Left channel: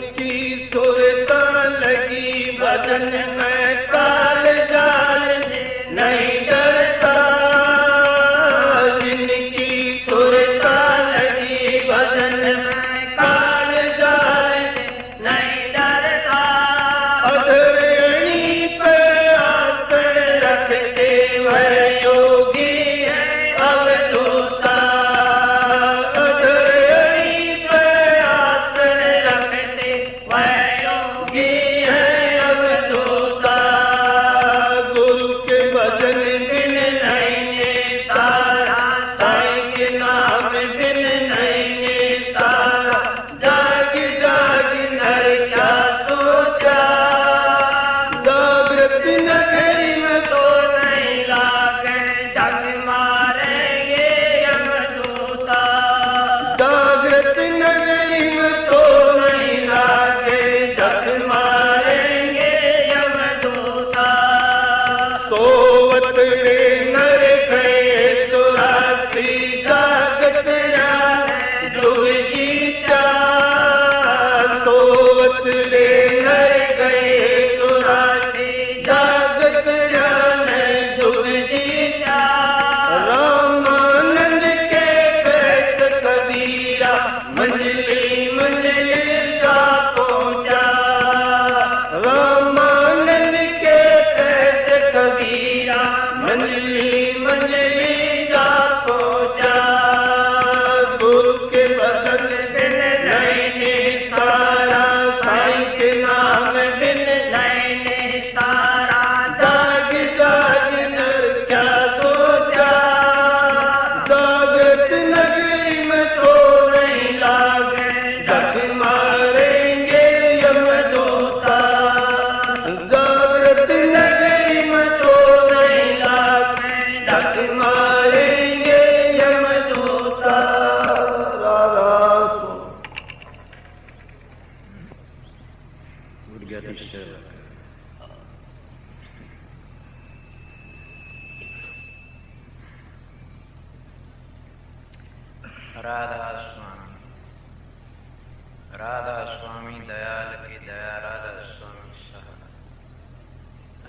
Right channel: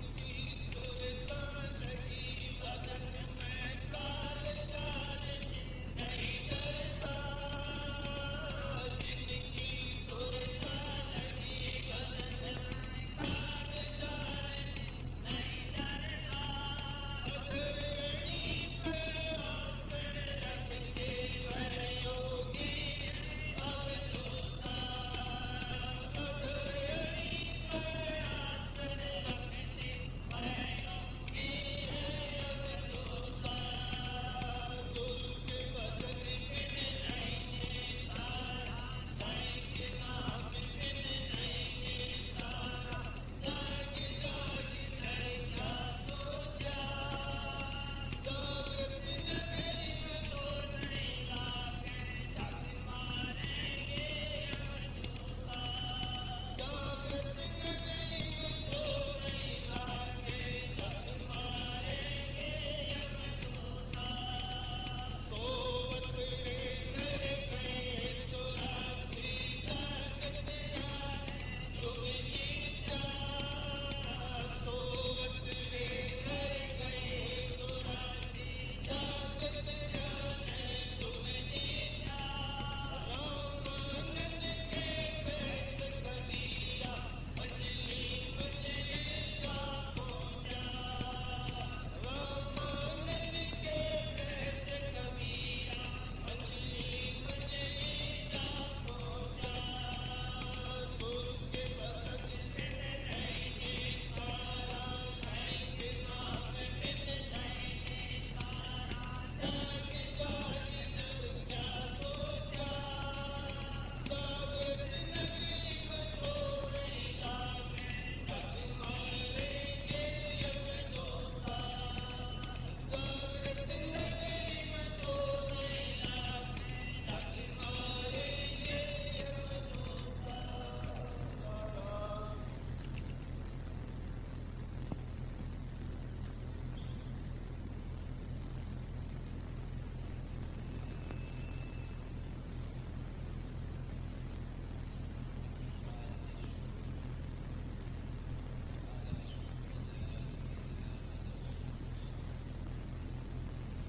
जिनकी सुरत लगी भजन में काल जाल नहीं डरता, जिनकी सुरत लगी भजन में काल जाल नहीं डरता। अधरणी पे आसन रखते वह योगी है अवधूता, अधरणी पे आसन रखते वह योगी है अवधूता। गुरु के भजन बिन नहीं तारा, साईं के नाम बिन नहीं तारा। जाग जाग नर क्या सोचा, जागृत नगरी में तो नहीं लागे जग मारेंगे यमदूता। जागृत नगरी में तो नहीं लागे जग मारेंगे यमदूता। सोवत रे नर गए चौरासी, जागत जाने जुग जीता। सोवत रे नर गए चौरासी, जागत जाने जुग जीता। रामानंद के पैत कबीरा, मंजिली मंजिली जा पहुंचा। रामानंद के पैत कबीरा, मंजिली मंजिली जा पहुंचा। गुरु के भजन बिन नहीं तारा, साईं के नाम बिन नहीं तारा। जाग जाग नर क्या सोचा, जागृत नगरी में तो नहीं लागे जग मारेंगे यमदूता। जागृत नगरी में तो नहीं लागे जग मारेंगे यमदूता। राधा स्वामी, राधा स्वामी दयाल की दया, राधा स्वामी सहा,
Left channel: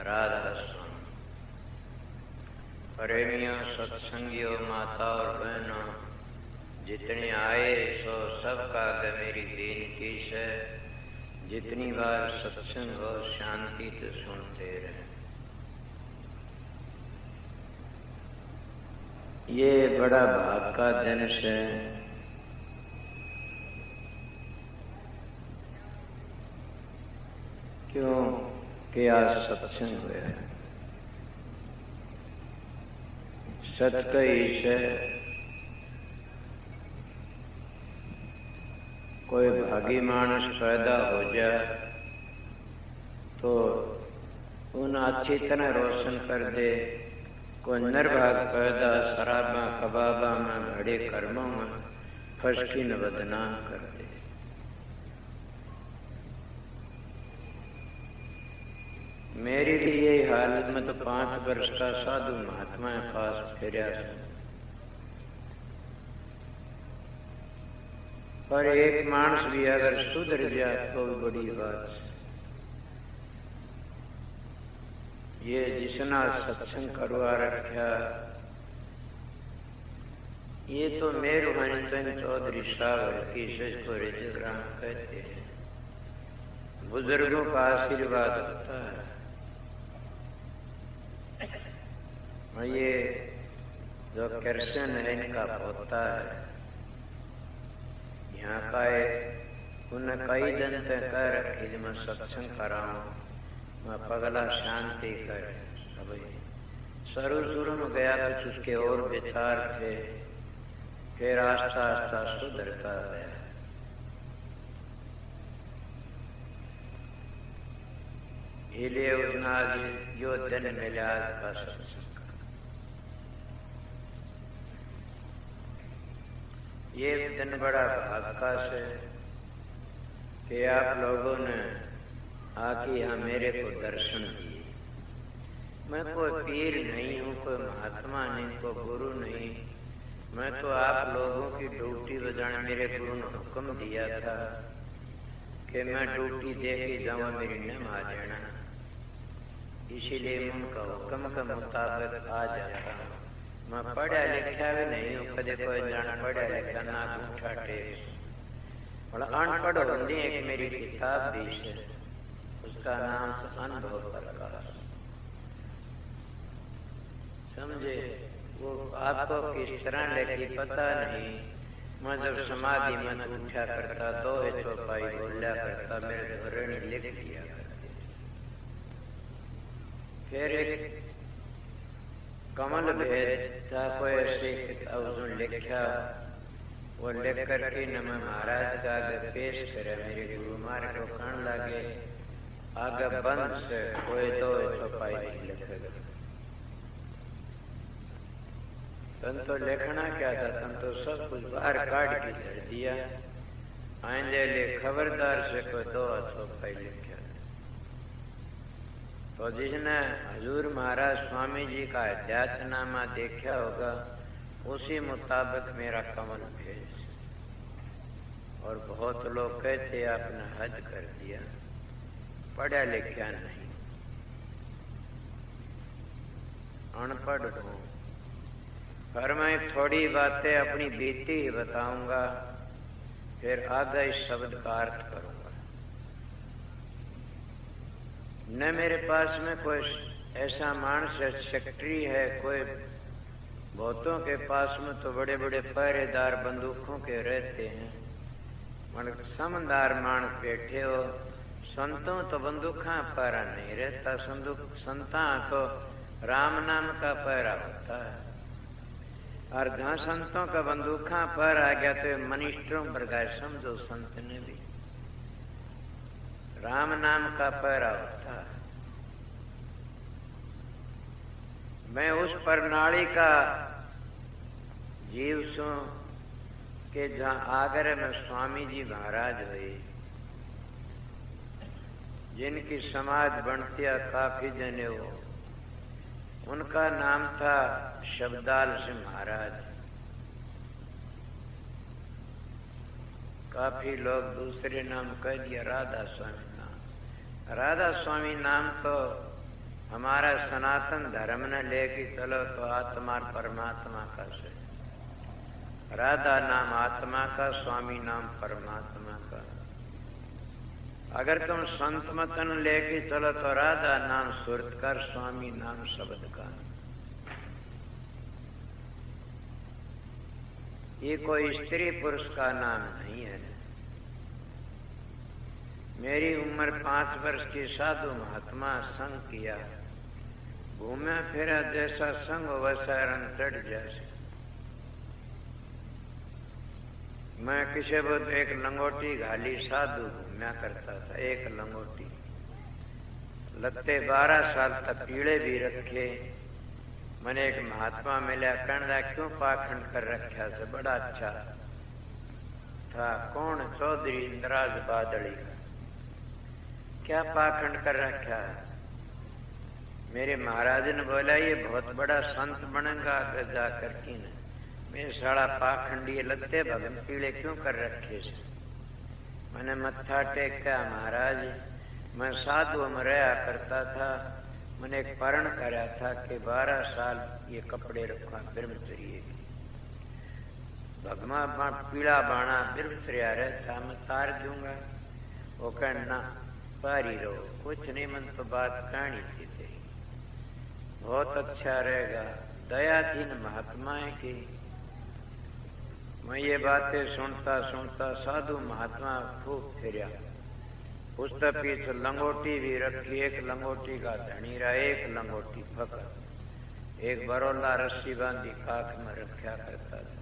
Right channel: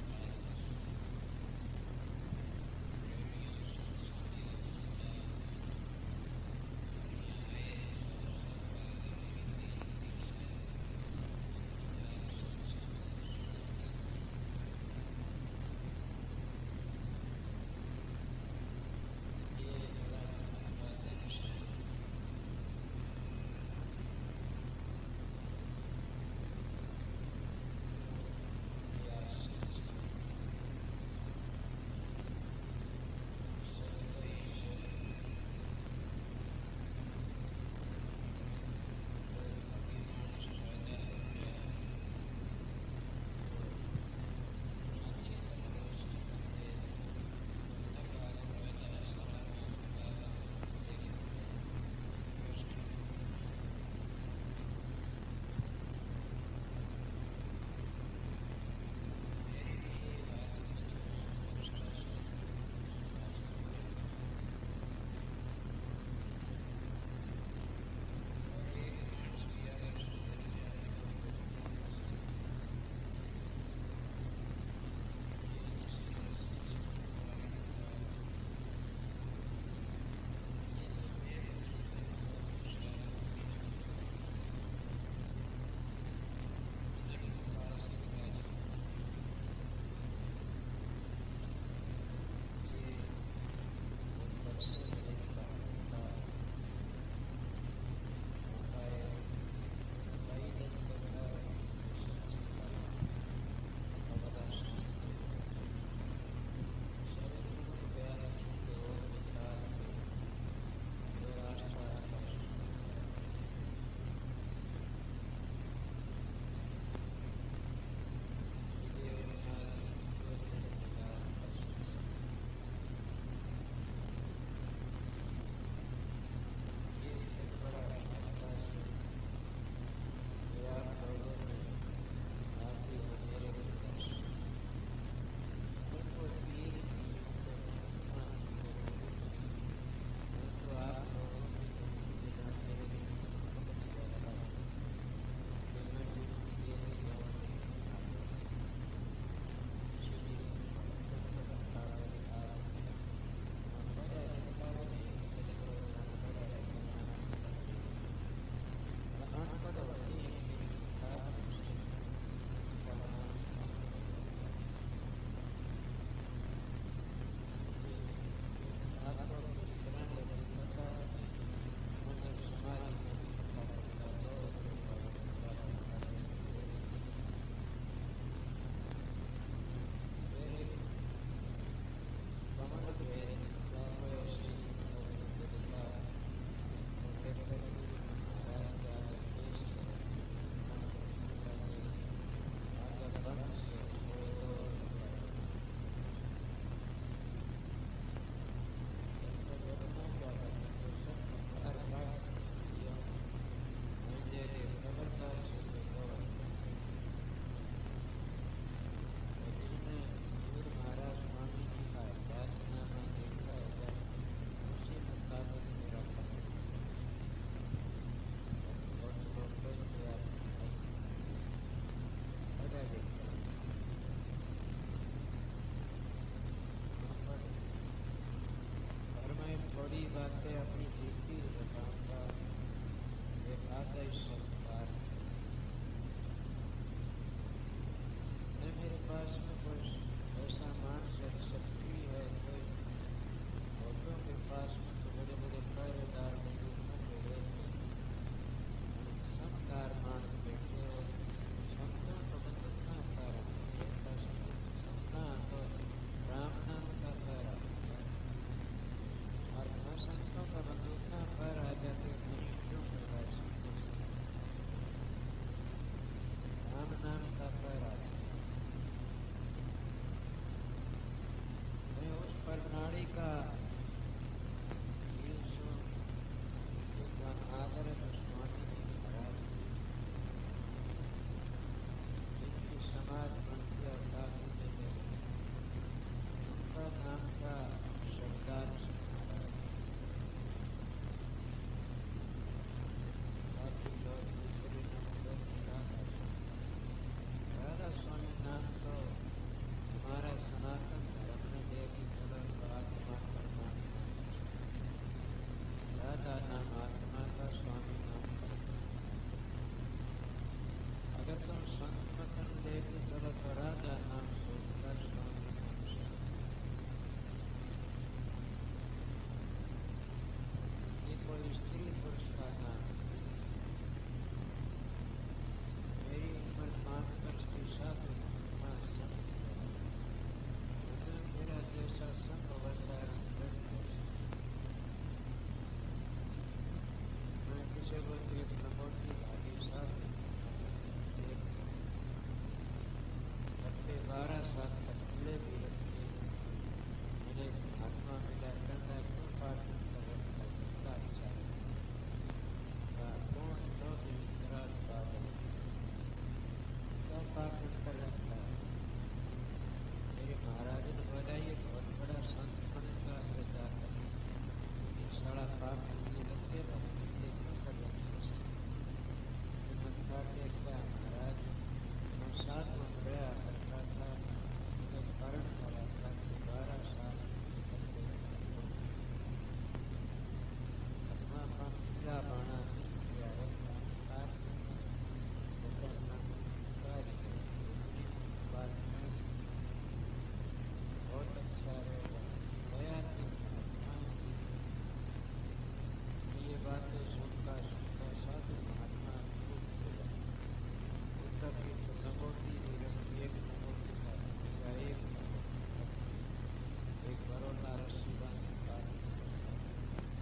राधा स्वामी। प्रेमियों, सत्संगियों, माता और बहनों, जितने आए सो सबका मेरी दीन की है। जितनी बार सत्संग हो शांति से सुनते रहे। ये बड़ा भाग का दिन है। क्यों कि आज सत्संग हुआ है। सत कही से कोई भागी मानस पैदा हो जाए तो उन अच्छी तरह रोशन कर दे। कोई निर्भाग पैदा शराबा कबाबा में बड़े कर्मों में फसकी न बदनाम कर दे। मेरी भी यही हालत में तो 5 वर्ष का साधु महात्मा पास फिर पर एक मानस भी अगर सुधर जाए तो बड़ी बात। ये जिसना सत्संग करवा रखा, ये तो मेहरबानी चौधरी साहब की को रिजग्राम कहते हैं। बुजुर्गों का आशीर्वाद होता है। और ये जो कृष्ण है इनका होता है। यहाँ का उन्हें कई दिन तक कह रखी जब मैं सत्संग कराऊं पगला शांति कर। शुरू में गया कुछ उसके और विचार थे, फिर आस्ता आस्ता सुधरता है। इसलिए उतना जो दिन मिला था सत्संग, ये दिन बड़ा भाग्य से कि आप लोगों ने आके यहाँ मेरे को दर्शन दिए। मैं कोई पीर नहीं हूँ, कोई महात्मा नहीं, कोई गुरु नहीं। मैं तो आप लोगों की ड्यूटी बजाने मेरे गुरु ने हुक्म दिया था कि मैं ड्यूटी दे के जाऊँ मेरी नम आ जाना, इसीलिए उनका हुक्म के मुताबिक आ जाता हूँ। मैं पढ़ा लिखा भी नहीं हूँ, कदे कोई जान पढ़ा लिखा ना अंगूठा टेक और अनपढ़ होने एक मेरी किताब भी है, उसका नाम अनुभव प्रकाश। समझे? वो आपको किस तरह लगी पता नहीं। मैं जब समाधि में उठा करता तो चौपाई बोलिया करता, मेरे धोरण लिख दिया। फिर एक कमल भेद था, कोई ऐसी किताब लिखा, वो लिख करके न मैं महाराज का आगे पेश करे, मेरे गुरु मारे को कहने लगे आगे बंद से कोई तो चौपाई नहीं लिखे। तन तो लिखना क्या था, तन तो सब कुछ बाहर काट के धर दिया। आइंदे ले खबरदार से कोई दो चौपाई लिखा। तो जिसने हजूर महाराज स्वामी जी का अध्यात्मनामा देखा होगा, उसी मुताबिक मेरा कमल भेज। और बहुत लोग कहते आपने हद कर दिया, पढ़ा लिखा नहीं, अनपढ़ हूँ। पर मैं थोड़ी बातें अपनी बीती ही बताऊंगा, फिर आगे इस शब्द का अर्थ करूंगा। न मेरे पास में कोई ऐसा मानस सेक्रेटरी है, कोई बहुतों के पास में तो बड़े बड़े पहरेदार बंदूकों के रहते हैं, मगर समझदार मानस बैठे हो। संतों तो बंदूका पहरा नहीं रहता, संता तो राम नाम का पहरा होता है। और जहाँ संतों का बंदूका पहरा आ गया तो मनिष्ठों पर गए, समझो संत ने भी राम नाम का पहरा होता है। मैं उस प्रणाली का जीव सू कि जहाँ आगरे में स्वामी जी महाराज हुए, जिनकी समाज बनतिया काफी जने हो, उनका नाम था शब्दाल सिंह महाराज। काफी लोग दूसरे नाम कह दिया, राधा स्वामी नाम। राधा स्वामी नाम तो हमारा सनातन धर्म ने लेके चलो तो आत्मा परमात्मा का से, राधा नाम आत्मा का, स्वामी नाम परमात्मा का। अगर तुम संत मतन लेके चलो तो राधा नाम सुरत का, स्वामी नाम शब्द का। ये कोई स्त्री पुरुष का नाम नहीं है। मेरी उम्र 5 वर्ष की, साधु महात्मा संग किया, घूमे फिरा जैसा संग वैसा रंग चढ़ जैसे। मैं किसी वक्त एक लंगोटी घाली साधु घूमया करता था, एक लंगोटी। लगते 12 साल तक पीड़े भी रखे। मैंने एक महात्मा मिला, कहना क्यों पाखंड कर रखा से, बड़ा अच्छा था। कौन? चौधरी इंद्राज बादड़ी का। क्या पाखंड कर रखा? मेरे महाराज ने बोला ये बहुत बड़ा संत बनेगा जाकर की। मैं साड़ा पाखंडी लगते भगत पीड़े क्यों कर रखे से? मैंने मत्था टेका, महाराज मैं साधु में रहा करता था, मैंने एक परण करा था कि 12 साल ये कपड़े रखा ब्रह्मचर्य, भगवा पीड़ा बाणा ब्रह्मचर्या रहता, मैं तार दूंगा। वो कहना पारी रहो, कुछ नहीं, मन तो बात कहानी थी तेरी, बहुत अच्छा रहेगा। दयाधीन महात्माएं की मैं ये बातें सुनता सुनता साधु महात्मा खूब फिरा। उसके पीछे लंगोटी भी रखी, एक लंगोटी का धनी रहा, एक लंगोटी पकड़, एक बरोला रस्सी बांधी काख में रखा करता था।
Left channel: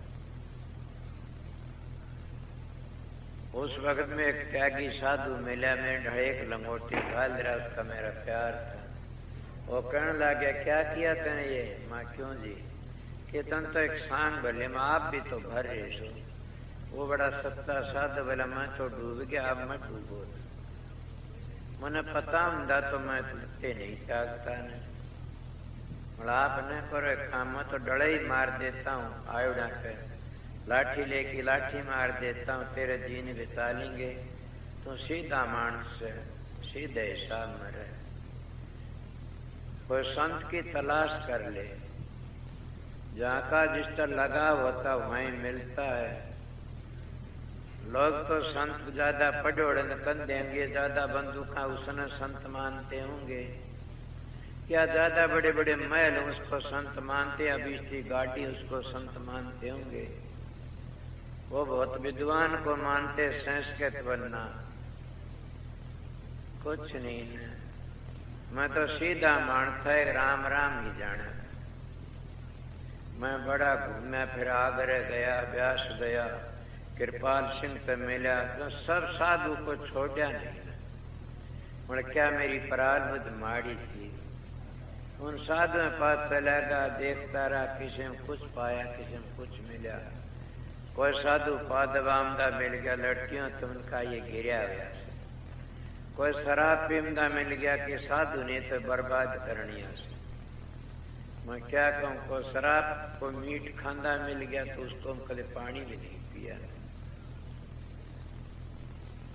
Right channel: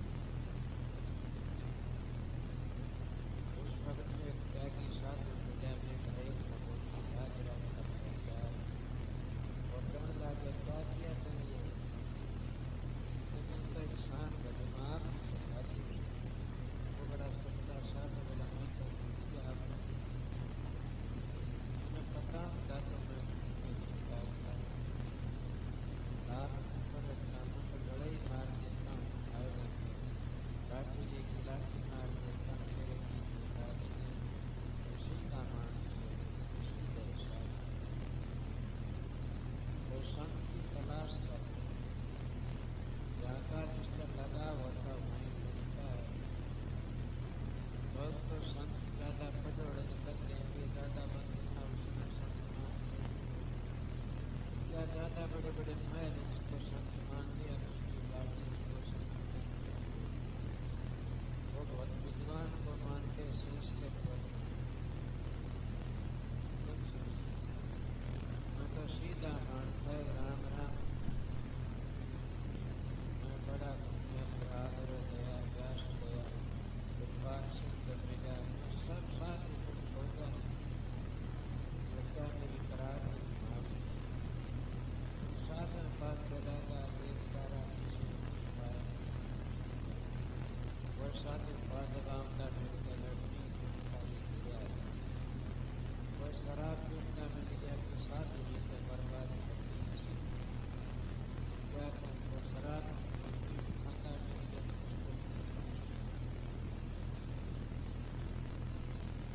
उस वक्त में एक त्यागी साधु मिला, में एक लंगोटी घाल रहा, उसका मेरा प्यार था। वो कहने लगा क्या किया तने ये? माँ क्यों जी? कि तुम तो एक सांग भले में आप भी तो भर रहे हो। वो बड़ा सत्ता साध बोला मैं तो डूब गया, अब मैं डूबो। मैंने पता होता तो मैं डूबते नहीं जागता नहीं। आप न करो काम, मैं तो डले ही मार देता हूँ, आयोडा पे लाठी लेके लाठी मार देता हूँ, तेरे जीन बिता लेंगे। तो सीधा मानस है, सीधे हिसाब में रहे। कोई संत की तलाश कर ले, जहाँ का जिसका लगाव होता वहीं मिलता है। लोग तो संत ज्यादा पढ़ोड़न कर देंगे, ज्यादा बंदूका उसने संत मानते होंगे, या ज्यादा बड़े बड़े महल उसको संत मानते, अभी इसकी गाड़ी उसको संत मानते होंगे। वो बहुत विद्वान को मानते, संस्कृत बनना कुछ नहीं है। मैं तो सीधा मानता है, राम राम ही जाना। मैं बड़ा घूमा फिर, आगरा गया, व्यास गया, कृपाल सिंह से मिला, तो सब साधु को छोड़ा नहीं। बोले क्या मेरी प्रारब्ध माड़ी थी। उन साधु में पास चला गया, देखता रहा, किसी में कुछ पाया, किसी में कुछ मिला। कोई साधु पादवामदा मिल गया, लड़कियों तो उनका ये गिरा हुआ। कोई शराब पीमदा मिल गया कि साधु ने तो बर्बाद करनी है। मैं क्या कहूँ, को शराब को मीट खांदा मिल गया तो उसको कल पानी भी नहीं पिया।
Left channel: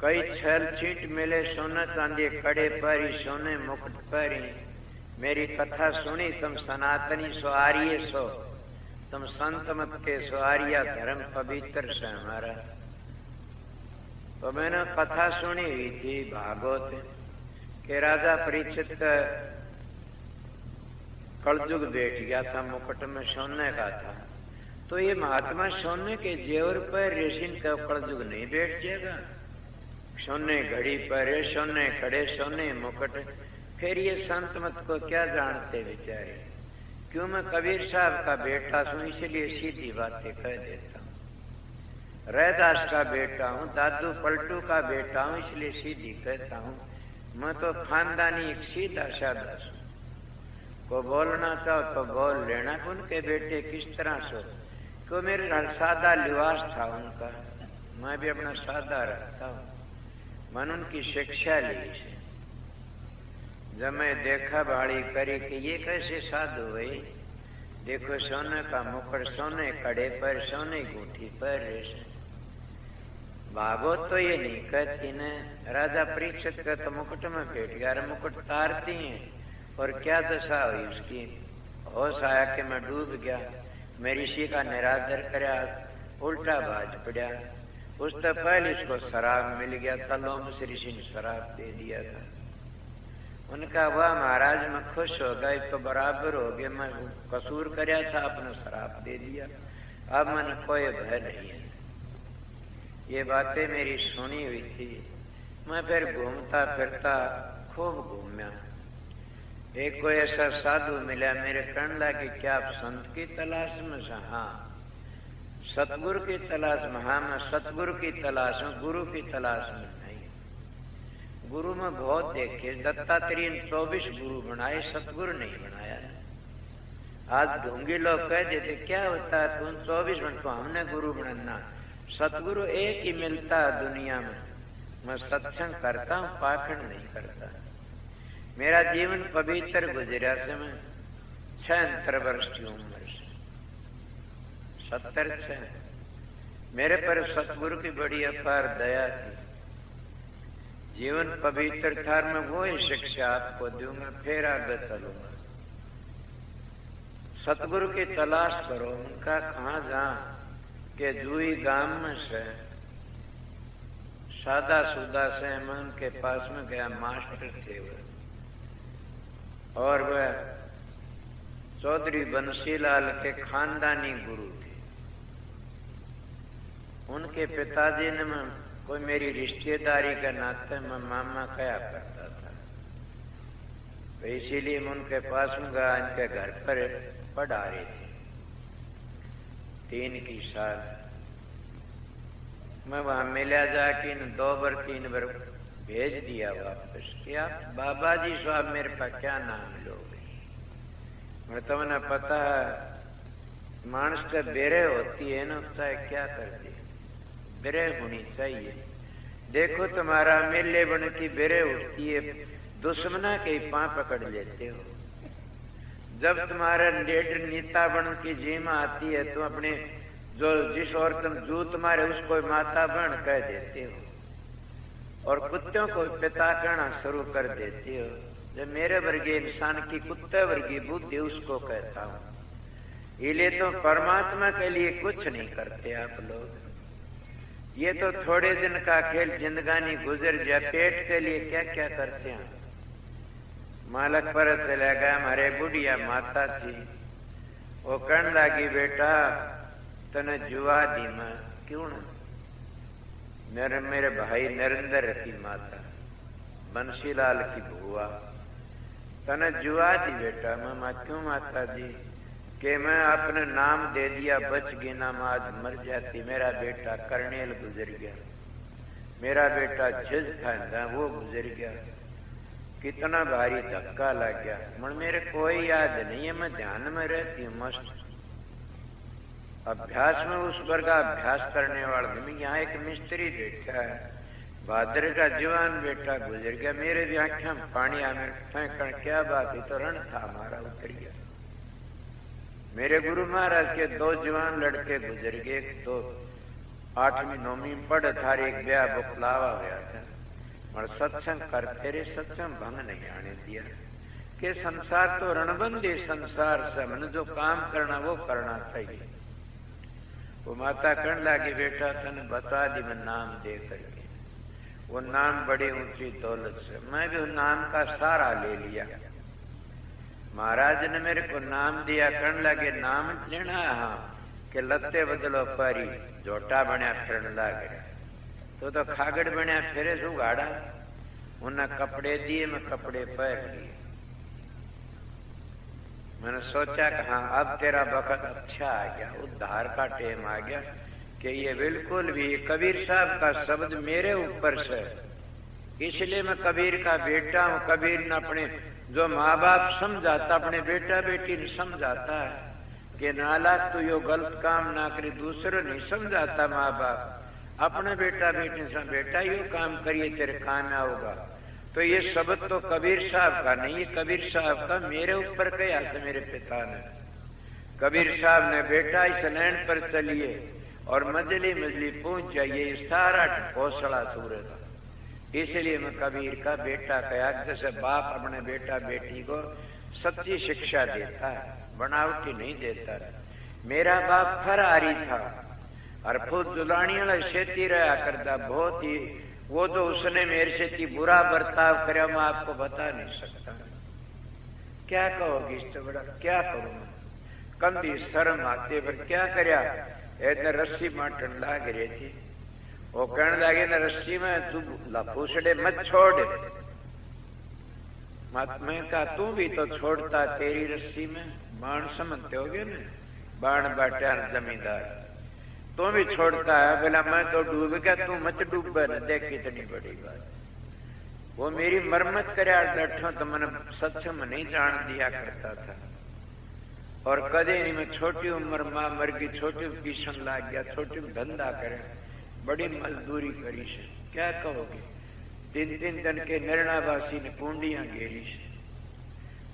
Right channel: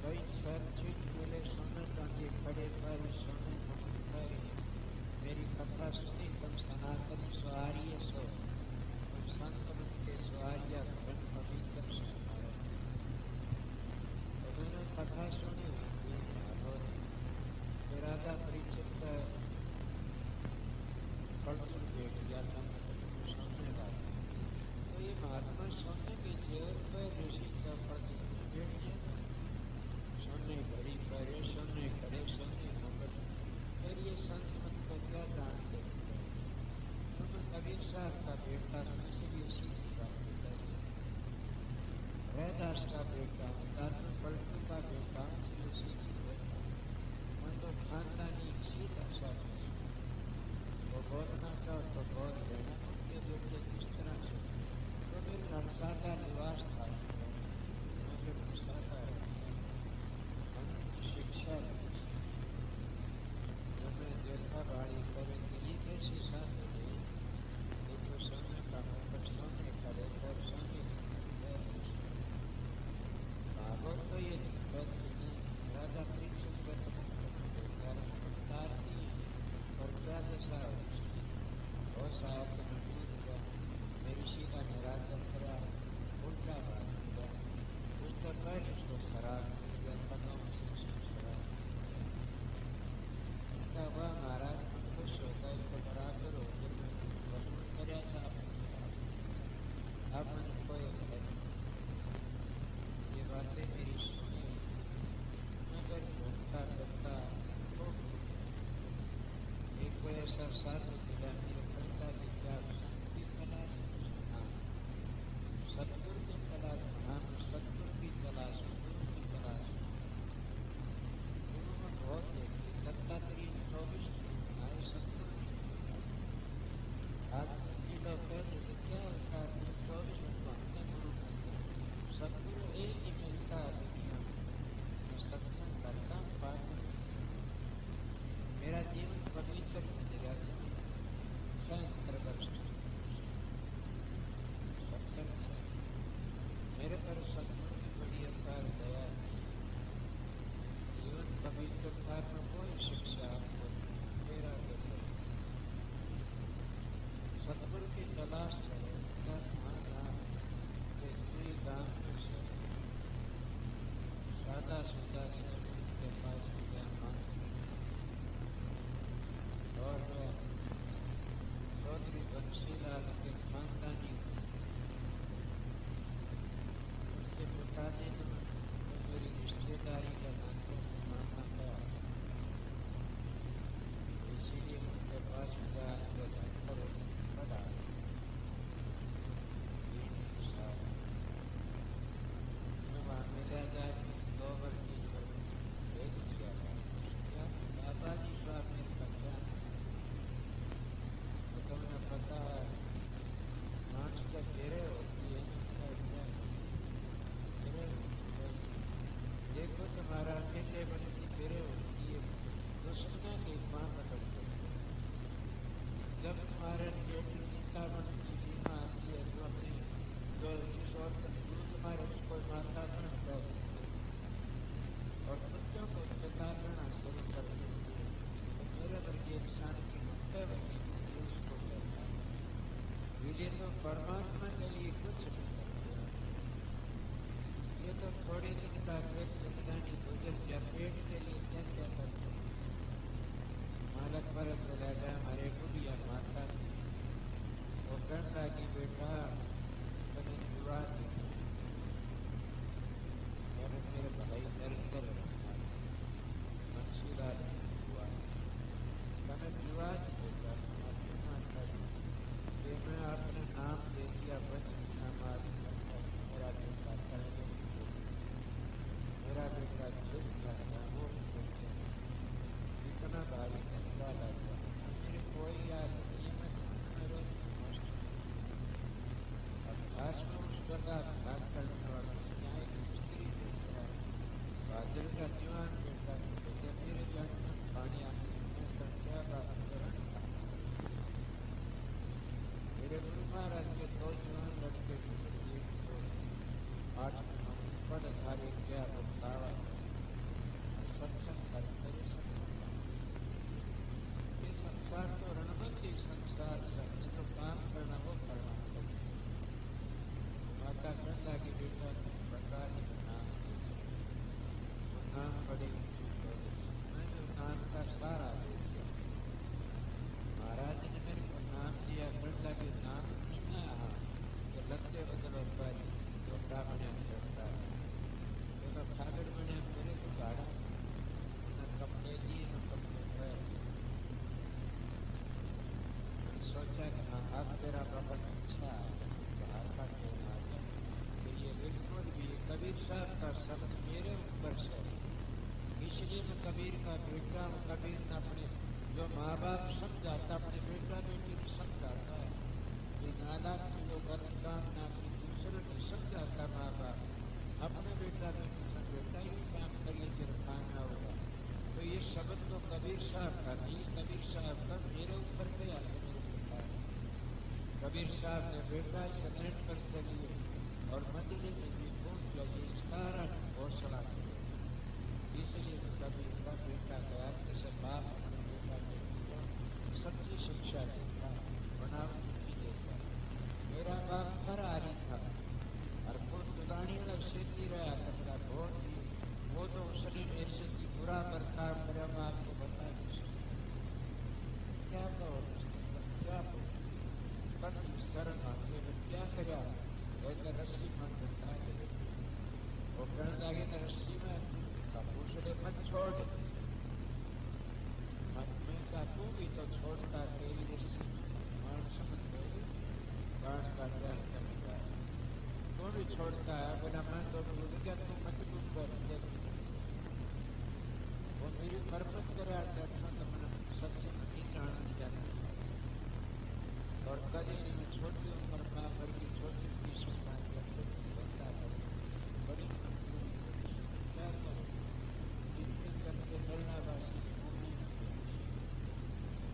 कई छल छींट मिले, सोना चांदी कड़े पर ही, सोने मुकुट पर ही। मेरी कथा सुनी तुम सनातनी सो आर्य सो, तुम संत मत के सो आर्य, धर्म पवित्र से हमारा। तो मैंने कथा सुनी हुई थी भागवत के, राजा परीक्षित का कलयुग बैठ गया था, मुकुट में सोने का था। तो ये महात्मा सोने के जेवर पर रेशिन का कलयुग नहीं बैठ जाएगा। सोने घड़ी पर, सोने खड़े, सोने मुकुट। फिर ये संत मत को क्या जानते बेचारे। क्यों, मैं कबीर साहब का बेटा हूं, इसलिए सीधी बातें कह देता। रैदास का बेटा हूँ, दादू पलटू का बेटा हूँ, इसलिए सीधी कहता हूँ। मैं तो खानदानी एक सीधा साधा हूँ। वो बोलना चाहो तो बोल लेना। उनके बेटे किस तरह से, तो मेरे घर सादा लिबास था उनका, मैं भी अपना सादा रखता हूँ। मैंने उनकी शिक्षा ली। जब मैं देखा बाड़ी करी कि ये कैसे साधु हुए, देखो सोने का मुकुट, सोने कड़े पर, सोने गुठी पर। भागवत तो ये नहीं कहती न, राजा परीक्षित का तो मुकुट में बैठ गया, मुकुट तारती हैं और क्या दशा हुई उसकी। होश आया कि मैं डूब गया, मैं ऋषि का निरादर कराया, उल्टा बाज पड़ा। उस तो पहले उसको शराब मिल गया, तलों में से ऋषि ने शराब दे दिया था। उनका वाह महाराज मैं खुश हो गया, तो बराबर हो गया, मैं कसूर कराया था, अपना शराब दे दिया, अब मैंने कोई भय नहीं है। ये बातें मेरी सुनी हुई थी। मैं फिर घूमता फिरता खूब घूमया। एक कोई ऐसा साधु मिला, मेरे कहने लगा कि क्या आप संत की तलाश में? हाँ। सतगुरु की तलाश में? हाँ, मैं सतगुरु की तलाश में, गुरु की तलाश में नहीं। गुरु में बहुत देखे, दत्तात्रेय ने 24 गुरु बनाए, सतगुरु नहीं बनाया। आज ढूंगी लोग कह देते क्या होता है, तुम 24 बनते, हमने गुरु बनना। सतगुरु एक ही मिलता है दुनिया में। मैं सत्संग करता हूँ, पाखंड नहीं करता। मेरा जीवन पवित्र गुजरा से मैं 76 वर्ष की उम्र से, 76। मेरे पर सतगुरु की बड़ी अपार दया थी। जीवन पवित्र था, मैं वो ही शिक्षा आपको दूंगा, फिर आगे चलूंगा। सतगुरु की तलाश करो। उनका कहाँ जा के जुई गांव में से सादा सुदा से मैं उनके पास में गया। मास्टर थे वो, और वह चौधरी बंसीलाल के खानदानी गुरु थे। उनके पिताजी ने मैं कोई मेरी रिश्तेदारी के नाते मैं मामा कया करता था, तो इसीलिए मैं उनके पास में गया। इनके घर पर पढ़ा रही थी 3 की साल। मैं वहां मिला जाके इन 2 बार 3 बार भेज दिया वापस। क्या बाबा जी साहब मेरे पास क्या नाम लोगे? मैं तो मैंने पता है मानस का बेरे होती है ना, उसका क्या करती बेरे होनी चाहिए। देखो तुम्हारा मेले बन की बेरे उठती है, दुश्मना के पांव पकड़ लेते हो। जब तुम्हारा लीडर नेता बन की जीमा आती है, तुम अपने जो जिस और तुम जूत मारे उसको माता बन कह देते हो। और कुत्तों को पिता कहना शुरू कर देती हो। जब मेरे वर्गीय इंसान की कुत्ते वर्गीय बुद्धि उसको कहता हूं। इसलिए तो परमात्मा के लिए कुछ नहीं करते आप लोग। ये तो थोड़े दिन का खेल, जिंदगानी गुजर जाए, पेट के लिए क्या क्या करते हैं। मालक पर चला गया, हमारे बुढ़िया माता थी, वो कहने लगी बेटा तने जुआ दी मैं। क्यों ना? मेरे भाई नरेंद्र की माता, बंसीलाल की बुआ, तने जुआ दी बेटा। मैं क्यों माता जी? कि मैं अपने नाम दे दिया, बच गई ना, आज मर जाती। मेरा बेटा कर्नेल गुजर गया, मेरा बेटा जज था वो गुजर गया, कितना भारी धक्का लग गया। मन मेरे कोई याद नहीं है, मैं ध्यान में रहती हूँ मस्त अभ्यास में, उस वर्ग का अभ्यास करने वाला। यहाँ एक मिस्त्री बैठा है, भाद्र का जवान बेटा गुजर गया। मेरे भी आंखें में पानी आने फेंकण, क्या बात है, तो रण था हमारा उतर गया। मेरे गुरु महाराज के 2 जवान लड़के गुजर गए, एक तो 8वीं 9वीं पढ़ था, एक ब्याह बुखलावा गया था। और सत्संग कर, तेरे सत्संग भंग नहीं आने दिया कि संसार तो रणबंदी संसार से, मैंने जो काम करना वो करना चाहिए। वो माता कहने लगी बेटा तने बता दी मैं नाम दे करके। वो नाम बड़ी ऊंची दौलत से, मैं भी नाम का सहारा ले लिया। महाराज ने मेरे को नाम दिया, कहने लगे नाम लेना? हाँ। कि लत्ते बदलो पारी, झोटा बनिया फिरन लग गया। तो खागड़ बनिया फिरे शू गाड़ा। उन्हें कपड़े दिए, मैं कपड़े पहन लिए। मैंने सोचा कि हाँ अब तेरा वक्त अच्छा आ गया, उद्धार का टेम आ गया। कि ये बिल्कुल भी कबीर साहब का शब्द मेरे ऊपर से, इसलिए मैं कबीर का बेटा हूँ। कबीर ने अपने जो माँ बाप समझाता, अपने बेटा बेटी ने समझाता है कि नालायक तू यो गलत काम ना करे, दूसरों नहीं समझाता माँ बाप अपने बेटा बेटी से, बेटा यो काम करिए तेरे काम आओगा। तो ये शब्द तो कबीर साहब का नहीं, ये कबीर साहब का मेरे ऊपर कहा से मेरे पिता ने। कबीर साहब ने बेटा इस नैन पर चलिए और मजली मजली पहुंच जाइए, सारा हौसला सूरज। इसलिए मैं कबीर का बेटा कहा। जैसे बाप अपने बेटा बेटी को सच्ची शिक्षा देता है, बनावटी नहीं देता। मेरा बाप फरारी था और खुद जुलानी वाला खेती रहा करता, बहुत ही। वो तो उसने मेरे से इतनी बुरा बर्ताव कर, मैं आपको बता नहीं सकता। क्या कहोगी इससे बड़ा, क्या करूँ? कंधी शर्म आते पर क्या करया। इतने रस्सी माटन लाग रही थी, वो कहने लगे ना रस्सी में तू लफूसड़े मत छोड़। मैं कहा तू भी तो छोड़ता, तेरी रस्सी में बाण समझते हो गए ना, बाण बाटा जमींदार, तू भी छोड़ता है। बोला मैं तो डूब गया, तू मत डूब न, देख कितनी बड़ी बात। वो मेरी मरम्मत करे बैठो तो मैंने सत्संग में नहीं जान दिया करता था। और कदे नहीं, मैं छोटी उम्र मां मर गई, छोटी पीछन लाग गया, छोटी धंधा करे, बड़ी मजदूरी करी से। क्या कहोगे? 3 दिन के निर्णावासी ने पूंडियां घेरी से,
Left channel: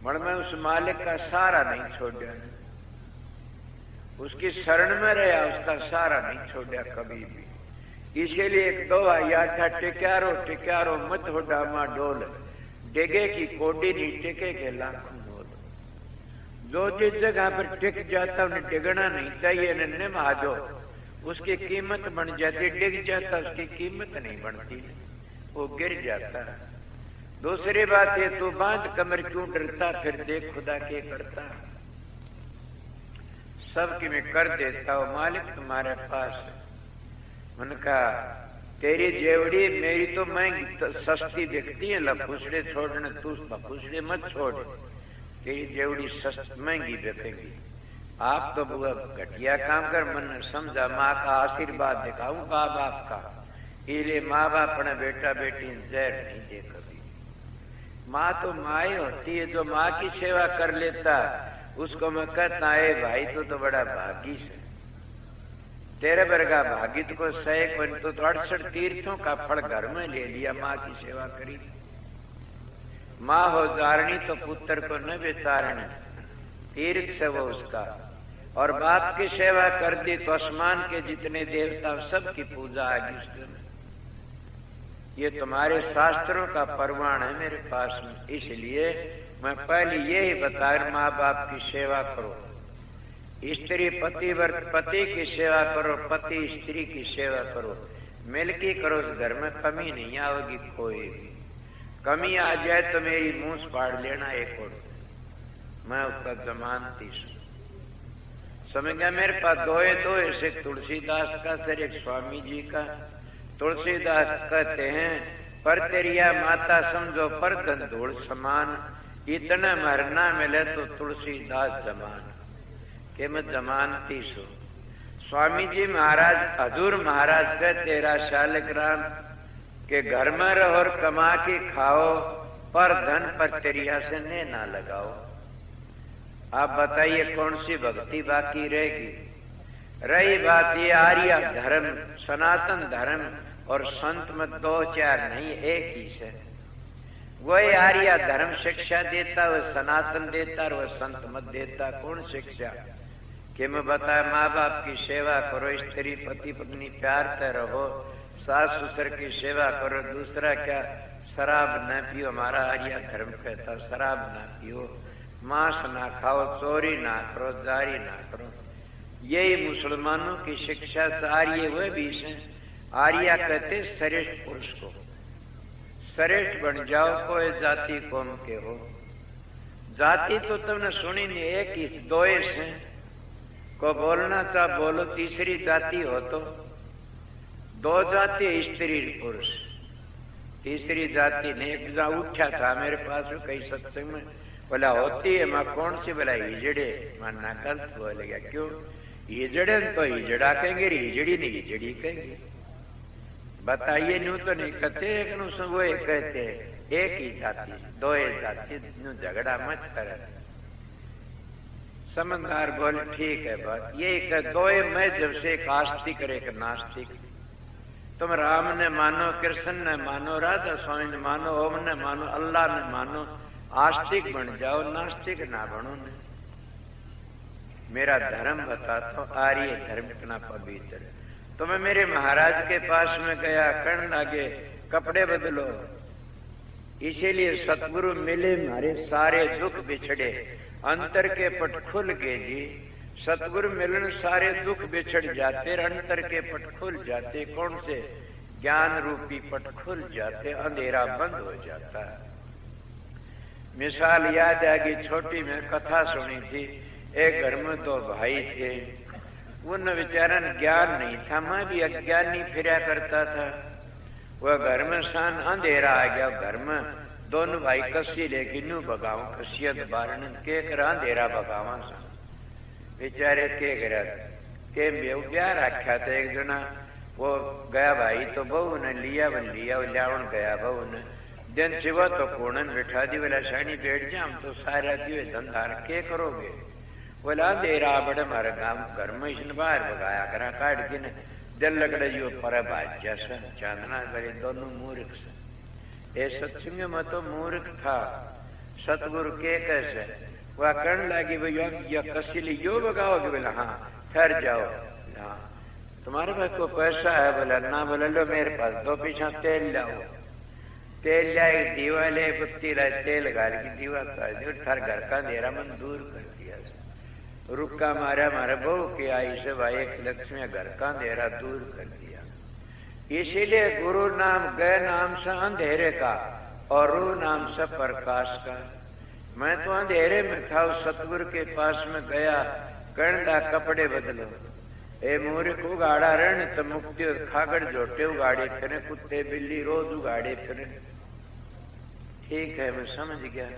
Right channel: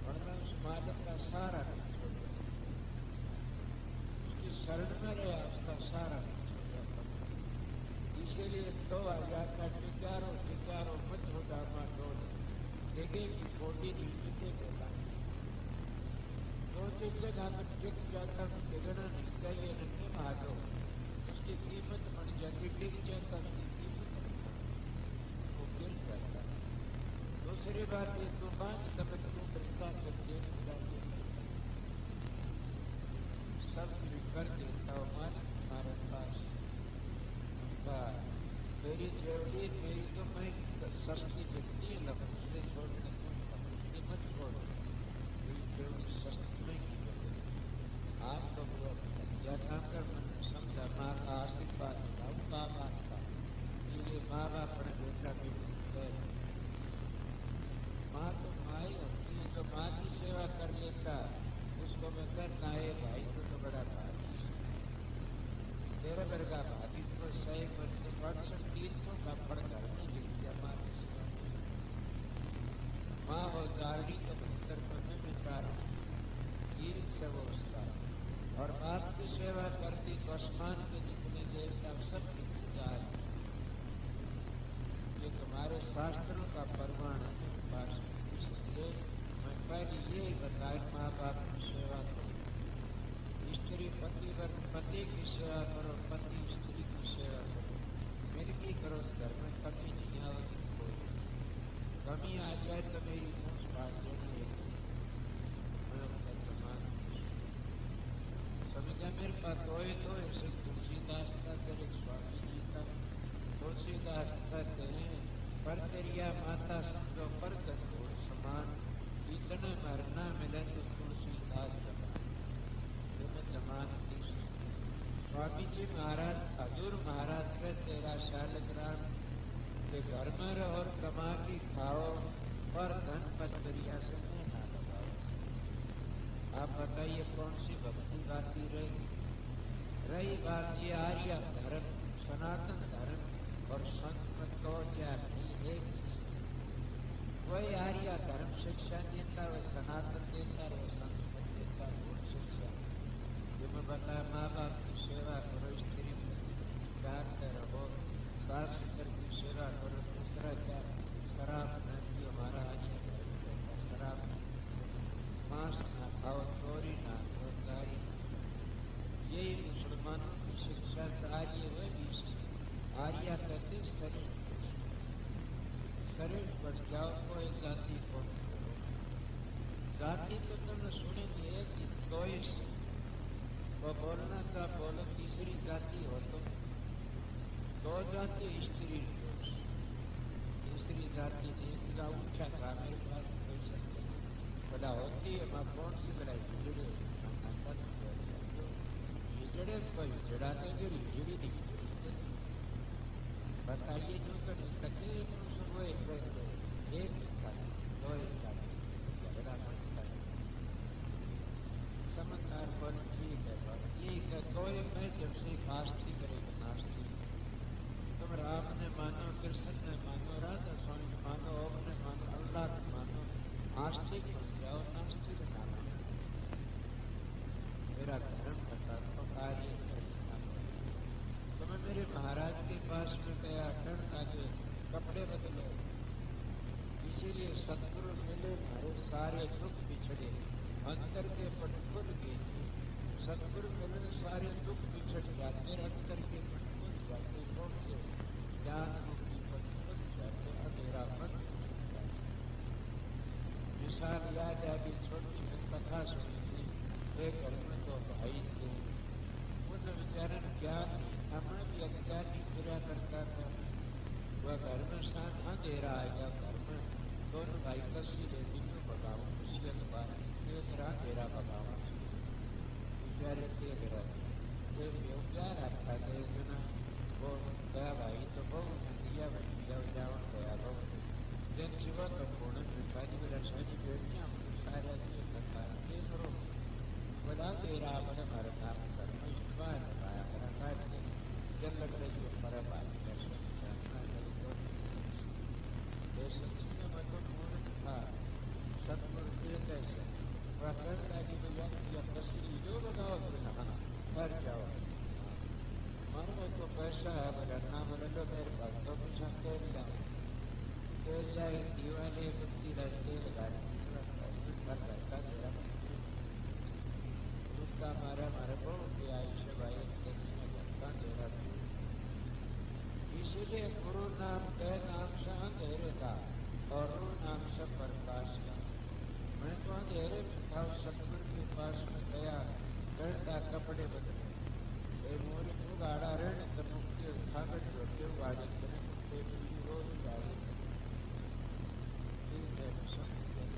पर मैं उस मालिक का सहारा नहीं छोड़ा, उसकी शरण में रहा, उसका सहारा नहीं छोड़ा कभी भी। इसीलिए एक दोहा याद था, टिक्यारो टिक्यारो मत हो डामा डोल, टेके की कोटी नहीं टेके के लाखों बोल। जो जिस जगह पर टिक जाता उन्हें टिकना नहीं चाहिए, नन्हे महाजो उसकी कीमत बन जाती, टिक जाता उसकी कीमत नहीं बनती, वो गिर जाता। दूसरी बात है, तू बांध कमर क्यों डरता, फिर देख खुदा के करता। सबकी मैं कर देता हूँ, मालिक तुम्हारे पास। उनका तेरी जेवड़ी मेरी तो महंगी तो सस्ती दिखती है, लफूसड़े छोड़ने, तू लफूसड़े मत छोड़, तेरी जेवड़ी सस्ती महंगी बिकेगी। आप तो बुआ घटिया काम कर, मन समझा, माँ का आशीर्वाद दिखाऊं माँ बाप का। इसलिए माँ बाप अपने बेटा बेटी जहर नहीं दे कभी। माँ तो माँ ही होती है, जो माँ की सेवा कर लेता उसको मैं कहता है भाई तो बड़ा भागी से, तेरे वर्गा भागी को सैक बन, तो 68 तीर्थों का फल घर में ले लिया, माँ की सेवा करी। माँ हो जारणी तो पुत्र को न बेचारणी, तीर्थ से वो उसका। और बाप की सेवा कर दी तो आसमान के जितने देवता सबकी पूजा आगी उसके। ये तुम्हारे शास्त्रों का प्रमाण है मेरे पास में, इसलिए मैं पहले यही बता माँ बाप की सेवा करो, स्त्री पति की सेवा करो, पति स्त्री की सेवा करो, मिलके करो, उस घर में कमी नहीं आओगी। कोई भी कमी आ जाए तो मेरी मूंछ फाड़ लेना एक और, मैं उसका जमानती समझ गया। मेरे पास दो ऐसे तुलसीदास का सर एक स्वामी जी का। तुलसीदास कहते हैं पर तेरिया माता समझो पर धन धूल समान, इतना मरना मिले तो तुलसीदास जमान के मैं जमानती सू। स्वामी जी महाराज हजूर महाराज का 13 शालिग्राम के घर में रहो और कमा के खाओ, पर धन पर तेरिया से ने ना लगाओ। आप बताइए कौन सी भक्ति बाकी रहेगी? रही बात ये आर्य धर्म, सनातन धर्म और संत मत 2-4 नहीं, एक ही है। वही आर्य धर्म शिक्षा देता, वह सनातन देता और वह संत मत देता। कौन शिक्षा कि मैं बताया माँ बाप की सेवा करो, स्त्री पति पत्नी प्यार से रहो, सास ससुर की सेवा करो। दूसरा क्या? शराब न पियो, हमारा आर्य धर्म कहता शराब न पियो, मांस ना खाओ, चोरी ना करो, जारी ना करो। यही मुसलमानों की शिक्षा से आर्य वह भी है। आर्य कहते श्रेष्ठ पुरुष को, श्रेष्ठ बन जाओ, कोई जाति कौम के हो। जाति तो तुमने सुनी नहीं, एक ही 2 हैं। को बोलना चाह बोलो, तीसरी जाति हो तो 2 जाति स्त्री पुरुष, तीसरी जाति ने। एक जा उठा था मेरे पास कई सत्संग में, बोला होती है मां कौन सी? बोला हिजड़े। मानना कल बोल गया क्यों? हिजड़े तो हिजड़ा कहेंगे, हिजड़ी नहीं हिजड़ी कहेंगे। बताइए न्यू तो नहीं कहते, एक नु वो कहते एक ही जाति 2 जाति, झगड़ा मत कर। समझदार बोल ठीक है बात, ये 2 मैं जब से एक आस्तिक और एक नास्तिक। तुम राम ने मानो, कृष्ण ने मानो, राधा स्वामी ने मानो, ओम ने मानो, अल्लाह ने मानो, आस्तिक बन जाओ, नास्तिक ना बनो। मेरा धर्म बताता हूं, आर्य धर्म कितना पवित्र है। तो मैं मेरे महाराज के पास में गया, कहने लगे कपड़े बदलो। इसीलिए सतगुरु मिले, हमारे सारे दुख बिछड़े, अंतर के पट खुल गए जी। सतगुरु मिलन सारे दुख बिछड़ जाते, अंतर के पट खुल जाते। कौन से? ज्ञान रूपी पट खुल जाते, अंधेरा बंद हो जाता है। मिसाल याद आ गई, छोटी में कथा सुनी थी। एक घर में 2 भाई थे, उन बेचारन ज्ञान नहीं था, मैं भी अज्ञानी फिरा करता था। वह घर में सान अंधेरा आ गया, घर में दोनों भाई कसी लेके नू भगाओ, कसियत बारण के कर अंधेरा भगावा सा। बेचारे के करा के ब्याह रखा था। एक जना वो गया भाई तो बहू ने लिया, लियावन गया बहू ने दिन सिवा तो कोणन बिठा दी। बोला शानी बैठ जा, हम तो सारा दिए धंधा के करोगे? बोला अंधेरा बड़े हमारे गाँव घर में इसने बाहर भगाया करा, काट के न दिल लगड़े जो पर भाज्या सा चांदना करे। दोनों मूर्ख से। सत्संग में तो मूर्ख था, सतगुरु के कैसे वह कहने लगी भैया कसीली यो भगाओगे? बोला हाँ। ठहर जाओ, हाँ तुम्हारे पास को पैसा है? बोला ना। बोला लो मेरे पास 2 पीछा तेल लाओ। तेल लाए, दीवा ले, बुत्ती लाए, तेल गाल की दीवा कर घर का अंधेरा मन दूर कर दिया। रुका मारा मारा बहू की आई से भाई 1 लक्ष्मी घर का अंधेरा दूर कर दिया। इसीलिए गुरु नाम गए नाम से अंधेरे का और रू नाम से प्रकाश का। मैं तो अंधेरे में था, उस सतगुरु के पास में गया, कहना कपड़े बदलो। ए मूर्ख उगाड़ा रण तो मुक्ति खागड़ जोटे उगाड़े फिरे, कुत्ते बिल्ली रोज उगाड़े फिरे। ठीक है मैं समझ गया।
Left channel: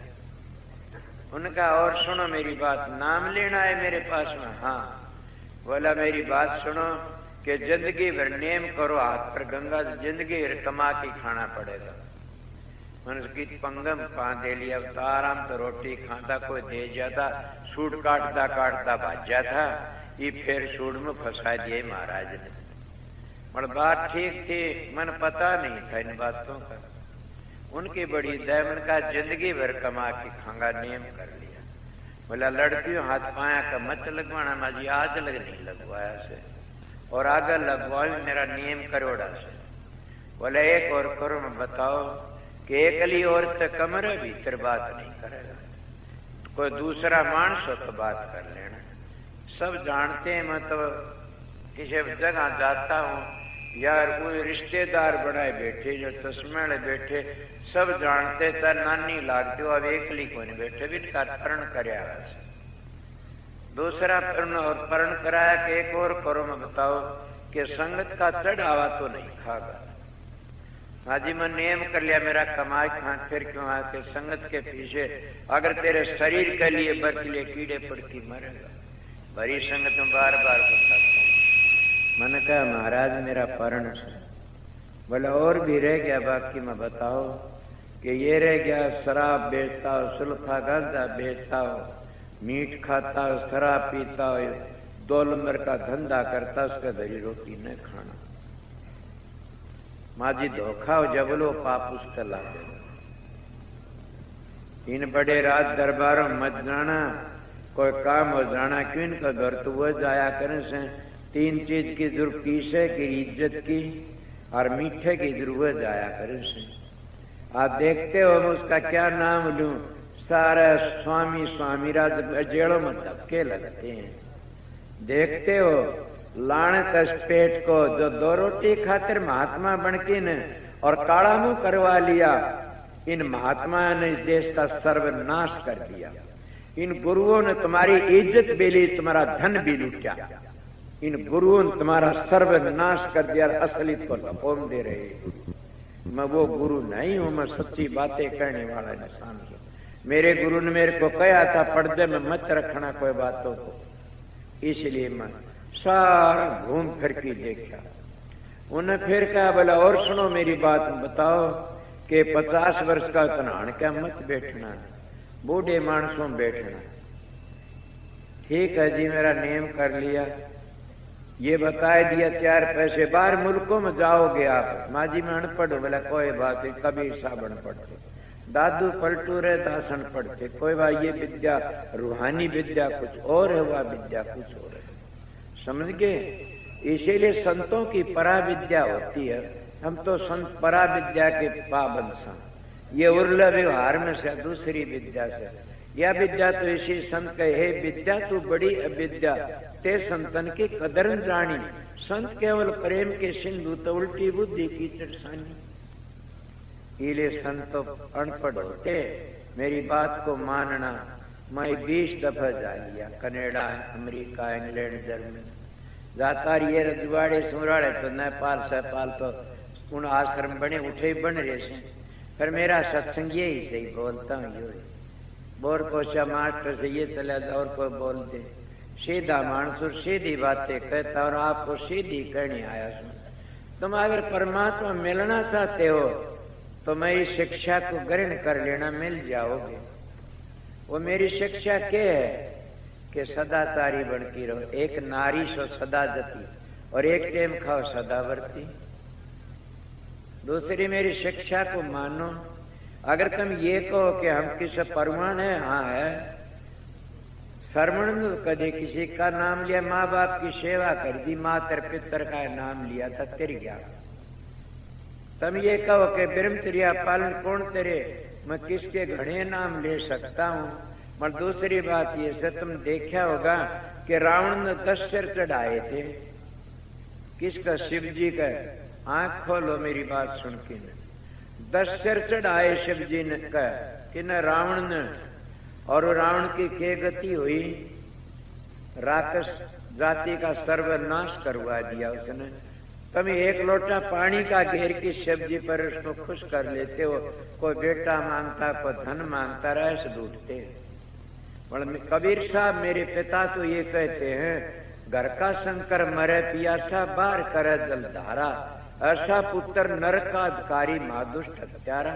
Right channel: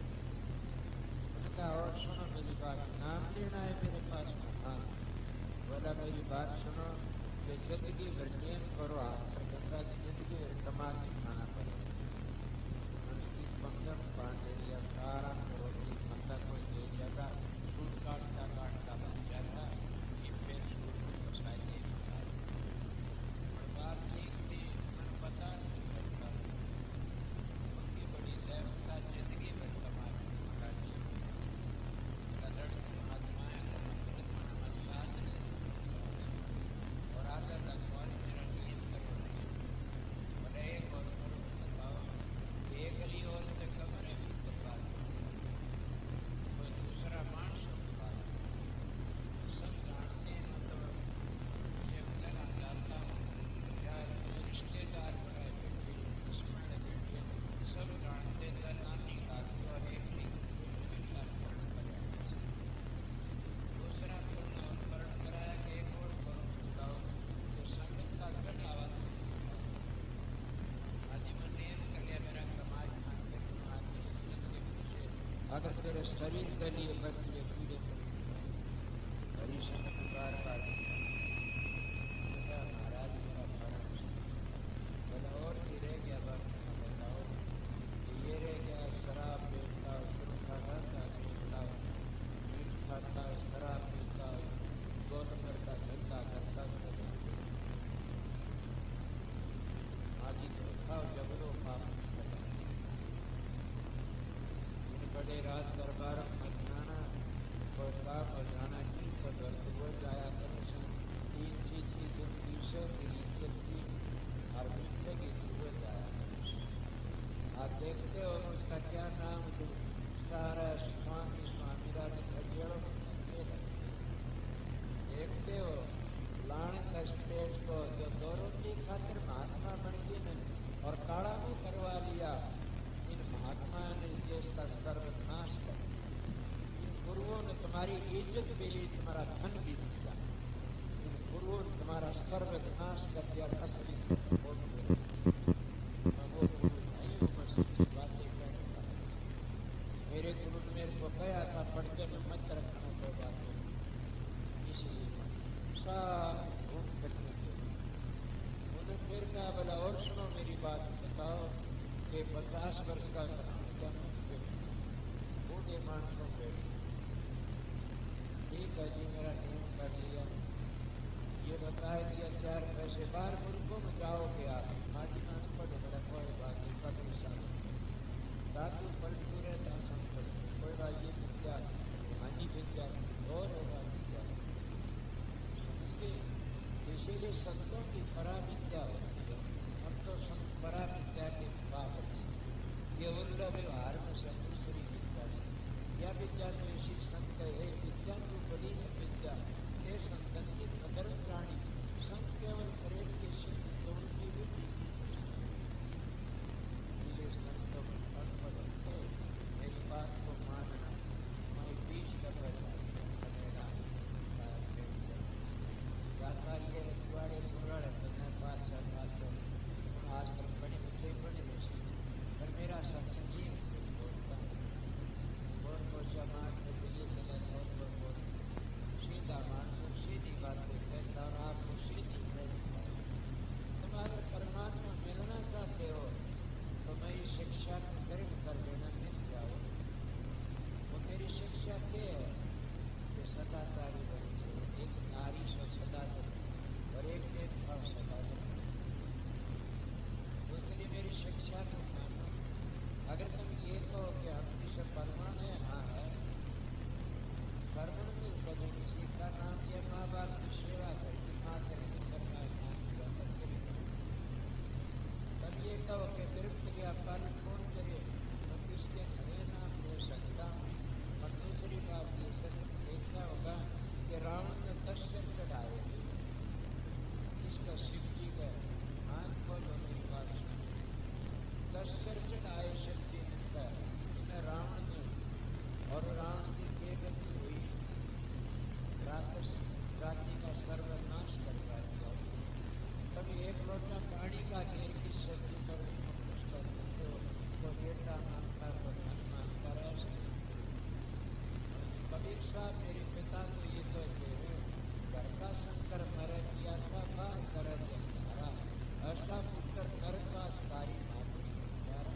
उनका और सुनो मेरी बात, नाम लेना है मेरे पास में? हाँ। बोला मेरी बात सुनो कि जिंदगी भर नेम करो, हाथ पर गंगा, जिंदगी भर कमा के खाना पड़ेगा। मनुष्य की पंगम पा दे लिया, आराम तो रोटी खाता, कोई दे जाता, सूट काटता काटता भाज जाता, ये फिर सूट में फंसा दिए महाराज ने। मगर बात ठीक थी, मन पता नहीं था इन बातों का। उनकी बड़ी दया, उनका जिंदगी भर कमा के खांगा नियम कर लिया। बोला लड़कियों हाथ पाया का मत लगवाना, माजी आज लग नहीं लगवाया से, और आगे लगवाओ मेरा नियम करोड़ा से। बोले एक और करो, मैं बताओ कि एकली औरत कमर भीतर बात नहीं करेगा, कोई दूसरा मानस हो तो बात कर लेना। सब जानते हैं, मतलब किसी जगह जाता हूँ यार, कोई रिश्तेदार बनाए बैठे जो चश्मे बैठे, सब जानते तर नानी लागते हो, अब एकली को नहीं बैठे भी परण कराया, दूसरा परण कराया कि एक और करो, मैं बताओ कि संगत का चढ़ावा तो नहीं खागा। हाजी मैं नियम कर लिया, मेरा कमाई खां फिर क्यों आके संगत के पीछे, अगर तेरे शरीर के लिए बर के लिए कीड़े पड़ती मरेगा। बड़ी संगत में बार बार बताता हूं। मैंने कहा महाराज मेरा परण है। बोले और भी रह गया बाकी, मैं बताओ कि ये रह गया शराब बेचता हो, सुल्फा गांजा बेचता हो, मीट खाता हो, शराब पीता हो, 2 नंबर का धंधा करता, उसका दही रोटी न खाना। माजी धोखा हो जबलो पाप उसका ला दे। इन बड़े राज दरबारों मत जाना, कोई काम हो जाना क्यों इनका घर तो वह जाया करें से। 3 चीज की जरूरत की से कि इज्जत की और मीठे की जरूरत जाया करें से। आप देखते हो उसका क्या नाम लूं, सारा स्वामी स्वामी राज जेड़ों में धक्के लगते हैं। देखते हो लानत पेट को जो 2 रोटी खातिर महात्मा बनके न और काला मुंह करवा लिया, इन महात्मा ने देश का सर्वनाश कर दिया। इन गुरुओं ने तुम्हारी इज्जत भी ली, तुम्हारा धन भी लूटा। इन गुरुओं ने तुम्हारा सर्वनाश कर दिया, असली को लपोम दे रहे। मैं वो गुरु नहीं हूं, मैं सच्ची बातें कहने वाला इंसान हूं। मेरे गुरु ने मेरे को कहा था पर्दे में मत रखना कोई बातों को, इसलिए मैं सारा घूम फिर के देखा। उन्हें फिर कहा बोला और सुनो मेरी बात, बताओ कि 50 वर्ष का तनाण क्या मत बैठना, बूढ़े मानसों बैठना। ठीक है जी, मेरा नियम कर लिया, ये बताए दिया 4 पैसे। बाहर मुल्कों में जाओगे आप, माजी में अनपढ़, बोला कोई बात नहीं, कभी साबन पढ़ते, दादू पलटू रहे दासन पढ़ते, कोई बात। ये विद्या रूहानी विद्या कुछ और है, वह विद्या कुछ और है, समझ गए। इसीलिए संतों की परा विद्या होती है, हम तो संत परा विद्या के पाबंद सा। ये उर्ल व्यवहार में से दूसरी विद्या से, यह विद्या तो इसी संत कहे विद्या तू बड़ी अविद्या, ते संतन की कदर जानी। संत केवल प्रेम के सिंधु, तो उल्टी बुद्धि की चरसानी। इले संत अनपढ़ होते, मेरी बात को मानना। मैं 20 दफा जा लिया, कनाडा, अमेरिका, इंग्लैंड, जर्मनी जाता ये रजवाड़े सुराड़े तो नेपाल सपाल तो उन आश्रम बने उठे बन रहे से। पर मेरा सत्संग यही सही बोलता हूँ, बोर कोशा मास्टर से ये चला था और कोई बोलते सीधा मानसूर सीधी बातें कहता और आपको सीधी कहनी आया। तुम अगर परमात्मा मिलना चाहते हो तो मैं इस शिक्षा को ग्रहण कर लेना, मिल जाओगे। वो मेरी शिक्षा क्या है कि सदाचारी बनती रहो, एक नारी सो सदा जती और एक टेम खाओ सदावर्ती। दूसरी मेरी शिक्षा को मानो। अगर तुम ये कहो कि हम किसी परमाण है, हाँ है, श्रवण कदे किसी का नाम लिया, माँ बाप की सेवा कर दी, मातर पितर का नाम लिया था, तेरी क्या। तुम ये कहो कि ब्रह्मचर्या पालन कौन तेरे, मैं किसके घड़े नाम ले सकता हूँ। पर दूसरी बात ये से तुम देखा होगा कि रावण ने 10 सिर चढ़ाए थे, किसका, शिव जी का। आंख खोलो मेरी बात सुन के, 10 सिर चढ़ाए शिव जी ने कहा कि न रावण ने, और रावण की क्या गति हुई, राक्षस जाति का सर्वनाश करवा दिया उसने। तुम 1 लोटा पानी का घेर की शिव जी पर उसको खुश कर लेते हो, कोई बेटा मांगता, कोई धन मांगता, रह से ढूंढते। कबीर साहब मेरे पिता तो ये कहते हैं, घर का शंकर मरे पियासा, बाहर करे जलधारा, ऐसा पुत्र नरकाधिकारी महादुष्ट हत्यारा।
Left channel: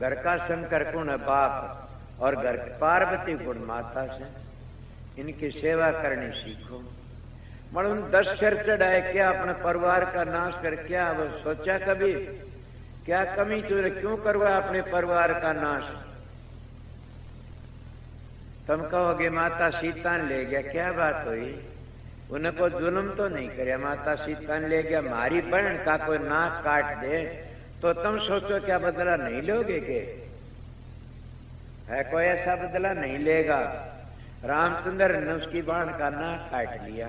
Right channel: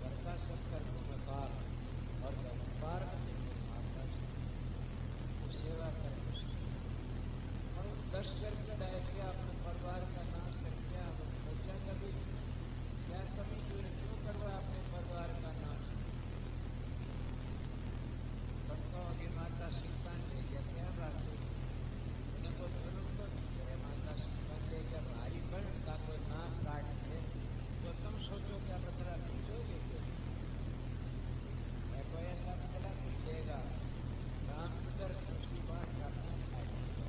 घर का शंकर गुण बाप और घर पार्वती गुण माता से, इनकी सेवा करनी सीखो। मतलब 10 सिर चढ़ाए, क्या अपने परिवार का नाश कर, क्या वो सोचा कभी, क्या कमी तुझे क्यों करवा अपने परिवार का नाश। तुम कहोगे माता सीता ले गया, क्या बात हुई, उनको जुल्म तो नहीं करे, माता सीता ने ले गया, मारी बहन का कोई नाक काट दे तो तुम सोचो क्या बदला नहीं लोगे? के है कोई ऐसा बदला नहीं लेगा। रामचंद्र ने उसकी बाण का नाक काट लिया।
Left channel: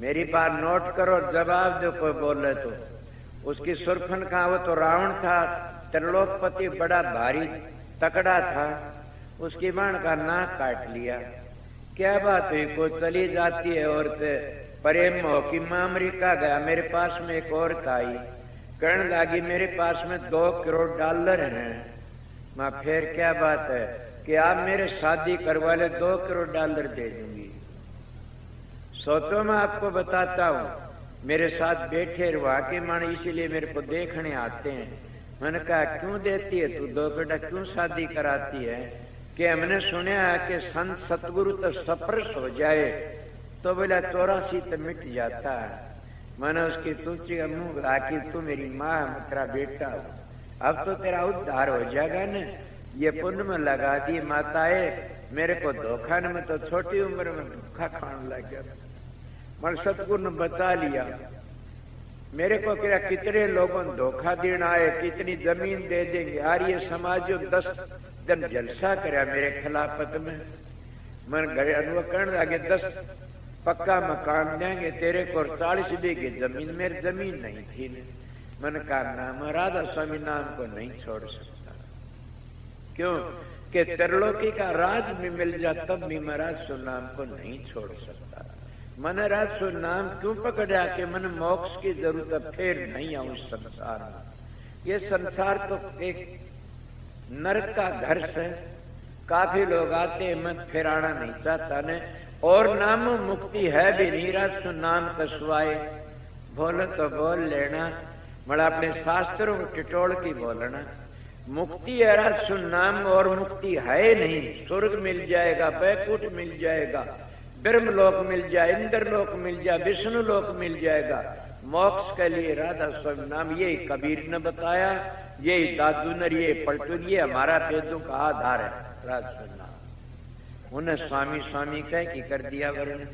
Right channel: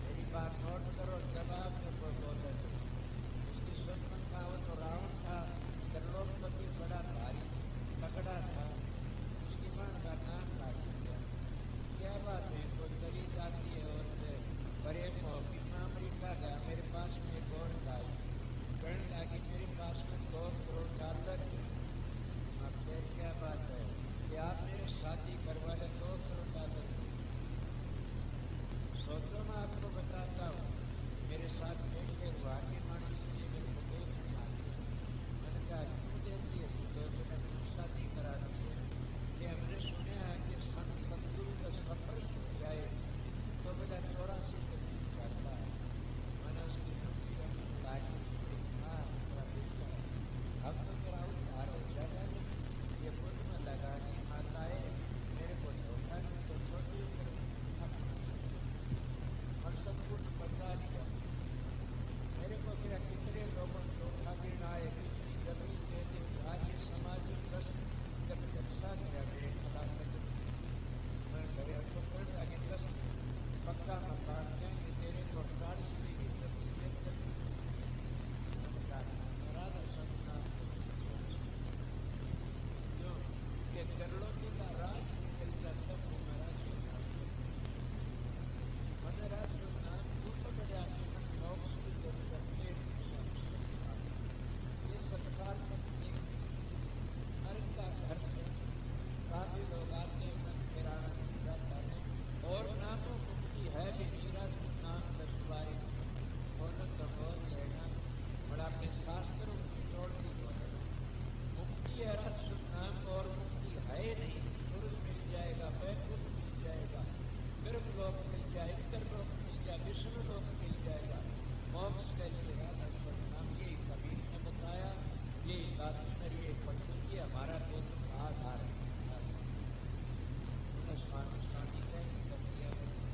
मेरी बात नोट करो, जवाब जो कोई बोले तो। उसकी सुरफन का, वो तो रावण था, त्रिलोकपति, बड़ा भारी तकड़ा था, उसकी बाण का नाक काट लिया। क्या बात हुई? को चली जाती है औरत प्रेम हो कि मैं अमेरिका गया, मेरे पास में एक औरत आई, कहने लगी मेरे पास में $2 करोड़ हैं। मैं फिर क्या बात है कि आप मेरे शादी करवा ले, $2 करोड़ दे दूंगी। सोचो मैं आपको बताता हूँ, मेरे साथ बैठे रुआ के मन इसीलिए मेरे को देखने आते हैं। मैंने कहा क्यों देती है तू 2 बेटा, क्यों शादी कराती है? कि हमने सुना है कि संत सतगुरु तो सप्रस हो जाए तो बोला 84 तो मिट जाता है। मैंने उसकी तुझी मुंह आकी, तू मेरी माँ तेरा बेटा, अब तो तेरा उद्धार हो जाएगा न। ये पुण्य में लगा दी माताए, मेरे को धोखा न, मैं तो छोटी उम्र में धोखा खाने लग गया। मैं सतगुरु ने बता लिया। मेरे को क्या कितने लोगों ने धोखा देना है, कितनी जमीन दे देंगे। आर्य समाज 10 दिन जलसा कराया मेरे खिलाफत में। मन घर अनुभव करने लगे 10 पक्का मकान देंगे तेरे को, 40 बीघे जमीन, मेरी जमीन नहीं थी। मैंने कहा नाम राधा स्वामी नाम को नहीं छोड़ सकता। क्यों? कि त्रिलोकी का राज भी मिल जाता तब भी महाराज सो नाम को नहीं छोड़ सकता। मैंने राज सो नाम क्यों पकड़ा कि मैंने मोक्ष की जरूरत, फिर नहीं आऊं संसार। ये संसार तो एक नरक का घर से काफी लोग आते हैं, मैं फिर आना नहीं चाहता ने। और नाम मुक्ति है भी नहीं, राज नाम कसवाए बोलो तो बोल लेना, बड़ा अपने शास्त्रों को टिटोड़ की बोलना। मुक्ति है राज नाम, और मुक्ति है नहीं। स्वर्ग मिल जाएगा, बैकुंठ मिल जाएगा, ब्रह्मलोक मिल जाए, इंद्रलोक मिल जाए, विष्णु लोक मिल जाएगा। मोक्ष के लिए राधा स्वामी नाम, यही कबीर ने बताया, यही दादू ने, ये पलटू, ये हमारा वेदों का आधार है राधा नाम। उन्हें स्वामी स्वामी कह की कर दिया वर्ण।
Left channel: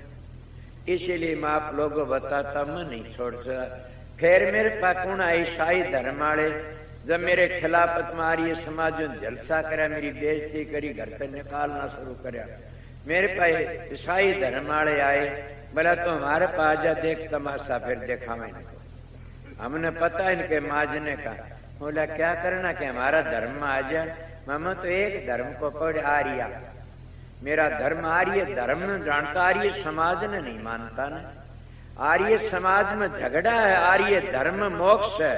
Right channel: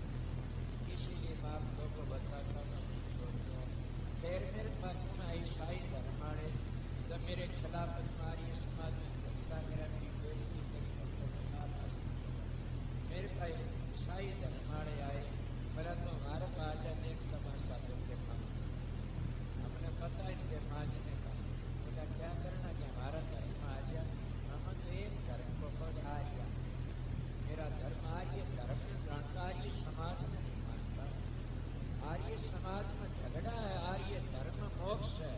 इसीलिए मैं आप लोगों को बताता, मैं नहीं छोड़ सकता। फिर मेरे पास कौन आई? ईसाई धर्म वाले जब मेरे खिलाफत में आर्य समाज ने जलसा करा, मेरी बेइज्जती करी, घर से निकालना शुरू करा। मेरे पास ईसाई धर्म वाले आए, बोला तो हमारे पास जा, देख तमाशा फिर दिखावे। हमने पता इनके माजने का। बोला क्या करना कि हमारा धर्म आ जाए। मामा तो एक धर्म को पढ़ आर्य, मेरा धर्म आर्य धर्म जानता, आर्य समाज ने नहीं मानता ना। आर्य समाज में झगड़ा है, आर्य धर्म मोक्ष है,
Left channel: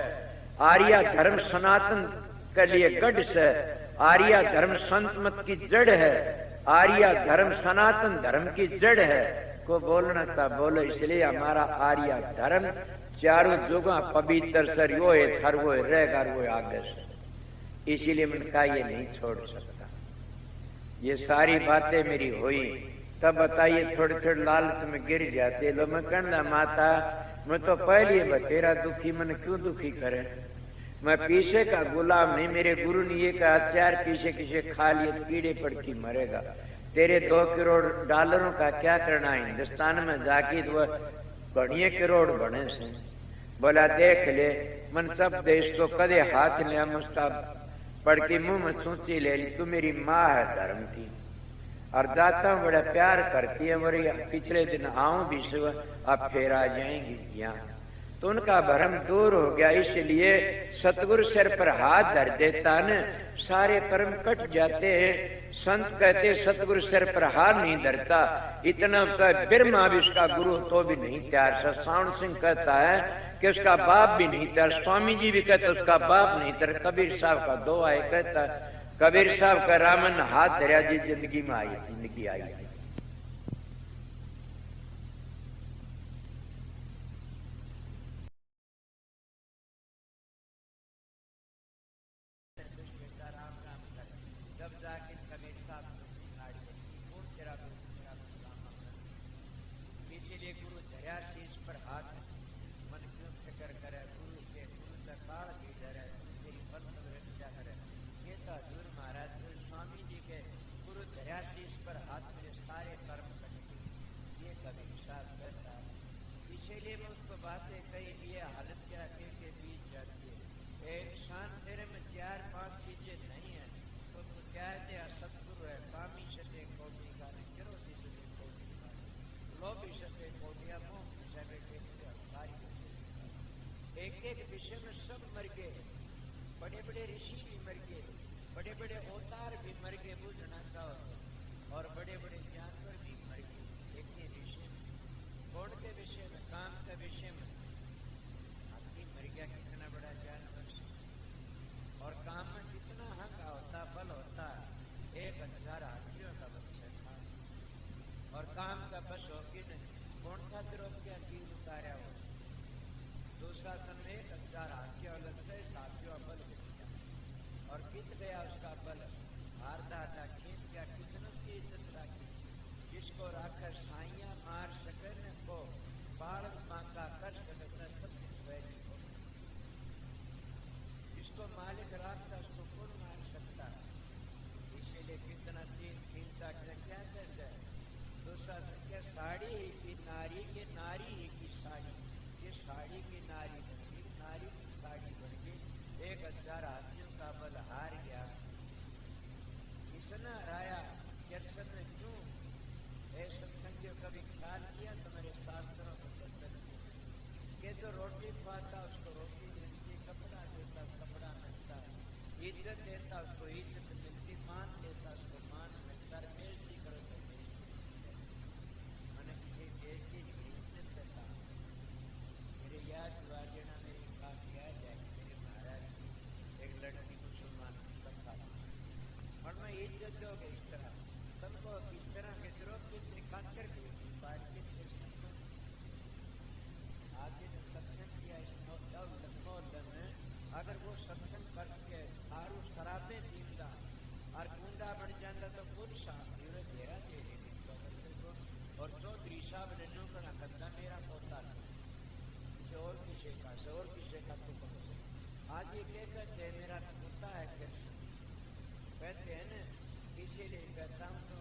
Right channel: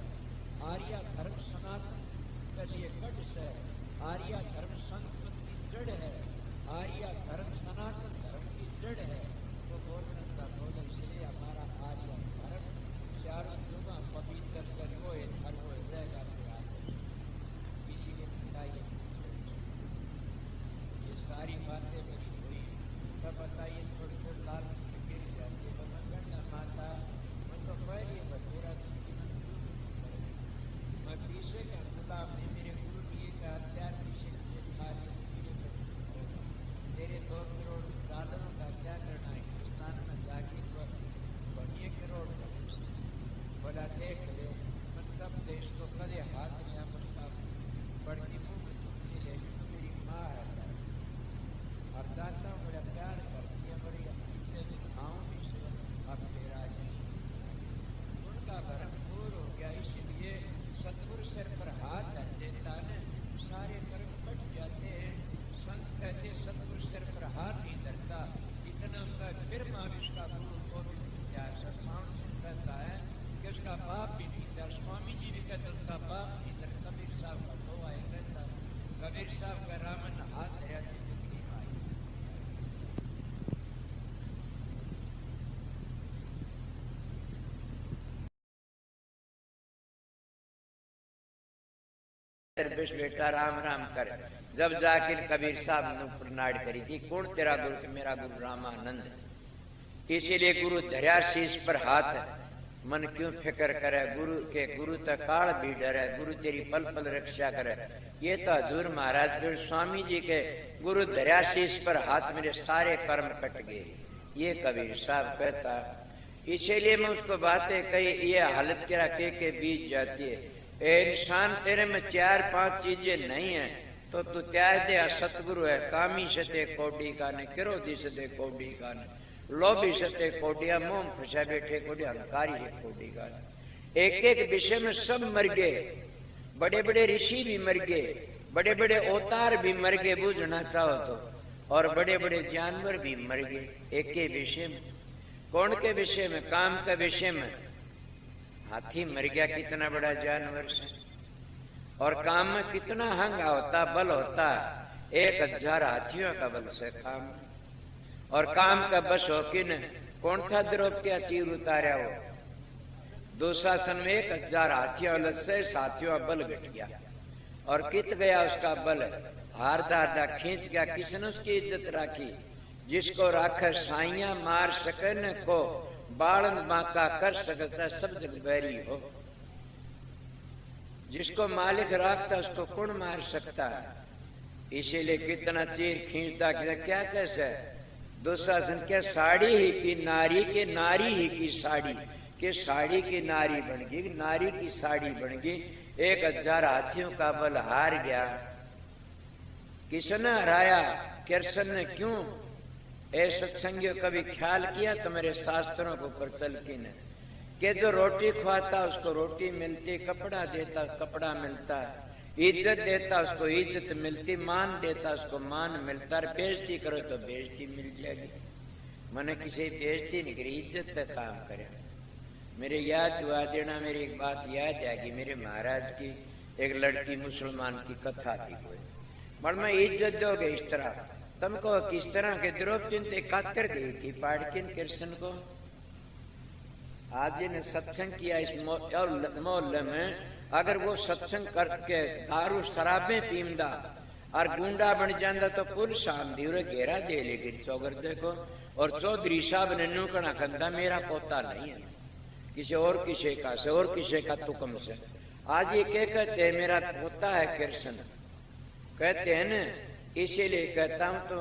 आर्य धर्म सनातन के लिए गढ़ है, आर्य धर्म संत मत की जड़ है, आर्य धर्म सनातन धर्म की जड़ है। को बोलना था बोलो, इसलिए हमारा आर्य धर्म चारों जुगा पवित्र सर वो है, थर वो रहेगा, वो आगे। इसीलिए मैंने कहा ये नहीं छोड़ सकता। ये सारी बातें मेरी हुई तब बताइए थोड़े थोड़े लालच में गिर जाते लो। मैं कहना माता मैं तो पहले बतेरा दुखी, मन क्यों दुखी करे? मैं पीछे का गुलाम नहीं। मेरे गुरु ने ये कहा चार पीछे किसे खा लिए कीड़े पड़ के मरेगा। तेरे $2 करोड़ का क्या करना है? हिंदुस्तान में जाके वो बढ़िया करोड़ बने से। बोला देख ले मन सब देश को कदे हाथ लिया, मुस्ता पढ़ के मुंह में सोची ले ली, तू मेरी माँ है धर्म की और दाता हूँ, बड़ा प्यार करती है। मेरी पिछले दिन आऊं भी सुबह, अब फिर आ जाएंगी यहाँ। तो उनका भ्रम दूर हो गया। इसलिए सतगुरु सिर पर हाथ धर देता न, सारे कर्म कट जाते हैं। संत कहते सतगुरु सिर पर हाथ नहीं धरता, इतना ब्रह्मा भी उसका गुरु तो भी नहीं तैयार। सावण सिंह कहता है कि उसका बाप भी नहीं तैयार। स्वामी जी भी कहते उसका बाप नहीं तैयार। कबीर साहब का दो आए कहता, कबीर साहब का रामन हाथ धरा जी जिंदगी में आई, जिंदगी आई। बेटा राम राम कर। जब जाकर कबीर साहब ने प्रणाम करी थी, कौन तेरा गुरु? मेरा गुरु रामानंद। इसीलिए गुरु धर्या शीश पर हाथ, मन क्यों फिक्र करे? गुरु के गुरु तक काल भी डरे, गुरु तेरी पल पल रक्षा करे। ये तो हजूर महाराज फिर स्वामी जी के गुरु धर्या शीश पर हाथ, मेरे सारे कर्म कट गए। ये कबीर साहब कहता। इसीलिए मैं उसको बातें कही, ये हालत क्या के बीत जाती है। ए इंसान, तेरे में 4-5 चीजें नहीं है तो तू त्याग दे। सतगुरु है, कामी सते कोडी का ने, क्रोधी सते कोडी का ने, लोभी सते कोडिया, मोह फंसा बैठे कोडिया, हंकारी है कोडी का। एक एक विषय में सब मर गए, बड़े बड़े ऋषि भी मर गए, बड़े बड़े अवतार भी मर गए बूझना चाहो तो, और बड़े बड़े जानवर भी मर गए एक ही विषय में। कौन के विषय में? काम के विषय में। हाथी मर गया, कितना बड़ा जानवर से, और काम में कितना हंगा होता, बल होता, 1000 हाथियों का बल से काम। और काम का बस हो कि न, कौन था द्रौपदी चीर उतारा वो? दुशासन में 1000 हाथियों से साथियों बल घट गया, और कित गया उसका बल, हारदा हारदा खींच गया। किसने उसकी इज्जत राखी? जिसको राखा साइया मार सकन को, बालन बांका कर सकता सब जग बैरी हो। जिसको मालिक राखता उसको कौन मार सकता है? इसीलिए कितना चीर खींचता, क्या कैसे दुशासन क्या साड़ी ही की नारी के, नारी ही की साड़ी के, साड़ी की नारी बन गई, नारी की साड़ी बन गई। 1000 हाथियों का बल हार गया। किसने हराया? कृष्ण ने। क्यों? ए सत्संगियों, कभी ख्याल किया तुम्हारे शास्त्रों को प्रचल की न, कि जो रोटी खवाता उसको रोटी मिलती, कपड़ा देता कपड़ा मिलता, इज्जत देता उसको इज्जत मिलती, मान देता उसको मान मिलता, और बेइज्जती करो तो बेइज्जती मिल जाएगी। मैंने किसी बेइज्जती नहीं करी, इज्जत का काम करे। मेरे याद हुआ देना, मेरी एक बात याद आएगी। मेरे महाराज की एक लड़की मुसलमान की कथा थी कोई, मगर मैं इज्जत दोगे इस तरह, तुमको किस तरह के द्रौपदी ने कातर गई थी पाड़किन कृष्ण को। आज ने सत्संग किया इस मोहल्ले में, अगर वो सत्संग करके दारू शराबें पीमदा और गुंडा बन जाता तो पुलिस आमदी और घेरा दे लेगी चौगर देखो। और चौधरी साहब ने नुकना कहता मेरा पोता नहीं है, किसी और किसी का से और किसी का तुकम से। आज ये क्या कहते हैं? मेरा पोता है कृष्ण, कहते हैं न। इसीलिए कहता हूं तो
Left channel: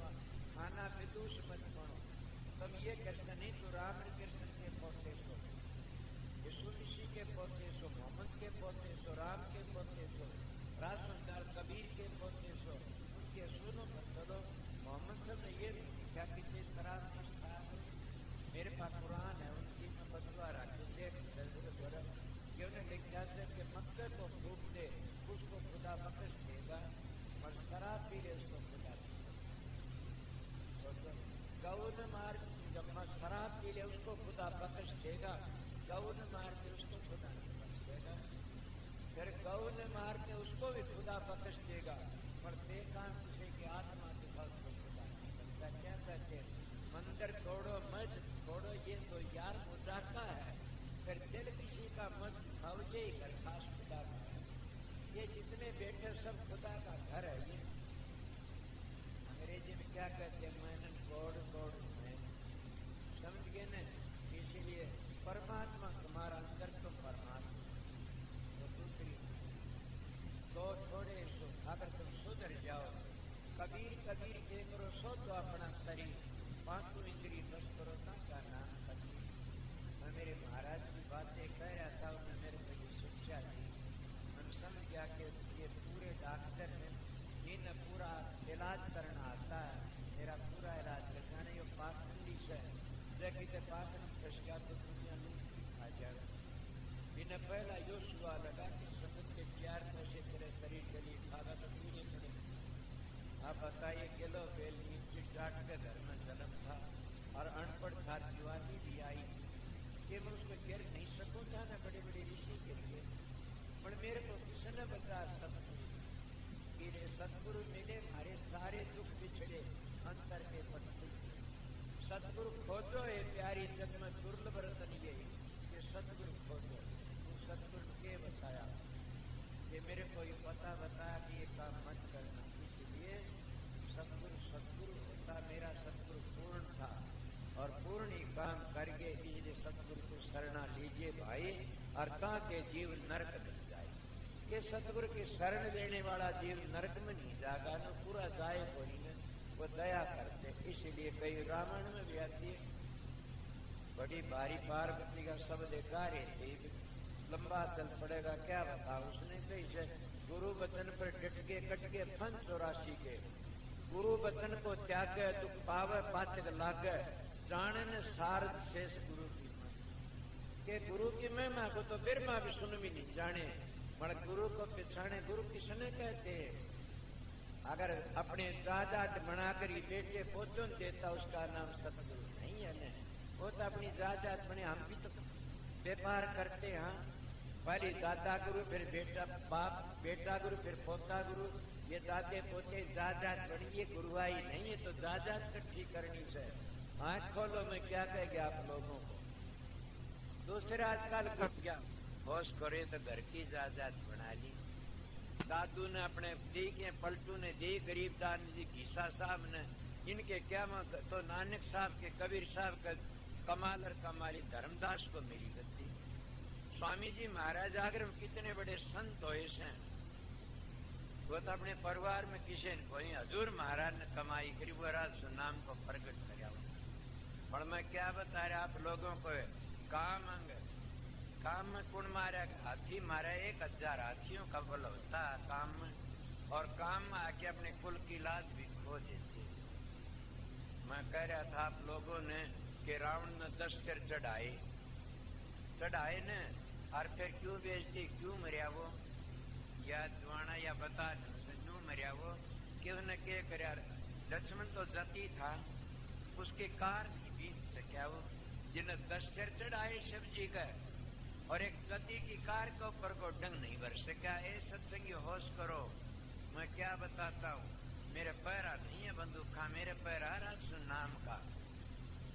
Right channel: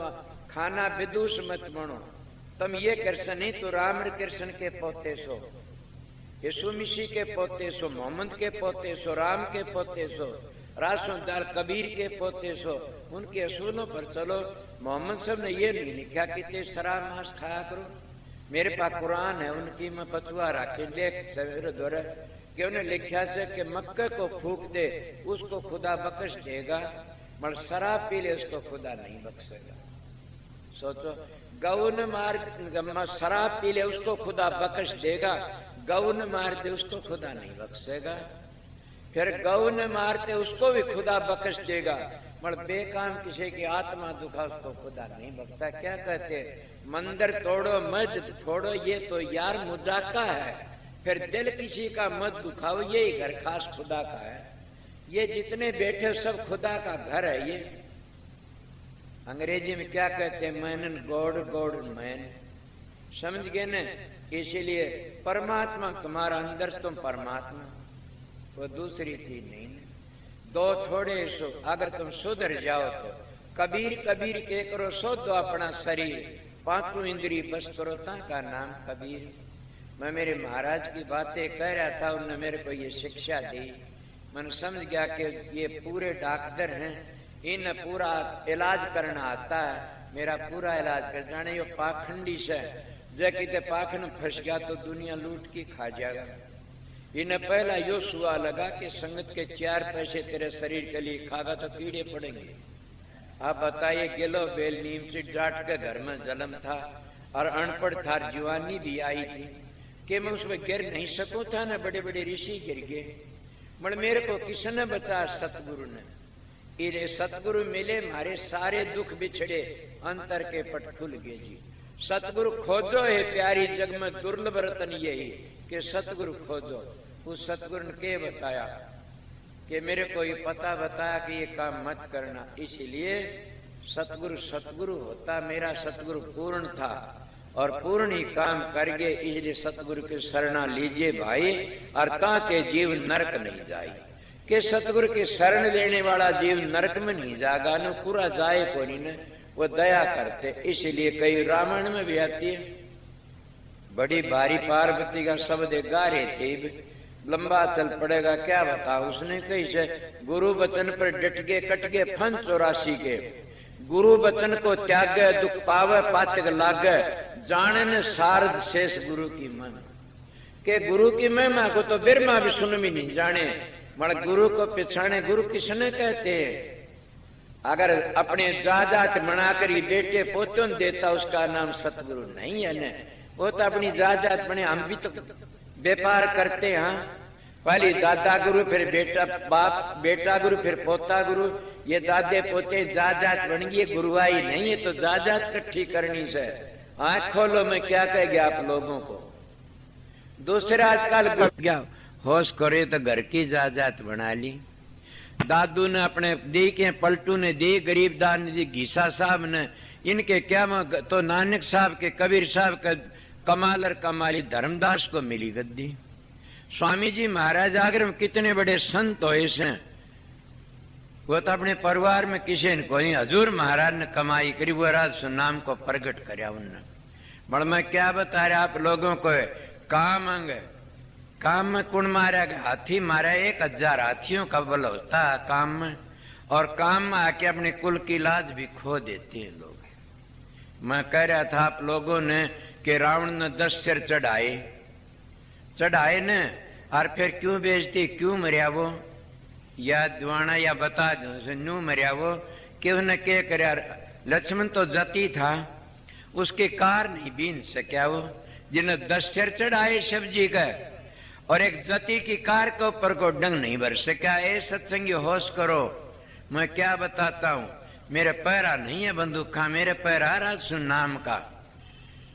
खाना विदुष मत बनो, तुम ये कृष्ण नहीं तो राम कृष्ण के पोते सो, यीशु मसीह के पोते सो, मोहम्मद के पोते सो, राम के पोते सो, रासुदार कबीर के पोते सो। उनके असूलों पर चलो। मोहम्मद साहब ने ये नहीं लिखा कि ते शराब मांस खाया करो। मेरे पास कुरान है, उनकी मैं फतवा रखी देख सवेरे दौरे कि उन्हें लिखा से कि मक्के को फूक दे उसको खुदा बख्श देगा, मगर शराब पी ले उसको खुदा नहीं बख्शेगा। सोचो, गौन मार, शराब पी ले उसको खुदा बख्श देगा, गौन मारते उसको खुदा नहीं बख्शेगा। फिर गौन मारते उसको भी खुदा बख्श देगा, मगर बेकाम किसी की आत्मा दुखा उसको खुदा नहीं बख्शता। क्या कहते? मंदिर तोड़ो मस्जिद छोड़ो, ये तो यार मुजाका है। फिर दिल किसी का मत दुखाओ, यही घर खास खुदा का है। ये जितने बैठे सब खुदा का घर है। ये अंग्रेजी में क्या कहते हैं? Man God, God man. समझ गए न? इसीलिए परमात्मा तुम्हारा अंदर, तुम परमात्मा, वो दूसरी चीज नहीं। दो थोड़े सो, अगर तुम सुधर जाओ तो कबीर कबीर के करो सो तो अपना शरीर, पांचों इंद्री बस करो ता का नाम कबीर। मैं मेरे महाराज की बातें कह रहा था, उन्होंने मेरे को ये शिक्षा दी। मैंने समझ गया कि ये पूरे डॉक्टर हैं, इन पूरा इलाज करना आता है। मेरा पूरा इलाज कर जाने। ये पाखंडी से जो किते पाखंड फंस गया तो दुनिया लूट के खा जाएगा। इन्हें पहला यो सुआ लगा कि संगत के 4 पैसे तेरे शरीर के लिए खागा तो कीड़े पड़ेंगे। आप बताइए, गिलो बेल नीम से डांट के घर में जन्म था और अनपढ़ था, जवानी भी आई थी कि मैं उसमें गिर नहीं सकूं था ना। बड़े बड़े ऋषि गिर गए, मगर मेरे को किसने बताया? सतगुरु ने। इरे सतगुरु मिले, मारे सारे दुख बिछड़े, अंतर के पट खुल गए जी। सतगुरु खोजो है प्यारी जग में, दुर्लभ रतन यही कि सतगुरु खोजो। उस सतगुरु ने के बताया कि मेरे को ये पता बताया कि ये काम मत करना। इसीलिए सतगुरु सतगुरु होता। मेरा सतगुरु पूर्ण था और पूर्ण ही काम कर गए। इसलिए सतगुरु के शरणा लीजिए भाई, और ताके जीव नरक नहीं जाए। कि सतगुरु के शरण लेने वाला जीव नरक में नहीं जाएगा, न पूरा जाए को नहीं, वो दया करते। इसलिए कई रामायण में भी आती है बड़ी भारी पार्वती का शब्द गा रहे थे, लंबा चल पड़ेगा क्या बता। उसने कही से गुरु वचन पर डट के कट के फन 84 के, गुरु वचन को त्यागे दुख पावे पातक लागे, जाने न सारद शेष गुरु की मन। के गुरु की महिमा को तो बिरमा भी सुन भी नहीं जाने, मगर गुरु को पिछाने गुरु किसने कहते हैं। अगर अपने जायदाद बनाकर ही बेटे पोतों देता उसका नाम सतगुरु नहीं है न। वो तो अपनी जायदाद बने, हम भी तो व्यापार करते हैं। पहले दादा गुरु, फिर बेटा बाप, बेटा गुरु, फिर पोता गुरु, ये दादे पोते जायदाद बन गई, गुरुआई नहीं है तो जायदाद इकट्ठी करनी से। आंख खोलो, मैं क्या कह गया आप लोगों को। दूसरा आजकल गया होश करे तो घर की जायदाद बना ली। दादू ने अपने दी के, पलटू ने दी, गरीबदार ने दी, घीसा साहब ने, इनके क्या तो नानक साहब के, कबीर साहब के, कमाल और कमाली धर्मदास को मिली गद्दी। स्वामी जी महाराज आगरे में कितने बड़े संत हुए से, वो तो अपने परिवार में किसी ने कोई, हजूर महाराज ने कमाई करी, वो राज नाम को प्रकट कराया उनने। बड़ मैं क्या बता रहा आप लोगों को, काम अंग काम में कुण मारा गया, हाथी मारा, 1000 हाथियों का बल होता है काम में, और काम में आके अपने कुल की लाज भी खो देते हैं लोग। मैं कह रहा था आप लोगों ने कि रावण ने 10 सिर चढ़ाए न, और फिर क्यों बेचती, क्यों मरिया वो, या दुआना या बता दो न्यू मरिया वो, कि उसने क्या कर, लक्ष्मण तो जती था, उसके कार नहीं बीन सका वो, जिन्हें 10 सिर चढ़ाए शिव जी का, और एक जती की कार के ऊपर को डंग नहीं भर सका। ए सत्संगी होश करो, मैं क्या बताता हूं, मेरे पैरा नहीं है बंदूक का, मेरे पैरा रासु नाम का।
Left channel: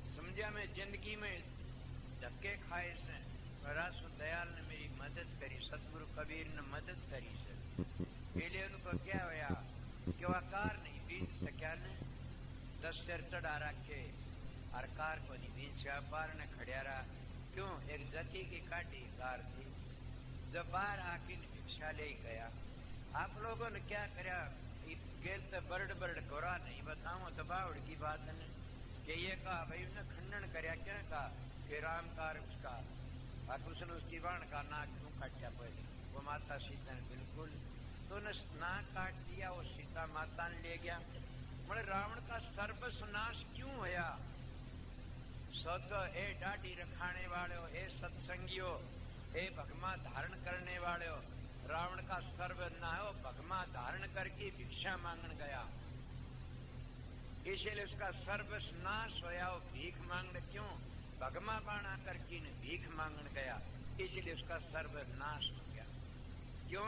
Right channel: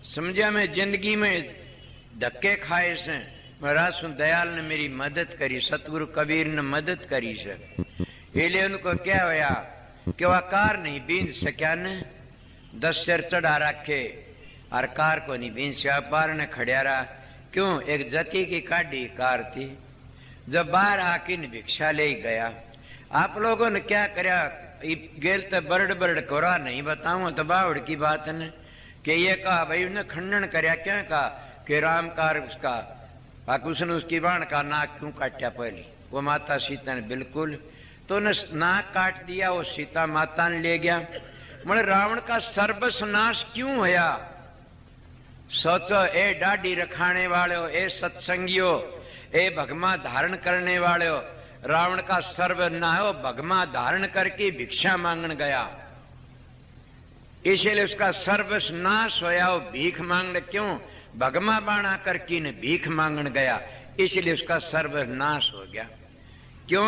समझा, मैं जिंदगी में धक्के खाए से, मैं रासु दयाल ने मेरी मदद करी, सतगुरु कबीर ने मदद करी से। इसलिए उनको क्या होया कि वह कार नहीं बीन सका ने, 10 सिर चढ़ा रखे और कार को नहीं बीन सका, पार ने खड़िया रहा। क्यों, एक जती की काटी कार थी। जब बाहर आके भिक्षा ले गया, आप लोगों ने क्या करया, गेल तो बरड़ कोरा नहीं बताऊं तो बावड़ की बात ने, कि ये कहा भाई उन्हें खंडन करया, क्या कहा कि राम कार उसका, उसने उसकी बाण का नाक क्यों काटा पहले, वो माता सीता ने बिल्कुल, तो उन्हें नाक काट दिया, वो सीता माता ने ले गया। मतलब रावण का सर्वस्नाश क्यों होया। सोचो, ए डाडी रखाने वाले हो, ए सत्संगियों, ए भगमा धारण करने वाले हो, रावण का सर्वनाश हो, भगमा धारण करके भिक्षा मांगने गया, इसलिए उसका सर्वनाश होया। वो भीख मांगने क्यों, भगमा बाणा करके ने भीख मांगने गया, इसलिए उसका सर्वनाश हो गया। क्यों,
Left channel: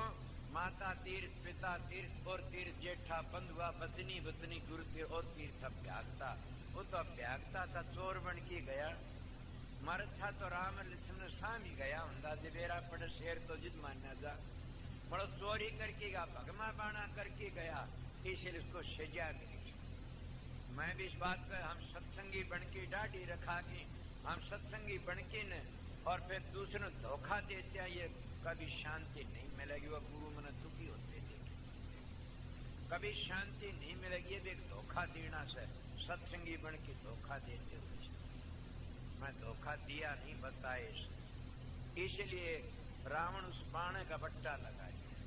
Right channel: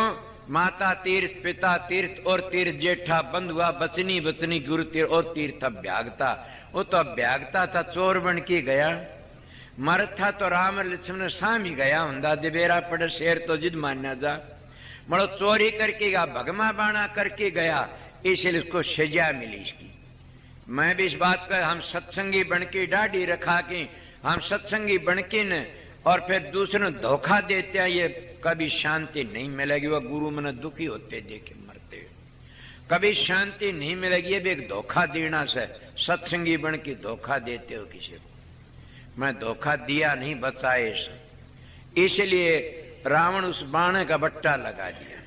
माता तीर्थ, पिता तीर्थ, और तीर्थ जेठा बंधुआ, बचनी बचनी गुरु तीर्थ, और तीर्थ अभ्यागता। वो तो अभ्यागता था, चोर बन के गया। मर था तो राम लक्ष्मण सामी गया, हुंदा दिबेरा पड़े शेर तो जिद मान्या जा, मरो चोरी करके गया, भगमा बाणा करके गया, इसलिए उसको सजा मिली इसकी। मैं भी इस बात का, हम सत्संगी बन के डाडी रखा के, हम सत्संगी बन के न, और फिर दूसरे धोखा देते हैं, ये कभी शांति नहीं मिलेगी। वह गुरु मन दुखी होते देखे मरते, कभी शांति नहीं मिलेगी। ये भी एक धोखा देना से, सत्संगी बन के धोखा देते हो किसी को। मैं धोखा दिया नहीं, बचाए, इसलिए रावण उस बाणे का बट्टा लगा दिया,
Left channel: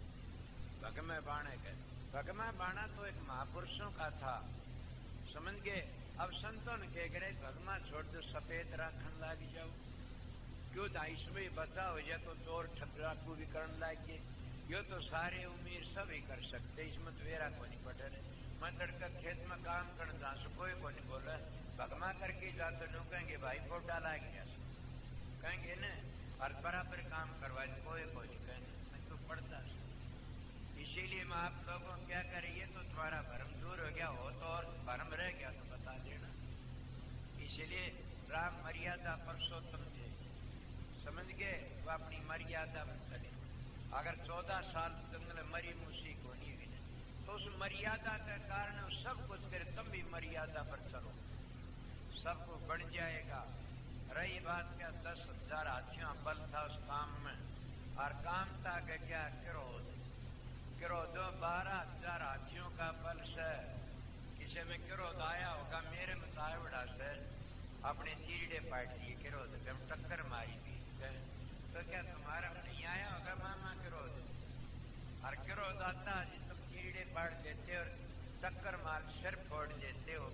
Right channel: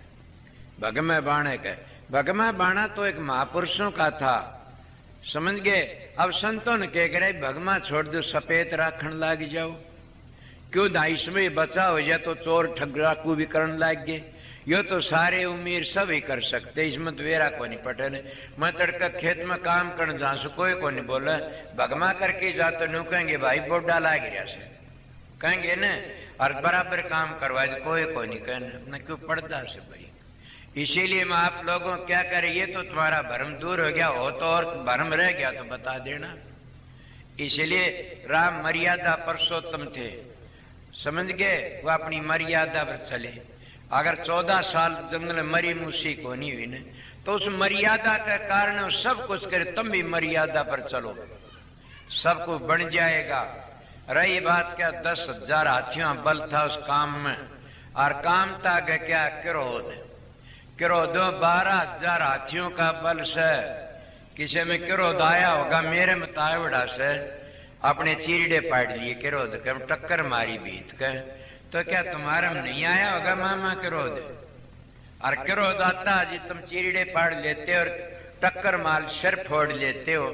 भगमा बाणे का। भगमा बाणा तो एक महापुरुषों का था, समझ गए। अब संतों ने कह करे भगमा छोड़ दो, सफेद राखण लाग जाओ, क्यों दाइस में बचा हो जाए तो चोर ठगराकू भी करने लाग गए। यो तो सारे उम्मीद सब ही कर सकते, इसमें तो वेरा को नहीं पटे। मैं तड़का खेत में काम करने जा सो, कोई को नहीं बोला, भगमा करके जा तो न्यू कहेंगे भाई बोडा लाग रहा से, कहेंगे न, और बराबर काम करवा दे, कोई को नहीं कहना, क्यों पड़ता से भाई। इसीलिए मैं आप लोगों क्या करें, ये तो तुम्हारा भ्रम दूर हो गया हो, तो और भ्रम रह गया तो बता देना। इसलिए राम मर्यादा पुरुषोत्तम थे, समझ गए, वो अपनी मर्यादा पर चले। अगर 14 साल जंगल मरी मूसी को नहीं हुई न, तो उस मर्यादा के कारण सब कुछ करे, तुम भी मर्यादा पर चलो, सब कुछ बन जाएगा। रही बात क्या, 10,000 हाथियों बल था उस काम में, और काम था क्या, क्रोध। 12,000 हाथियों का बल से किसी में क्रोध आया होगा, मेरे में तावड़ा से, अपने चीरड़े पाड़ लिए क्रोध के टक्कर मारी बीत के, तो क्या तुम्हारा नहीं आया होगा मामा क्रोध? और क्रोध आता जी तुम चीरड़े पाड़ लेते और टक्कर मार सिर फोड़ लेते हो,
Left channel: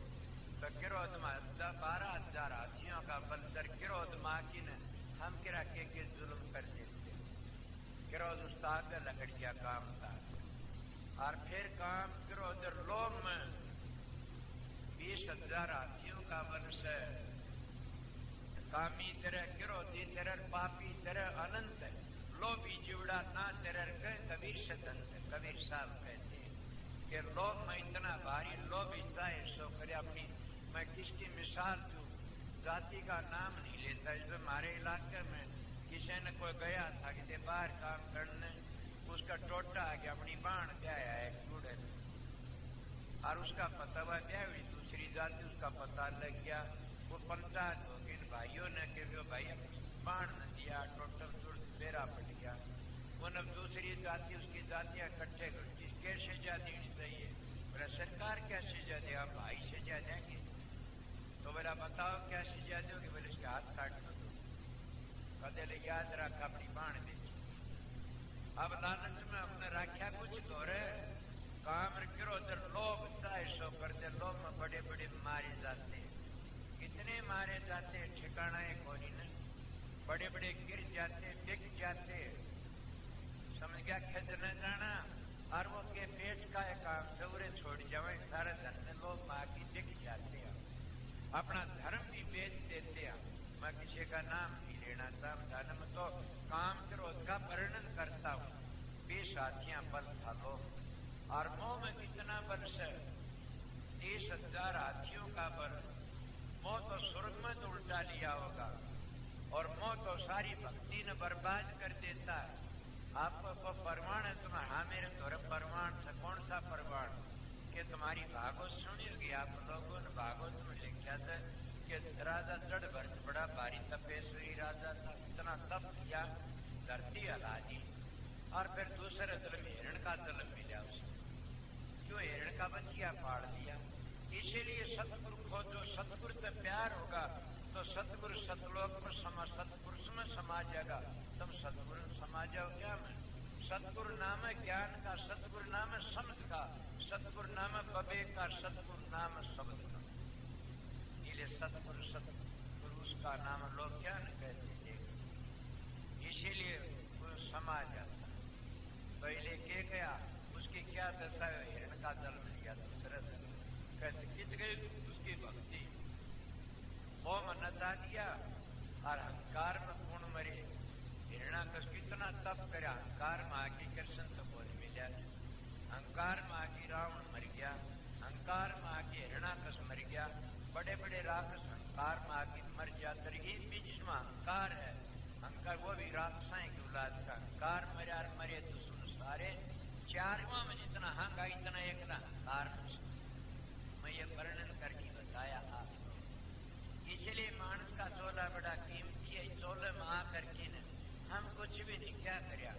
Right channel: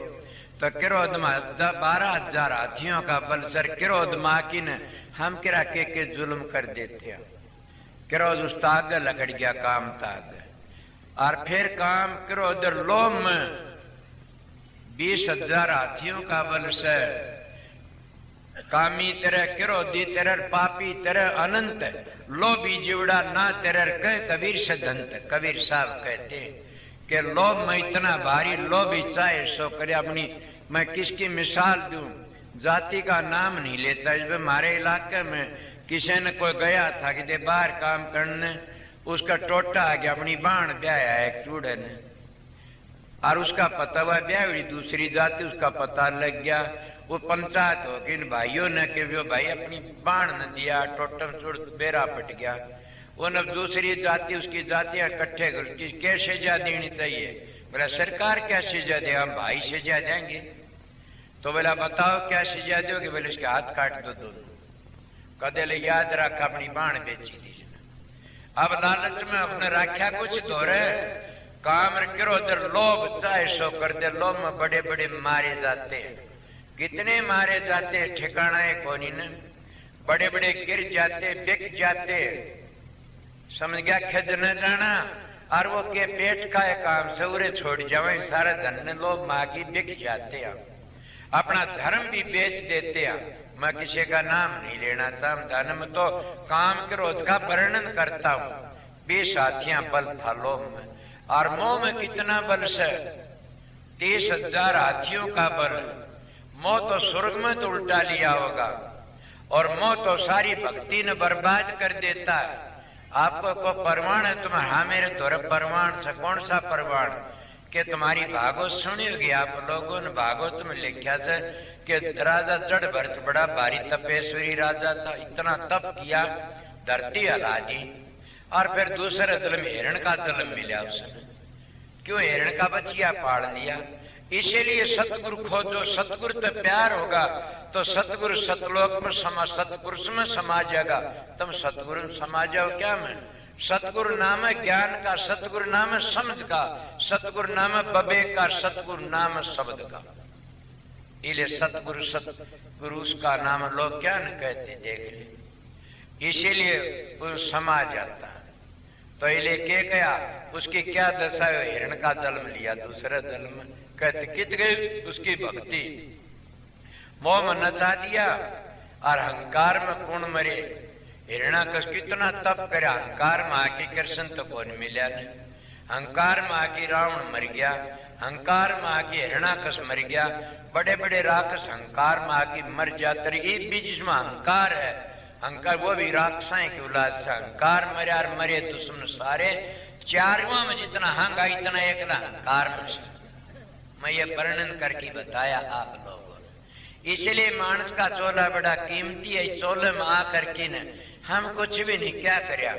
तो क्रोध में 12,000 हाथियों का बल सर क्रोध माँ की न हम किरा के जुल्म कर देते हैं। क्रोध उस ताग लगड़ गया काम ताग, और फिर काम क्रोध लोम में 20,000 हाथियों का बल से कामी तेरे क्रोधी तेरे पापी तेरे अनंत लोभी जीवड़ा ना तेरे कह कबीर से दंत। कबीर साहब कहते हैं कि लोभ में इतना भारी लोभी चाहे सो करे। अपनी मैं किसकी मिसाल दूं, जाति का नाम नहीं लेता। इसमें हमारे इलाके में किसी ने कोई गया था कि बाहर काम करने, उसका टोटा आ गया, अपनी बाण ब्याया एक चूड़े ने, और उसका पता हुआ ब्याह दूसरी जाति, उसका पता लग गया। वो पंचायत हो गई इन भाइयों ने कि वो भाई अपनी बाण न दिया, टोटम चूड़ बेरा पट गया। वो न दूसरी जाति उसकी जातियां इकट्ठे कर उसकी क्या सजा देनी चाहिए? बोला सरकार क्या सजा दे? हम भाई सजा देंगे। तो बोला बताओ क्या सजा दोगे? बोले इसके हाथ काट दो दोनों। कदे ले याद रख अपनी बाण बेची दी। अब लालच में अपने राख्या कुछ तो रहे काम क्रोध लोभ चाहे सो कर दे। लोभ में बड़े बड़े मारे जाते हैं, कितने मारे जाते ठिकाना है कोनी न। बड़े बड़े गिर जाते, बिक जाते, समझ गया खेद न जाना। और वो के पेट का है काम सौरे छोड़ जावे, सारा धन लोभ मागी बिक जाते हैं, अपना धर्म भी बेच देते हैं। मैं किसी का नाम नहीं लेना चाहता, धर्म तो काम क्रोध का वर्णन करता हूं। 20 हाथियां बल था लोभ में, और मोह में कितना बल से 30,000 हाथियों का बल। मोह तो स्वर्ग में तो उल्टा लिया होगा, और मोह तो सारी भक्ति ने बर्बाद कर देता है। आपको को परवान है तुम्हें? हाँ मेरे तोरे परवान से। कौन सा परवान? कि तुम्हारी भागवत सुनी होगी आप लोगों ने, भागवत में लिखा से कि राजा जड़ भरत बड़ा भारी तपेश्वरी राजा था, इतना तप किया धरती हला दी। और फिर दूसरे जन्म हिरण का जन्म मिला उसने। क्यों? हिरण का बच्चिया पाड़ लिया। इसीलिए सतगुरु खोजो, सतगुरु तो प्यार होगा तो सतगुरु सतलोक में सतपुरुष में समा जाएगा। तुम सतगुरु समा जाओ क्या में? सतगुरु नाम है ज्ञान का, सतगुरु नाम है समझ का, सतगुरु नाम है विवेक का, सतगुरु नाम है शब्द का। इले सतगुरु सतगुरु उसका नाम लोग क्या न कहते देख ले। इसीलिए वो समा जाता है। तो इले के गया उसकी क्या दशा है? हिरण का जन्म लिया, दूसरे जन्म कहते कित गई उसकी भक्ति। मोह में नचा दिया और अहंकार में कौन मरे? हिरणाकश कितना तप करे, अहंकार में आके कृष्ण तो कौन मिला नहीं। अहंकार में आके रावण मर गया, अहंकार में आके हिरणाकश मर गया। बड़े बड़े राक्षस अहंकार में आके मर जाते। एक बीच में अहंकार है, अहंकार वो भी राक्षसाएं की औलाद से। अहंकार मरे और मरे दुश्मन सारे। चारों में जितना हंगा इतना एकला अहंकार में। मैं ये वर्णन करके बताया आप लोगों ने। इसलिए मानस का चोला बड़ा कीमती है। चोले में आकर के न हम कुछ भी नहीं क्या करया,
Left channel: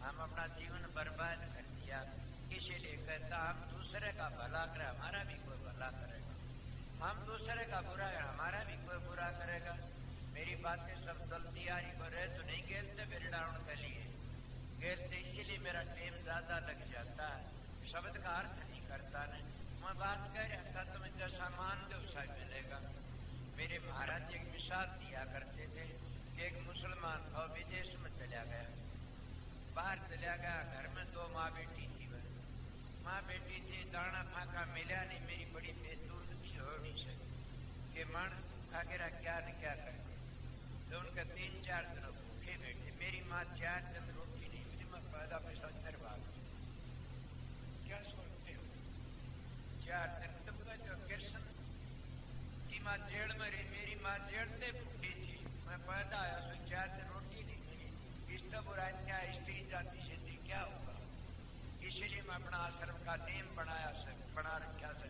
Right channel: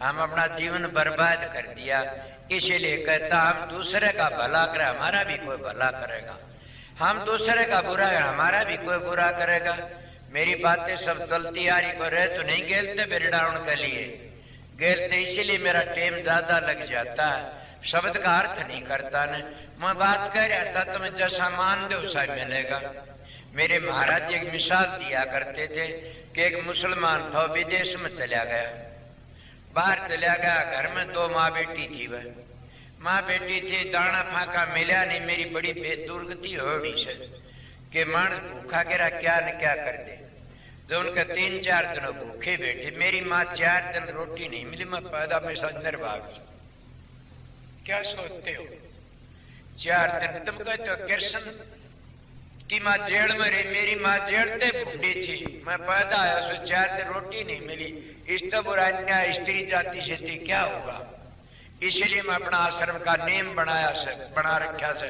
हम अपना जीवन बर्बाद कर दिया। इसीलिए कहता हम दूसरे का भला करे, हमारा भी कोई भला करेगा। हम दूसरे का बुरा है, हमारा भी कोई बुरा करेगा। मेरी बातें सब चलती आ रही, को रहे तो नहीं गेलते बिरडाउन के लिए गेलते। इसीलिए मेरा टाइम ज्यादा लग जाता है, शब्द का अर्थ नहीं करता न। मैं बात कर रहा था, तुम्हें जैसा मान दो वैसा मिलेगा। मेरे महाराज एक मिसाल दिया करते थे कि एक मुसलमान था, विदेश में चला गया, बाहर चला गया। घर में 2 माँ बेटी थी। वह माँ बेटी थी, दाना फाका मिला नहीं। मेरी बड़ी बेदुर्गति होड़ी से कि मानस भूखा गिरा क्या न क्या कर दे। जो उनके 3-4 दिन भूखे बैठे, मेरी माँ 4 दिन रोटी नहीं मिली। मैं पैदा में अंदर भागी। क्या सोचते हो? 4 दिन तुम कहते हो कृष्ण की माँ जेल में रही, मेरी माँ जेल से बूढ़ी थी। मैं पैदा आया तो 4 दिन रोटी नहीं मिली। इस तो बुरा अन्याय स्त्री जाति से थी, क्या होगा? इसीलिए मैं अपना आश्रम का नियम बना रखा से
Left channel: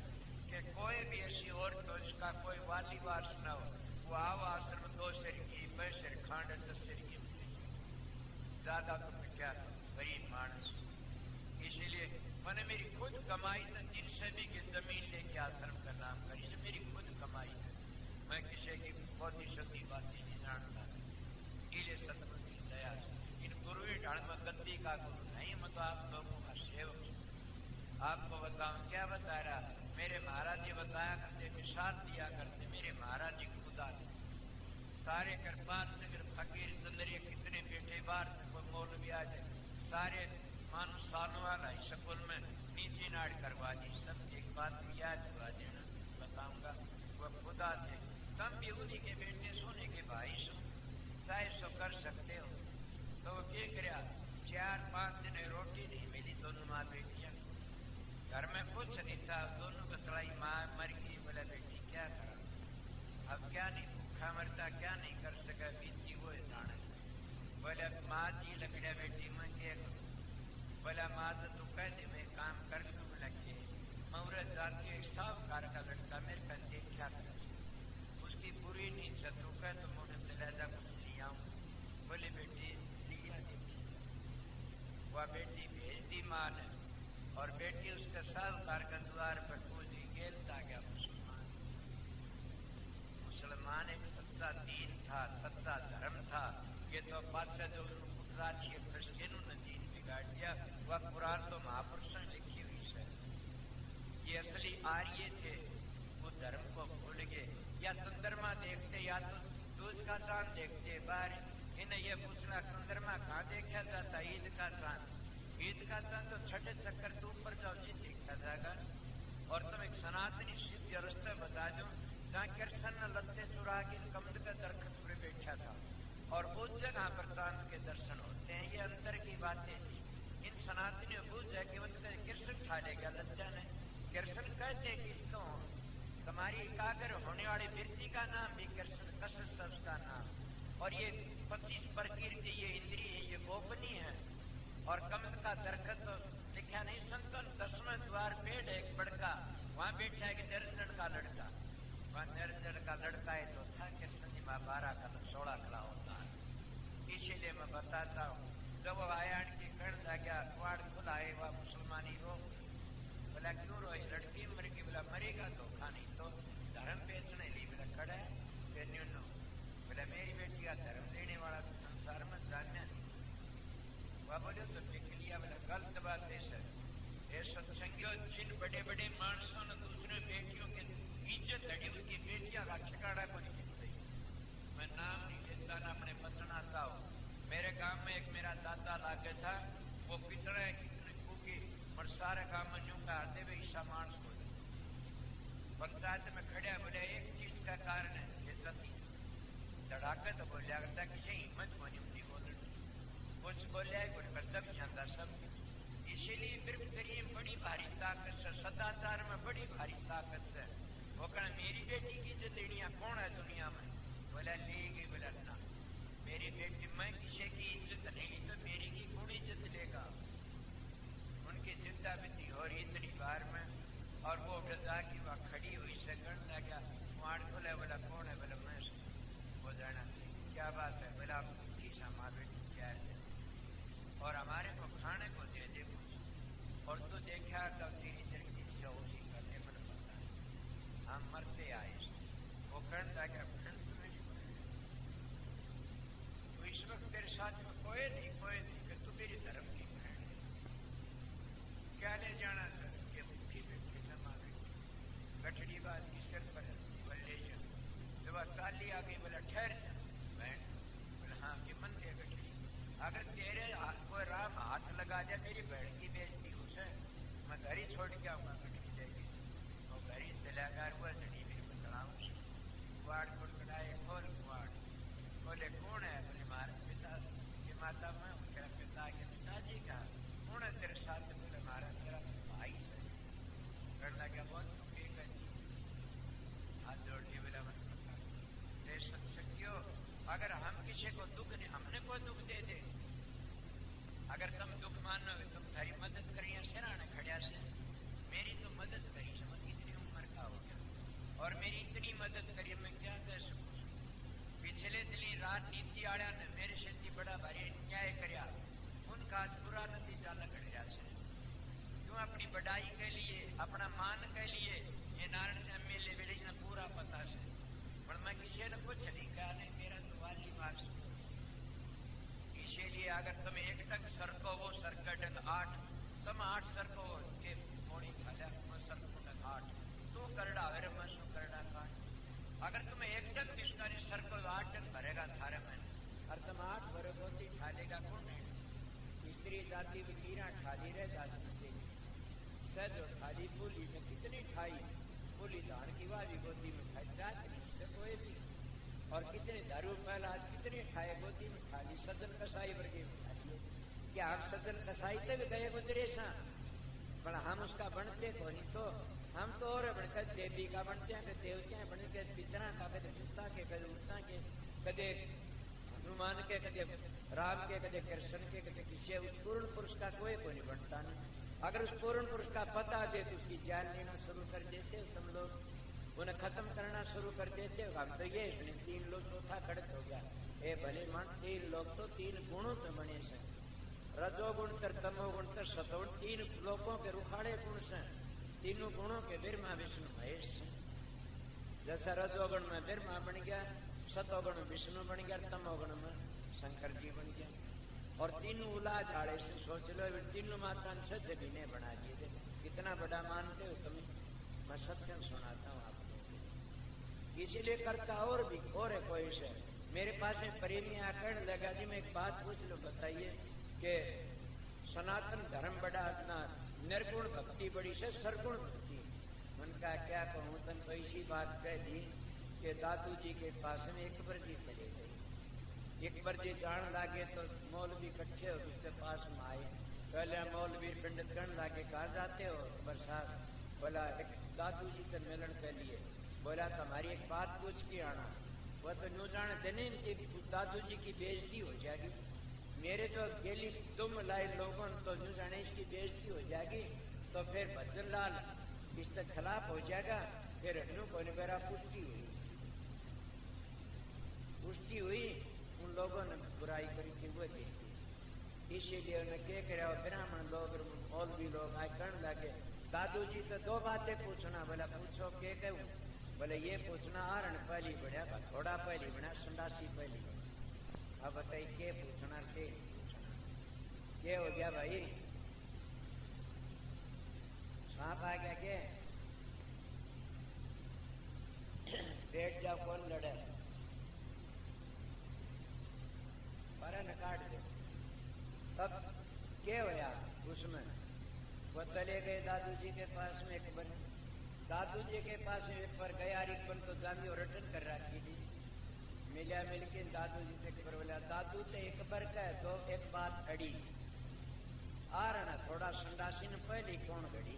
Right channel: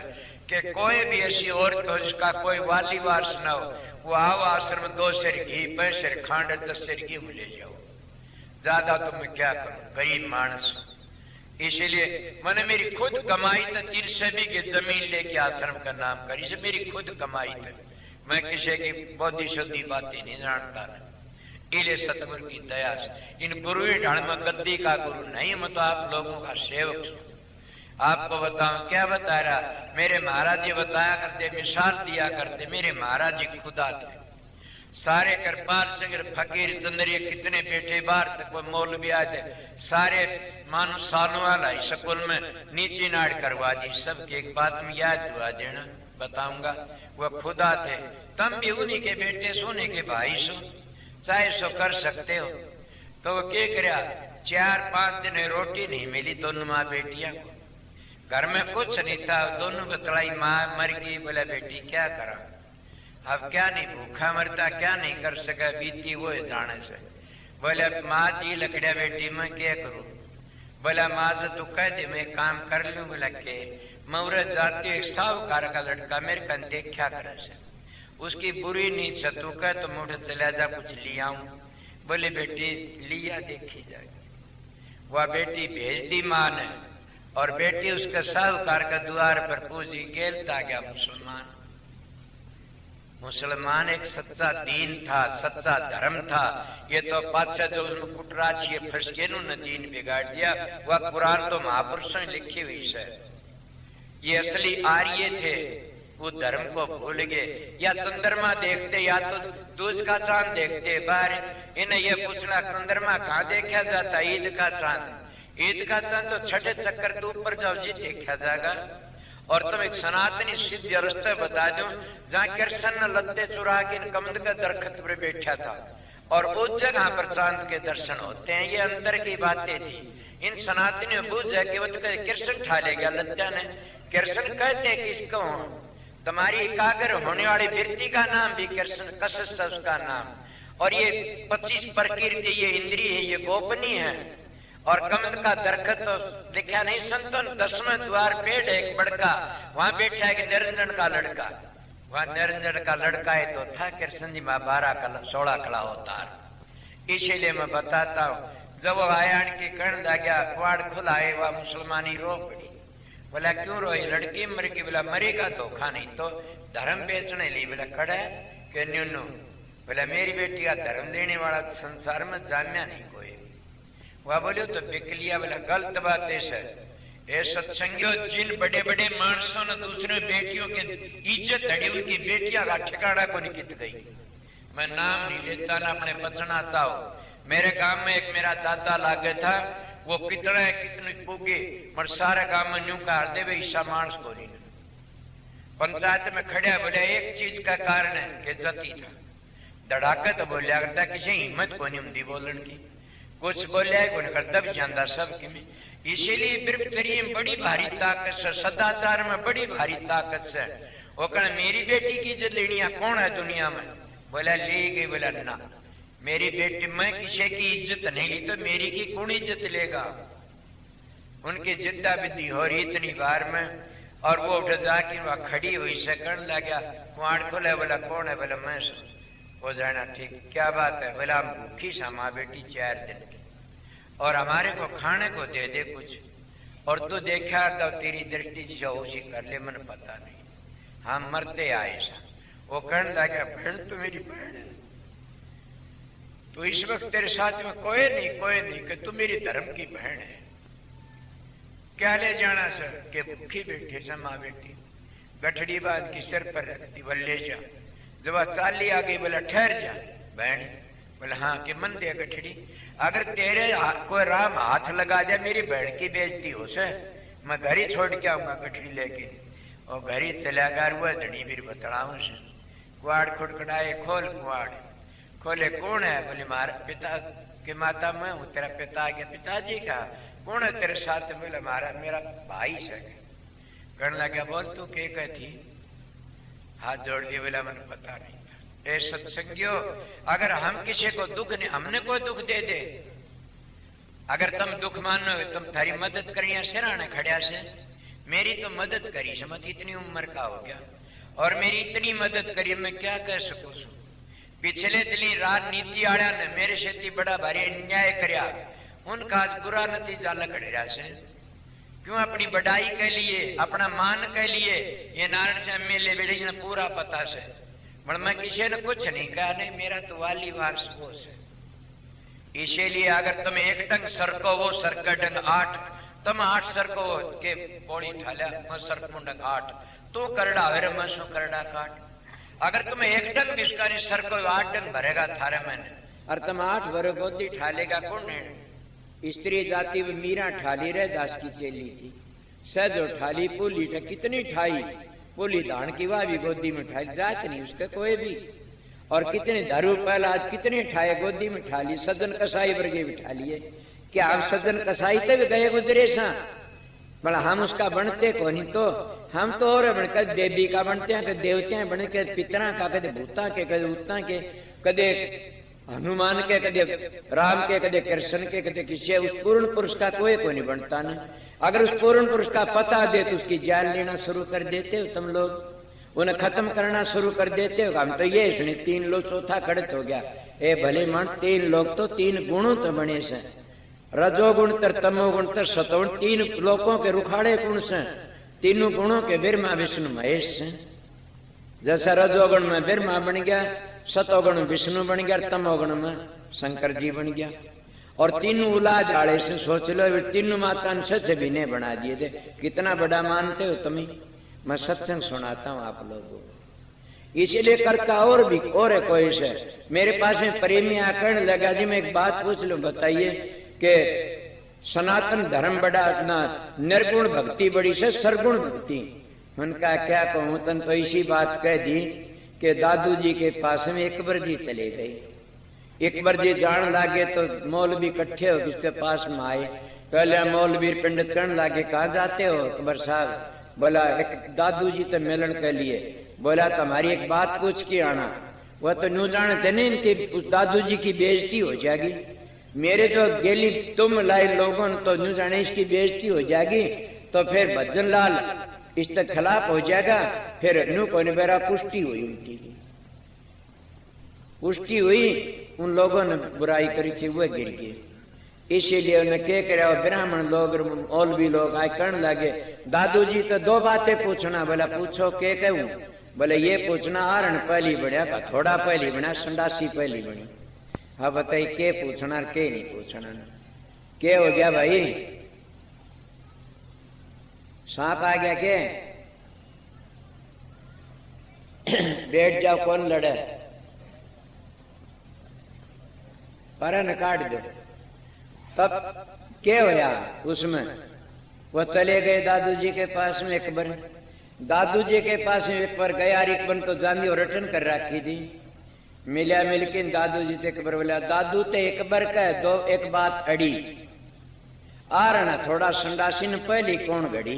कि कोई भी ऐसी औरत हो जिसका कोई वाली वारस न हो, वो आओ आश्रम 2 सेर घी 5 सेर खांड 10 सेर घी ले जाओ। ज्यादा तो मैं क्या करूं, गरीब मानस। इसीलिए मैंने मेरी खुद कमाई तो 30 भी की जमीन लेके आश्रम का नाम करी से मेरी खुद कमाई थी। मैं किसी की बौद्धि शुद्धि बातें नहीं जानता। इले सतगुरु की दया से इन गुरु ढाल में गद्दी का गुरु नहीं, मैं तो आप लोगों का सेवक हूं। आपको बताऊं क्या बता रहा, मेरे महाराज जी बताया करते, मिसाल दिया करते। मेरे महाराज जी खुदा थे, सारे कृपाल सिंह फकीर चंद्रिया कितने बेटे बाहर तक कोई मौलवी आए थे, सारे मानो सालों वाला स्कूल में नीचे नाड़ करवा दी। सबकी एक बात में याद दुआ देना बताऊंगा, वह खुदा थे, तुम भी उन्हीं के बेटे सोने के भाई सो, चाहे सो कर सकते हो। तो वो क्या करा, 4-5 दिन रोटी नहीं मिली दोनों माँ बेटियां को, घर में कुछ नहीं था, दोनों बतलाई माँ मर गई। बोला बेटी क्या करा, अब क्या नहीं भूखा मरता, क्या नहीं कर सका, बीती वो जाने से। बोला माँ जी लकड़िया बेटी मैं क्या करूं। बोला माँ से तू कह दे मैं काम कर लूं। बोला के मुहूर्त जाती एक साहूकार का लड़का मेरे कन देखा करे से, उसकी बुरी नींद से तू कह तो मुझे चला जा कुछ लिया आऊं। बोले बेटी लिया देखी जाएगी। वह बेटी भेज दी माँ ने, और बेटी उसके साहूकार के द्वार पर पूजी, गेलता गया मुसलमान। मुसलमान एक सच्चा दीन था, सच्चा धर्म था। ये तो पातशाह जो उसमें कुटराची फंसके ने दीन बिगाड़ दिया। वह कुरान तो महापुरुषों ने लिखी हुई है। ये असली आर्य थे, वो धर्म को भूल गए। या चंद्रमा देखते या तो दूज का चांद देखते बाहर, इन्हें ये पूछना चंद्रमा कहाँ देखा जाता, ईद का चांद। ईद का चांद तो छठे चक्कर तो ऊपर जाओ जी देखा जाएगा। और तुम एक सनातनी सिद्ध रास्ते बता दो, जहाँ कृष्ण लत्ते चुरा के कमंद के दरख्त पर बैठा था, और उस जगह पर चांद के दर्शन होते हैं। ये अंदर की बातें थी। इन सनातनी बुझ है कि वो तो कृष्ण ठा ले गया लज्जा ने। कृष्ण कहते हैं किसको, तुम्हारी एकाग्र होने वाली वृत्ति का नाम भी कृष्ण, कसस उसका नाम। और ये 25 प्रकृति, ये इंद्रिय है, ये गोपनीय है। और कमल का दरख्त तो लिखा नहीं संतन, 10वें द्वार पेड़ एक बड़का, वहां बैठा है निरंजन का लड़का। वहां निरंजन का लड़का है तो था कृष्ण जी माँ 12-16 कला अवतार। इसीलिए मैं बताता हूँ, जब वो आया के कर्ण दा गया, कुआड़ खुलाए, वह मुसलमानी रो पड़ी। बोला क्यों रोई, लड़की मर गई। बोला मरेगा धोखा नहीं तो धर्म बेचने ली। बोला खड़ा है कि न्यूनू। बोला मेरी बेटी का धर्म देने वाला संसार में जाम्या नहीं कोई। वह बोलो तो बिक लिया। बोला गलत बात है। ए सत्संगियों, जिन बड़े बड़े मानसों ने दूसरे बेटियों की इज्जत हड़ी, उनकी बेटियां का ठिकाना को निकट गई। मैं नाम नहीं लेता ना अपने बचना चाहो। मेरे गांव में एक मेरा दादा लागे था, वो कितना कितने पूगे मर सारे गांव में न्यू कर दे वे ईसा मानस को नहीं। पंचायत में खड़े बोले एक चीज का कारण है कि जती था धड़ाके तो बोलिया करता, किसी हिम्मत को नहीं होती बोलन की। कुछ बोलिया कौन करता भी जानता सब कि इसीलिए बिरबतरी में बड़ी भारी ताकत से, सदाचार में बड़ी भारी ताकत से। वो कहना मेरी बेटी की इज्जत लेनी कौन है दुनिया में। बोला ले गई। बोला ना, मेरी बेटी, मैं किसी की इज्जत नहीं ली तो मेरी की कौन इज्जत लेगा। उनकी जिद्दा विद्धि हो रही इतनी बार में, और वो उठ जाके वहां खड़ी हुई से करण लगा, कुआड़ खोले। बोला कौन है। बोला मैं। हो जाना ठीक, क्या बात है। बोला हम भूखी सा माँ बेटी 4 दिन की, और हमारे को खाने को दे दे कुछ, और तू देखा तो तेरी दृष्टि जो उसी कर ले, मन पता नहीं, हम मरते आए सा। वो कहने लगा बहन तो मेरी बहन है, तो इस वक्त तेरे साथ में कोई नहीं कि तू मेरी धर्म की बहन है। क्या ले जाना सर के भूखी बैठे सा माँ बेटी, गठड़ी बात की सिर पर रखती, बोल ले जा। जब चाली आ गई, बोला ठहर जा बहन। बोला हाँ कि मन दे गठड़ी, अगर तेरे कोई राम हाथ लगा जाए मेरी बहन की बेइज्जती हो से, मैं घर ही छोड़ के आऊंगा गठड़ी लेके। और घर ही चला गया हुआ धनी फिर बतलाऊ से। कुआड़ खुटखटाए, खोल कुआड़। खोले कौन है। बोले मारा पिता के माता मैं हूँ, तेरा पिता के पिताजी का कौन है तेरे साथ। बोले मारा मेरा भाई से। कहने लगा बोल तू के कहती, हाथ जोड़ दिए। बोला मैंने पता नहीं। ए सत्संगियों, अगर हम किसी को दुख नहीं, हमने कोई दुख दे दे, अगर तुम दुख मानो तुम थारी मदद करिए सिराने खड़िया से, मेरी तो मदद करी समझ, इतनी उम्र का हो गया और मेरी इतनी मदद करी, मैं क्या कह सकूं। पिछले दिली राजनीति आया ने मेरे से बड़ा भारी अन्याय करया, उनका आज बुरा नतीजा लकड़ से। क्यों अपनी बढ़ाई के लिए, अपना मान के लिए ये नारायण से एमएलए बेड़ी ने पूरा पता से पर मैं किसी ने कुछ नहीं कहा, नहीं मेरा तो वाली वारस वो है। इसीलिए अगर तुम एक टंग सरको वो सरका डंग 8, तुम 8 सरको के पौड़ी ठाल्या मैं सरकुंडंग 8 तो करड़ा वेरे मैं सो करड़ा काट। अगर तुम एक टंग बिस्कारी सरको 8 टंग भरेगा थारे मैंने, और तुम 8 भरे गोदी ठालेगा कौन है? स्त्री जाति में मीरा ठाली रहे दास की चेली थी, सहजो ठाली पुली कितनी ठाई, पुली धान की वाह भी गोदी में ठाई, जात नहीं उसके कोई भी। और कितने दारू पहला आज कितने ठाए गोदी में ठाली, सदन कसाई वर्गे भी ठालिए। क्या हम सदन कसाई तब गए गुजरे सा, बड़ा हम उसका बनते को नहीं, तो हम तो और बनकर देवी का बनते हैं, कदे देवते बन के पितरा का, कदे भूता के, कदे उत्ता के, कदे हनुमान के, कदे राम के, कदे कृष्ण के, कदे किसी। उस पूर्ण पुरुष का कोई नहीं बनता ना। अगर उस पूर्ण पुरुष का पता दे तो उसकी जान लेना शुरू कर देते हो तुम लोग, उन्हें खत्म करना शुरू कर देते हो। हम तो ये सुने 3 लोग चौथा खड़त हो गया। ए भले मन 3 लोग तो 3 गुणों तो बने से, रजोगुण तर तमोगुण तर सतोगुण, 3 लोगों के रुखाड़े गुण से, तीनों गुणों के ब्रह्मा विष्णु महेश से। जैसा रजोगुण में ब्रह्मा बन गया, सतोगुण में विष्णु बन गया, तमोगुण में शंकर जी बन गया। और तीनों उलाद आड़े से सोच लो, तीनों माता सच भी ने बना दिए थे। कितना बड़ा मानते हो तुम्हें? मैं सत्संग सुनाता हूँ आप लोगों को, इसीलिए करता और भी और है कोई से। मेरे पास में प्रेमी आकर लगा जी मैं एक बात पूछ लूं, बताइए कि सनातन धर्म बड़ा ना निर्गुण भक्ति बड़ी से सरगुण भक्ति? उनका क्या कहूं, तन तो इसी बात कह दी कि दादू जी के पास में एक बार जी चले गई। एक बार जी जान लागे तो मौलवी इकट्ठे हो उसके पास में आए, पहले मौलवी पंडित करने लागे कहाँ जाते हो? अकबर साहब बोला एक दादू जी तो मिलन के लिए, बोला तुम्हारी एक बात पूछ के आना। वह तो न्यू जानते नहीं, उस दादू जी की बेइज्जती हो जाएगी। मेरे जो गेली तुम लाई लोगों तो न्यू जाने इसकी बेइज्जती हो जाएगी, तो फिर भजन लाल इसके खिलाफ हो जाएगा। फिर न्यू को मेरा पुष्टि हुई, उनकी पुष्टि हुई, उन लोगों ने बुराई करी थी वह गिर गए। इसीलिए उन्हें क्या करे, ब्राह्मण लोग मौलवी लोग आए कहने लगे दादू जी तो 2 बातें पूछना। बोला पूछो के कहूं? बोले ये पूछना आरण पहली बढ़िया का थोड़ा पहली बना, संडासी पहली बनी। हाँ बताइए के पूछना के नहीं पूछना? के हो गया भाई? सांप आ गया के? बैठ जाओ, कौन लड़े? परन काट दो। तब क्या होया उसमें? वो चले गए दादू जी के पास में एक बार। दादू जी के पास में एक बार गया, एक बार तो जानी और रिटर्न कर रखी थी। मिला मिलके दादू जी से एक बार बोला दादू ते एक बार कह दो एक बात अड़ी, आरण थोड़ा संडासी ने पहली कौन घड़ी?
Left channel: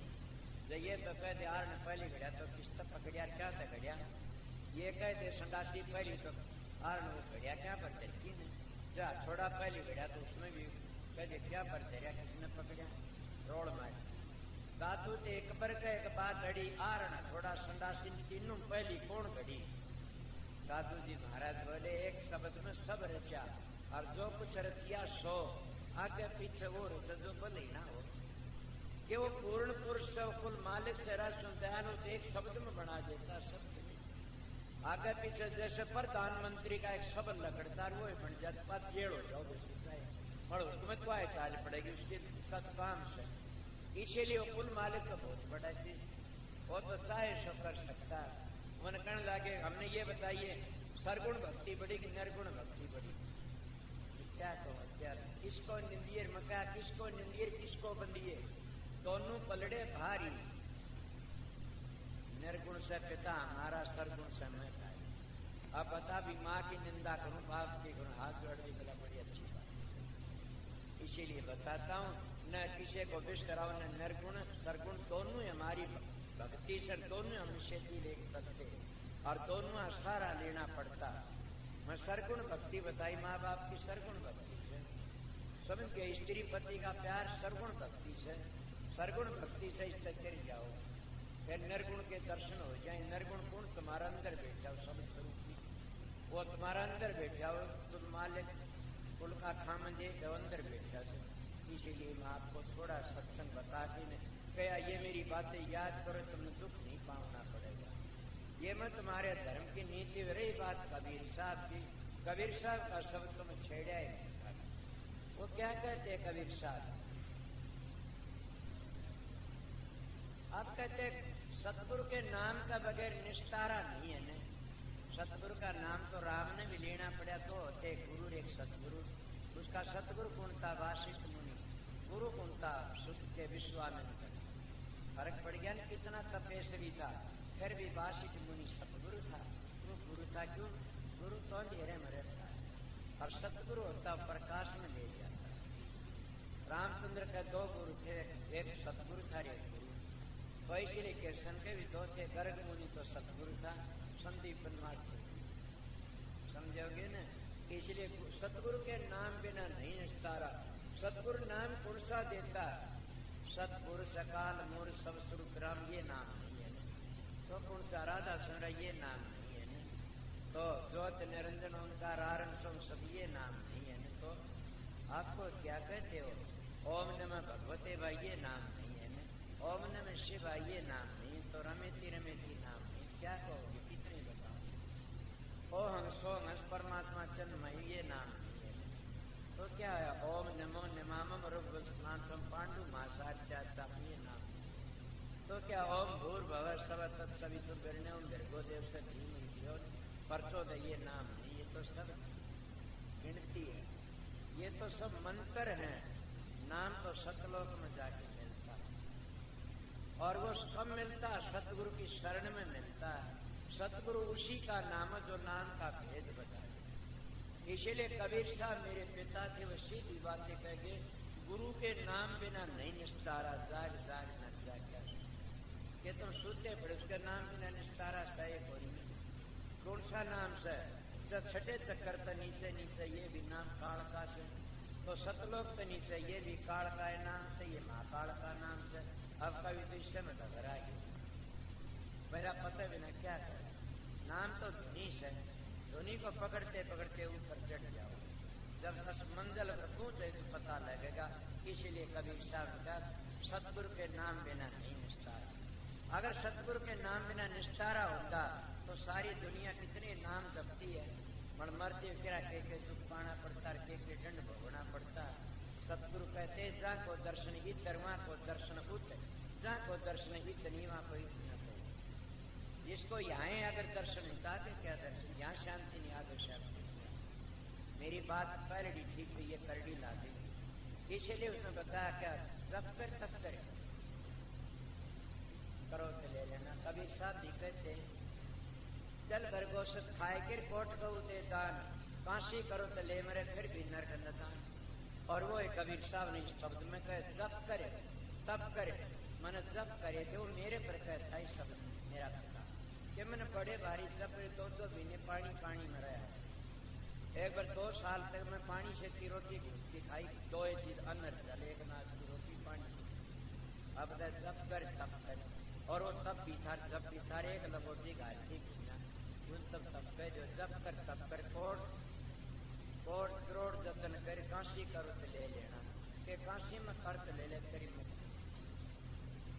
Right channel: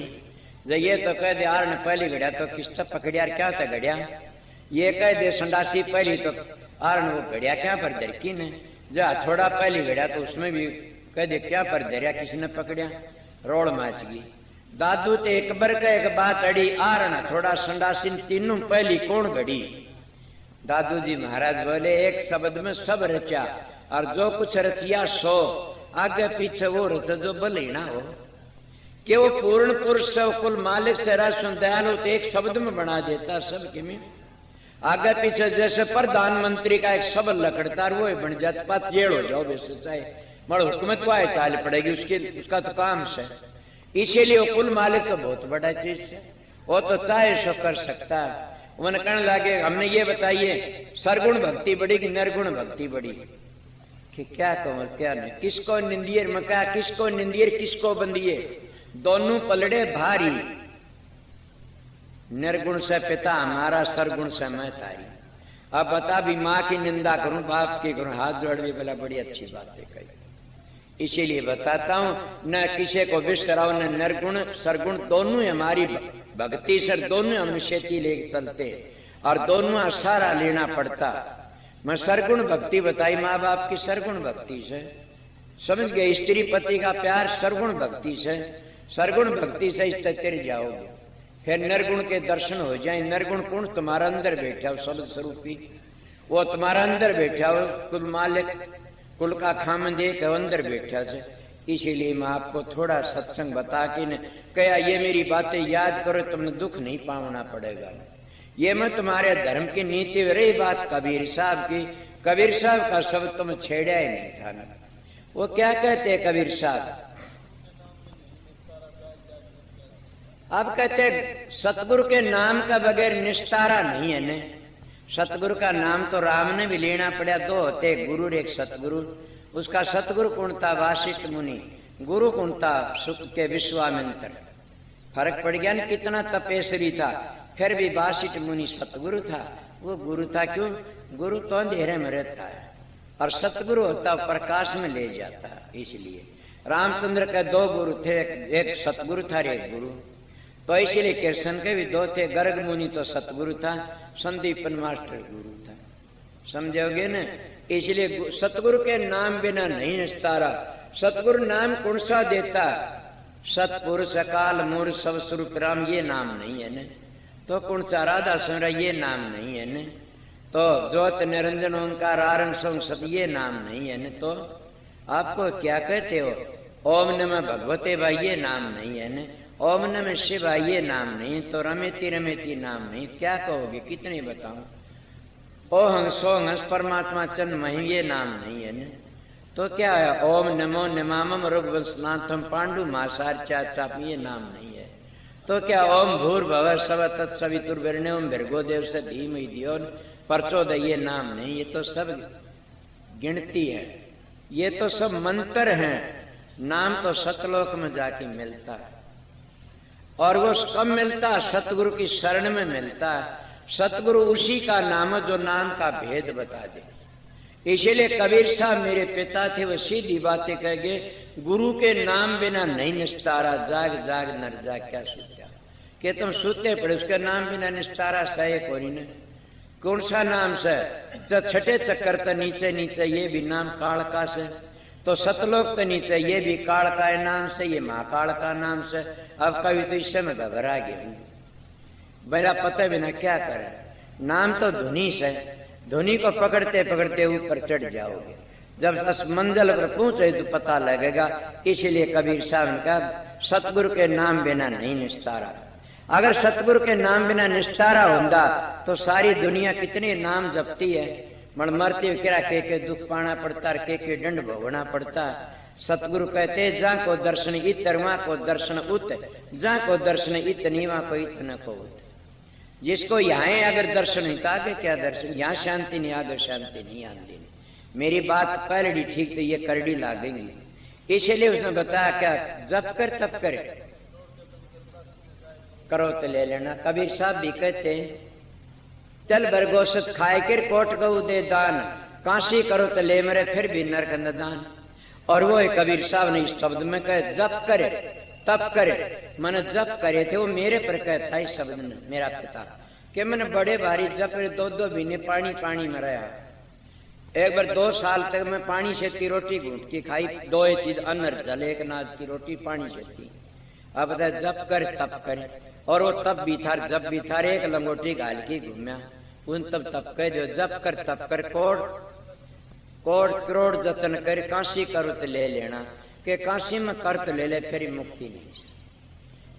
जब ये तो कह दे आरण पहली घड़िया तो किस्त पकड़िया क्या था घड़िया? ये कह दे संडासी पहली तो आरण वो घड़िया क्या पर दरकी ने? जा थोड़ा पहली घड़िया तो उसमें भी कह दे क्या पर दरिया किसी ने पकड़िया? रोड माच गई। दादू ते एक बार का एक बात अड़ी, आरण थोड़ा संडासी तीनों पहली कौन घड़ी? दादू जी महाराज बोले एक शब्द में सब रचा, और जो कुछ रचिया सो आगे पीछे वो रचा जो भले ना हो। कि वो पूर्ण पुरुष से कुल मालिक से राशन दयालु तो एक शब्द में बना देता सबके में। आगे पीछे जैसे प्रधानमंत्री का एक शब्द लकड़ता वो बन जाता, पात जेल हो जाओ वैसे चाहे मर हुकूमत को आए चाल पड़ेगी उसके, उसका तो काम से। इसीलिए वो कुल मालिक तो बहुत बड़ा चीज है, वो तो चाहे सो कर सकता। उन्हें कहने लगे हमने ये बताइए सरगुण भक्ति बड़ी कि निर्गुण भक्ति बड़ी? कि क्या कहूँ क्या नहीं, किसको निंदियर मका, किसको निंदियर किसको बंदिए, दोनों पलड़े भारी। निर्गुण से पिता हमारा, सरगुण से मैं तारी। अब बता भी माँ की निंदा करूं बाप की करूं, हाथ जोड़ भी बोला बड़ी अच्छी बात है कही। इसीलिए बताता हूं न किसी को बिस्तराओ, न निर्गुण सरगुण दोनों हमारी भक्ति से, दोनों हम खेती लेके चलते और दोनों सारा लेना पड़ता। मैं सरगुण भक्ति बताई माँ बाप की सरगुण भक्ति से, समझ गए? स्त्री पति का प्यार सरगुण भक्ति से, सरगुण भक्ति से इस तेरे जाओगे। फिर निर्गुण के दर्शन हो जाए। निर्गुण गुण तुम्हारा अंदर बैठा हो, शब्द स्वरूपी वो तुम्हारा अंदर बैठा हो, कुल मालिक कुल का खामन दे के अंदर बैठा से। इसीलिए मैं आपको थोड़ा सत्संग बता के न कहा ये मेरी बातें याद करो, तुमने दुख नहीं पाना पड़ेगा। ये मैं तुम्हारे धर्म की नीति में रही बात कबीर साहब की, कबीर साहब का शब्द तुम छेड़ा ही नहीं था ना। वो क्या कहते हैं कबीर साहब? अब कहते सतगुरु के नाम का बगैर निस्तारा नहीं है ने। सतगुरु का नाम तो राम ने भी लेना पड़ा, दो होते गुरु एक सतगुरु। उसका सतगुरु कौन था? वासिष्ठ मुनि। गुरु कौन था? सुख के विश्वामित्र। फर्क पड़ गया न, कितना तपेश्वरी था फिर भी वासिष्ठ मुनि सतगुरु था। वो गुरु था क्यों? गुरु तो अंधेरे में रहता है और सतगुरु होता प्रकाश में ले जाता है। इसलिए रामचंद्र के दो गुरु थे, एक सतगुरु था एक गुरु। तो इसलिए कृष्ण के भी दो थे, गर्ग मुनि तो सतगुरु था, संदीपन मास्टर गुरु था। समझोगे न? इसलिए सतगुरु के नाम बिना नहीं निस्तारा। सतगुरु नाम कौन सा देता? सतपुरुष अकाल मूर्ख सब स्वरूप राम, ये नाम नहीं है न। तो कौन सा राधा सुमरा, ये नाम नहीं है न। तो ज्योत निरंजन ओंकार आरंग सत, ये नाम नहीं है न। तो आपको क्या कहते हो? ओम नमः भगवते भाई, ये नाम नहीं है न। ओम नमः शिवाय, ये नाम नहीं। तो रमेती रमेती नाम नहीं, क्या कहोगे? कितने बताऊं? ओ हंस सो हंस परमात्मा चंद मही, ये नाम नहीं है न। तो क्या है? ओम नमो नमामम रुग्वस्नाथम पांडु मासार चाप, ये नाम नहीं है। तो क्या? ओम भूर्भुवः स्वः तत्सवितुर्वरेण्यं भर्गो देवस्य धीमहि धियो प्रचोदयात्, ये नाम नहीं। ये तो सब गिनती है, ये तो सब मंत्र हैं। नाम तो सतलोक में जाके मिलता है। और वो कब मिलता है? सतगुरु की शरण में मिलता है। सतगुरु उसी का नाम है जो नाम का भेद बता दे। इसीलिए कबीर साहब मेरे पिता थे, वो सीधी बातें कह गए, गुरु के नाम बिना नहीं निस्तारा। जाग जाग नर जाग, क्या सोचा कि तुम सोते पड़े, उसके नाम बिना निस्तारा सहे कोई ने। कौन सा नाम से? जो छठे चक्कर तो नीचे नीचे, ये भी नाम कालका से। तो सतलोक के नीचे, ये भी कालका नाम से, ये महाकाल का नाम से। अब कभी तो इससे मैं घबरा गया, मेरा पता बिना क्या करे। नाम तो धुनी से, धुनी को पकड़ते पकड़ते ऊपर चढ़ जाओगे। जब 10 मंजिल पर पहुंचे तो पता लगेगा। इसीलिए कबीर साहब ने कहा सतगुरु के नाम बिना नहीं निस्तारा। अगर सतगुरु के नाम बिना निस्तारा होता तो सारी दुनिया कितने नाम जपती है, मरते किरा के दुख पाना पड़ता, के दंड भोगना पड़ता। सतगुरु कहते जा को दर्शन इतर, वहां को दर्शन उत, जा को दर्शन इत नीवा को इत न को उत। जिसको यहाँ अगर दर्शन नहीं था आगे क्या दर्शन? यहाँ शांति नहीं, आगे शांति नहीं आती। मेरी बात पहली ठीक तो ये करड़ी लागेंगी। इसलिए उसने बताया क्या? जब कर तब करे, करो तो ले लेना। कबीर साहब भी कहते चल बरगोशत खाए कर कोट गऊ दे दान, काशी करो तो ले मरे फिर भी नरक न दान। और वो कबीर साहब ने इस शब्द में कहे जप करे तब करे। मैंने जप करे थे, वो मेरे पर कहता है शब्द ने, मेरा पिता कि मैंने बड़े भारी जप 2-2 महीने पानी पानी में रहा। एक बार 2 साल तक मैं पानी से की रोटी घूट की खाई, 2 चीज अन्न जल, एक नाज की रोटी पानी से थी। अब बता जप कर तब करे। और वो तब भी था जब भी था, एक लंगोटी घाल के घूमया उन तब कह दो जप कर तब कर, कोड़ करोड़ जतन कर, काशी करो तो ले लेना। के काशी में कर तो ले ले फिर मुक्ति नहीं।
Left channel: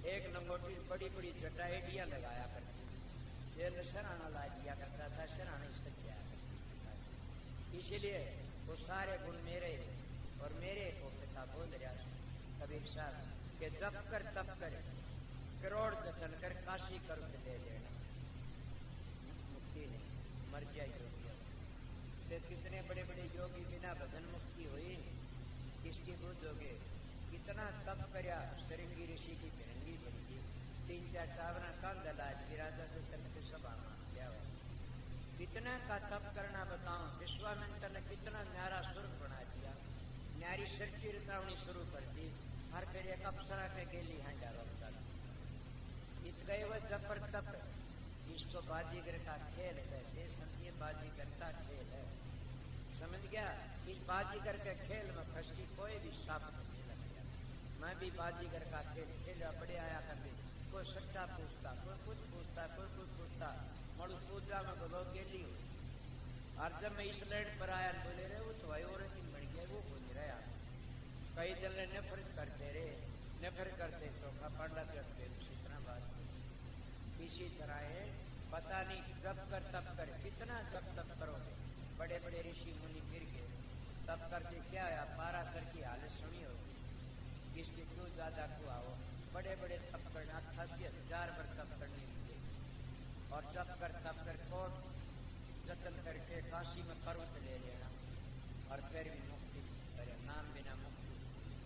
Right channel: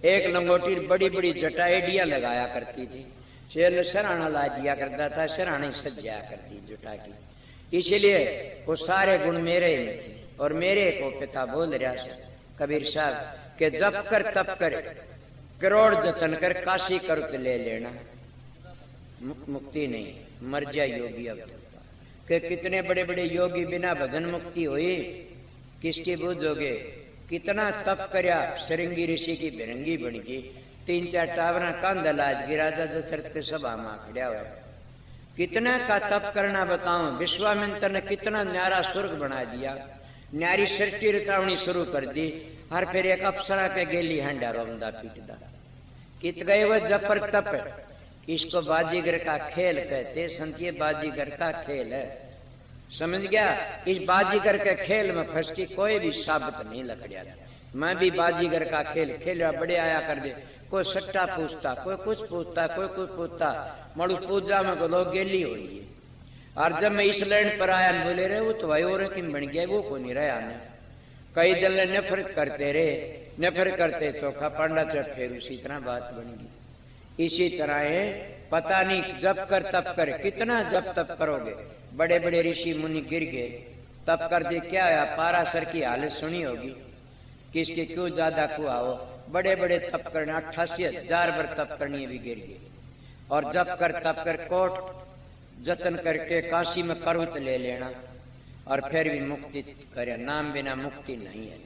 एक लंगोटी बड़ी बड़ी जटाएडिया लगाया करती थी, शेर सराहना ला दिया करता था, सराहना सज्जा करती जुटा की। इसीलिए वो सारे गुण मेरे में थे। और मेरे को पिता बोल रहा कबीर साहब के जप कर तप कर, करोड़ जतन कर, काशी कर तो ले लेना, मुक्ति नहीं, मर जा योगी। अब के कितने बड़े बड़े योगी बिना भजन मुक्ति हुई, किसकी बुझोगे? कितना तप करया, सरंगी ऋषि की भिरंगी बन गई, 3-4 टावरा कांध लाज राजा दशरथ के सभा में खड़ा हुआ। कितना का तप करना बताऊं। विश्वामित्र ने कितना न्यारा स्वर्ग बना दिया, न्यारी सृष्टि रचावनी शुरू कर दी। हर फिर एक अप्सरा के गेली हंडा रोमदा पीटदा। कित गए वो जपर तप। इसको बाजीगर का खेल कहते, संतीय बाजीगर का खेल है, समझ गया? इस बाजीगर के खेल में फंस के कोई भी साबित नहीं लकड़िया। मैं भी बाजीगर का खेल खेला, बड़े आया कर दे, कोई सट्टा पूछता, कोई कुछ पूछता, कोई कुछ पूछता। मड़ू पूजा में को लोग गेली हुई है। और जब मैं इस लैंड पर आया बोले रहे वो तो भाई और किन बन गया, वो को नहीं रहा ने। कई दल नफरत करते रहे, नफरत करते चोखा पांडा चट, फिर उसी तरह बात बन गई। इसी तरह है, पता नहीं जप कर तप कर, कितना जप तप करोगे। बड़े बड़े ऋषि मुनि गिर गए, तप कर दे क्या है, पाराशर की हालत सुनी होगी, किसके क्यों ज्यादा कुआ हो, बड़े बड़े तप करने 88,000 बार तप करनी भी गिर गए। और जप कर तप कर कोट जतन करके काशी में करुत ले लेना और फिर भी मुक्ति करे। नाम बिना मुक्ति नहीं है।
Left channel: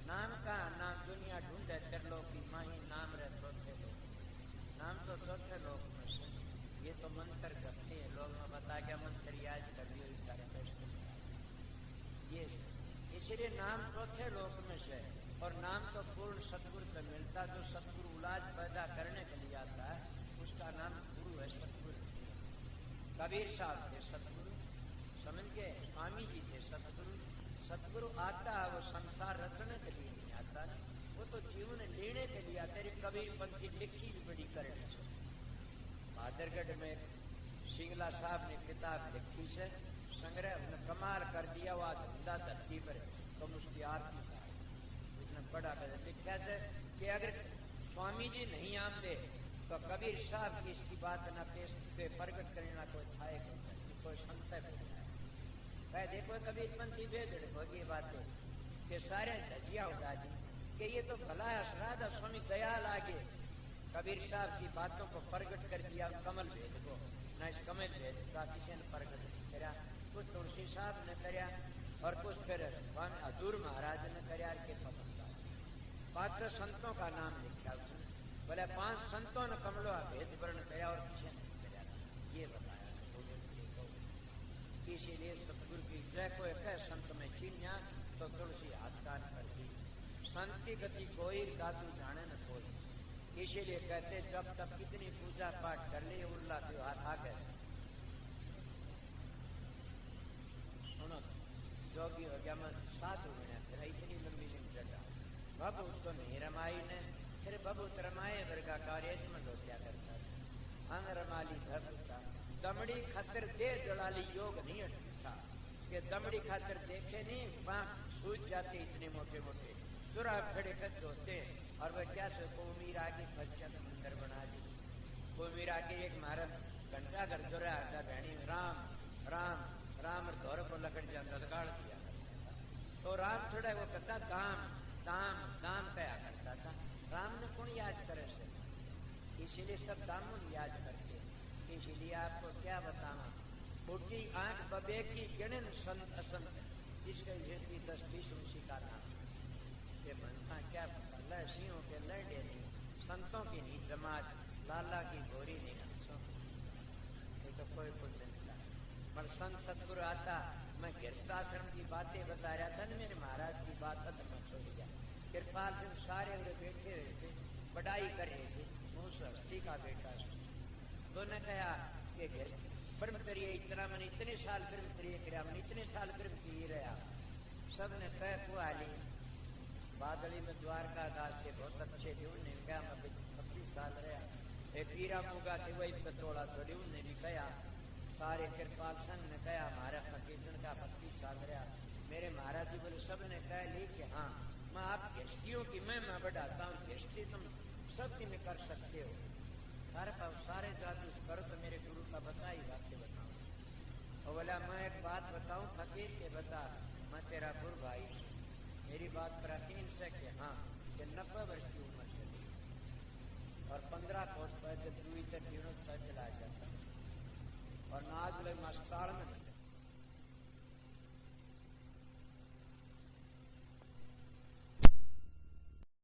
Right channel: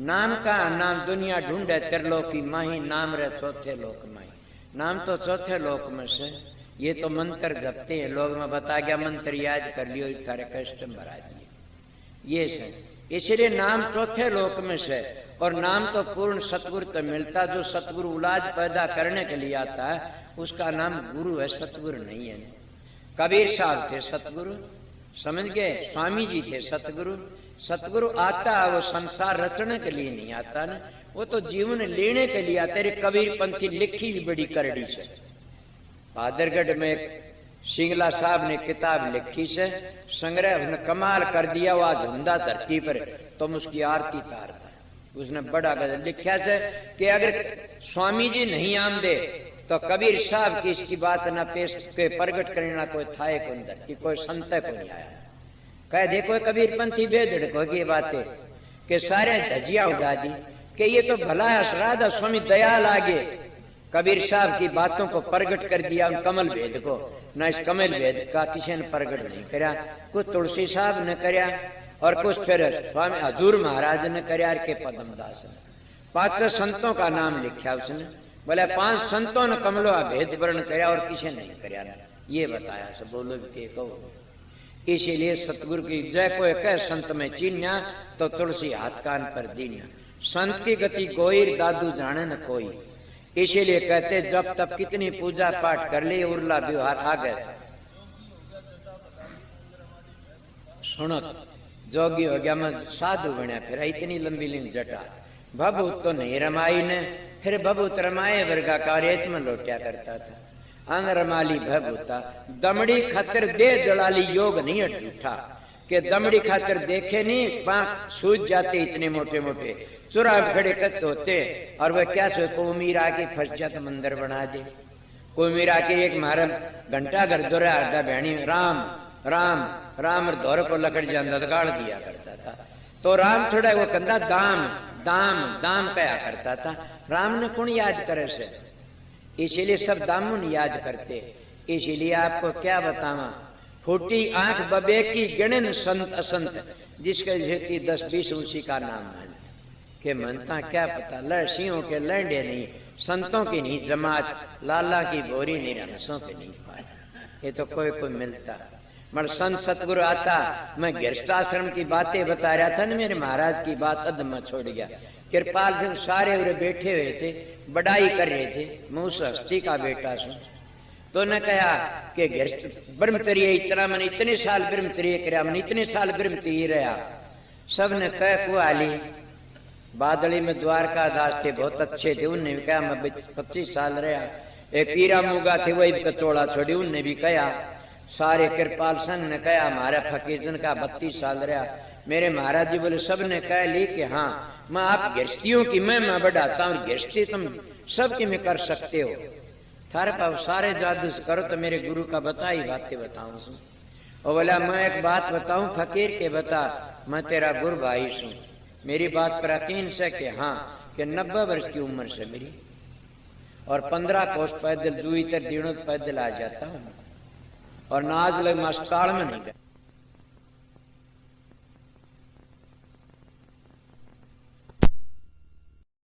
नाम का नाम दुनिया ढूंढे त्रिलोकी माही, नाम रे चौथे लोक माही। नाम तो चौथे लोक में से, ये तो मंत्र जपते हैं लोग, में बता गया मंत्र याद कर लियो तारे कष्ट भरा दिए, ये से। इसलिए नाम चौथे लोक में से, और नाम तो पूर्ण सतगुरु तो मिलता, जो सतगुरु औलाद पैदा करने के लिए आता है उसका नाम गुरु है, सतगुरु नहीं है। कबीर साहब थे सतगुरु, समझ गए, स्वामी जी थे सतगुरु। सतगुरु आता है वो संसार रचने के लिए नहीं आता ना, वो तो जीवन लेने के लिए आता है। कबीर पंथी लिखी बड़ी करड़ी से, भादरगढ़ में एक सिंगला साहब ने किताब लिखी से, संग्रह उसने कमाल कर दिया। वो आज धुंधा धरती पर तुम उसकी आरती तारता, उसने बड़ा गजल लिखा से कि अगर स्वामी जी नहीं आम दे तो कबीर साहब की इसकी बात ना पेश के प्रगट करना कोई था कि कोई संत को नहीं आया। कह देखो कबीर पंथी बेदड़ को की बातें कि सारे धजिया उड़ा दी कि ये तो भला है, राधा स्वामी दयाल आगे कबीर साहब की बातों को प्रगट कर दिया। कमल भेद को न, इस कमल भेद का किसी ने प्रगट नहीं करा, कुछ तुलसी साहब ने करा और कुछ फिर स्वामी हजूर महाराज ने करा के पद्मदास ने। 5 संतों का नाम लिखा उसने, बोले 5 संतों ने कमलो भेद वर्ण कराया और किसी नहीं करा, ये बताया सब। बोलो के कहो, इसीलिए सतगुरु की जय कोई कह संत में चीन्या तो तुलसी हाथ कान पर दीन्या। संत की गति गोईर दादू जाने न कोई, इसीलिए कहते जब तब कितनी पूजा पाठ कर ली उर्ला व्यवहार आ गए। सुनो, जोगी हो गया मैं साधु बना, फिर इतनी लंबी लंबी जटा भभूत तो नहीं रमाई ने, फिर भभूत रमाए वर्गा कार्य में लौटिया करता था। अनरमाली भभूता दमड़ी खातिर दे दलाली योग नहीं अटूठा, के दमड़ी खातिर देखे नहीं पांख सूझ जाते इतने मोटे मोटे, चुरा खड़े कत होते। और वह क्या सो को उमीर आके फंस जाता मंदिर बना दे। कोई उमीर आके एक मारा घंटा घर दोरा आधा बहनी राम राम राम दौर को लकड़ जान गाड़ दिया करता था। तो राम थोड़ा वो कंधा दाम दाम दाम कया करता था। राम ने कौन याद करे से, इसीलिए सब दामुन याद करते। इसीलिए आपको क्या बतावा, फूटी आंख बबे की गिणन संत असंत, जिसके जेती 10-20 उसी का नाम है के मनता क्या पता। लड़सियों के लंडे नहीं, संतों की नहीं जमात, लाला की बोरी नहीं, रनसों के नहीं पाया। ये तो कोई कोई मिलता। मगर संत सतगुरु आता, मैं गृहस्थाश्रम की बातें बता रहा था ना, मेरे महाराज की बात अदम छोड़ गया। कृपाल सिंह सारे उरे बैठे हुए थे, बड़ाई कर रहे थे, मुंह से हस्ती का बेटा सु। तो ने कहा कि ब्रह्मचर्य इतना मैंने इतने साल ब्रह्मचर्य कराया, मैंने इतने साल ब्रह्मचर्य रहा। सब ने कह कुआली बादली में द्वारका दास थे, बहुत अच्छे थे, उनने भी कहा मैं 25 साल रहा। एक पीरा मुगा थे वही कचोड़ा छोड़ी, उनने भी कहा। सारे कृपाल संघ ने कहा हमारा फकीर जन का 32 साल रहा। मेरे महाराज जी बोले सब ने कह ली कि हाँ मैं आप गृहस्थियों की मैं बढ़ाता हूँ, गृहस्थी तुम सबकी में कर सकते हो। थारे पास सारे जादू करो तो मेरे गुरु का बता ही बातें बताऊं। और बोला मैं एक बात बताऊं फकीर के बता, मैं तेरा गुरु भाई सू, मेरी बात पर यकीन से कि हाँ कि 90 वर्ष की उम्र से मेरी, और 15 कोस पैदल 2 दिनों पैदल आ जाता हूँ, और नाज लग अस्पताल में नहीं गया।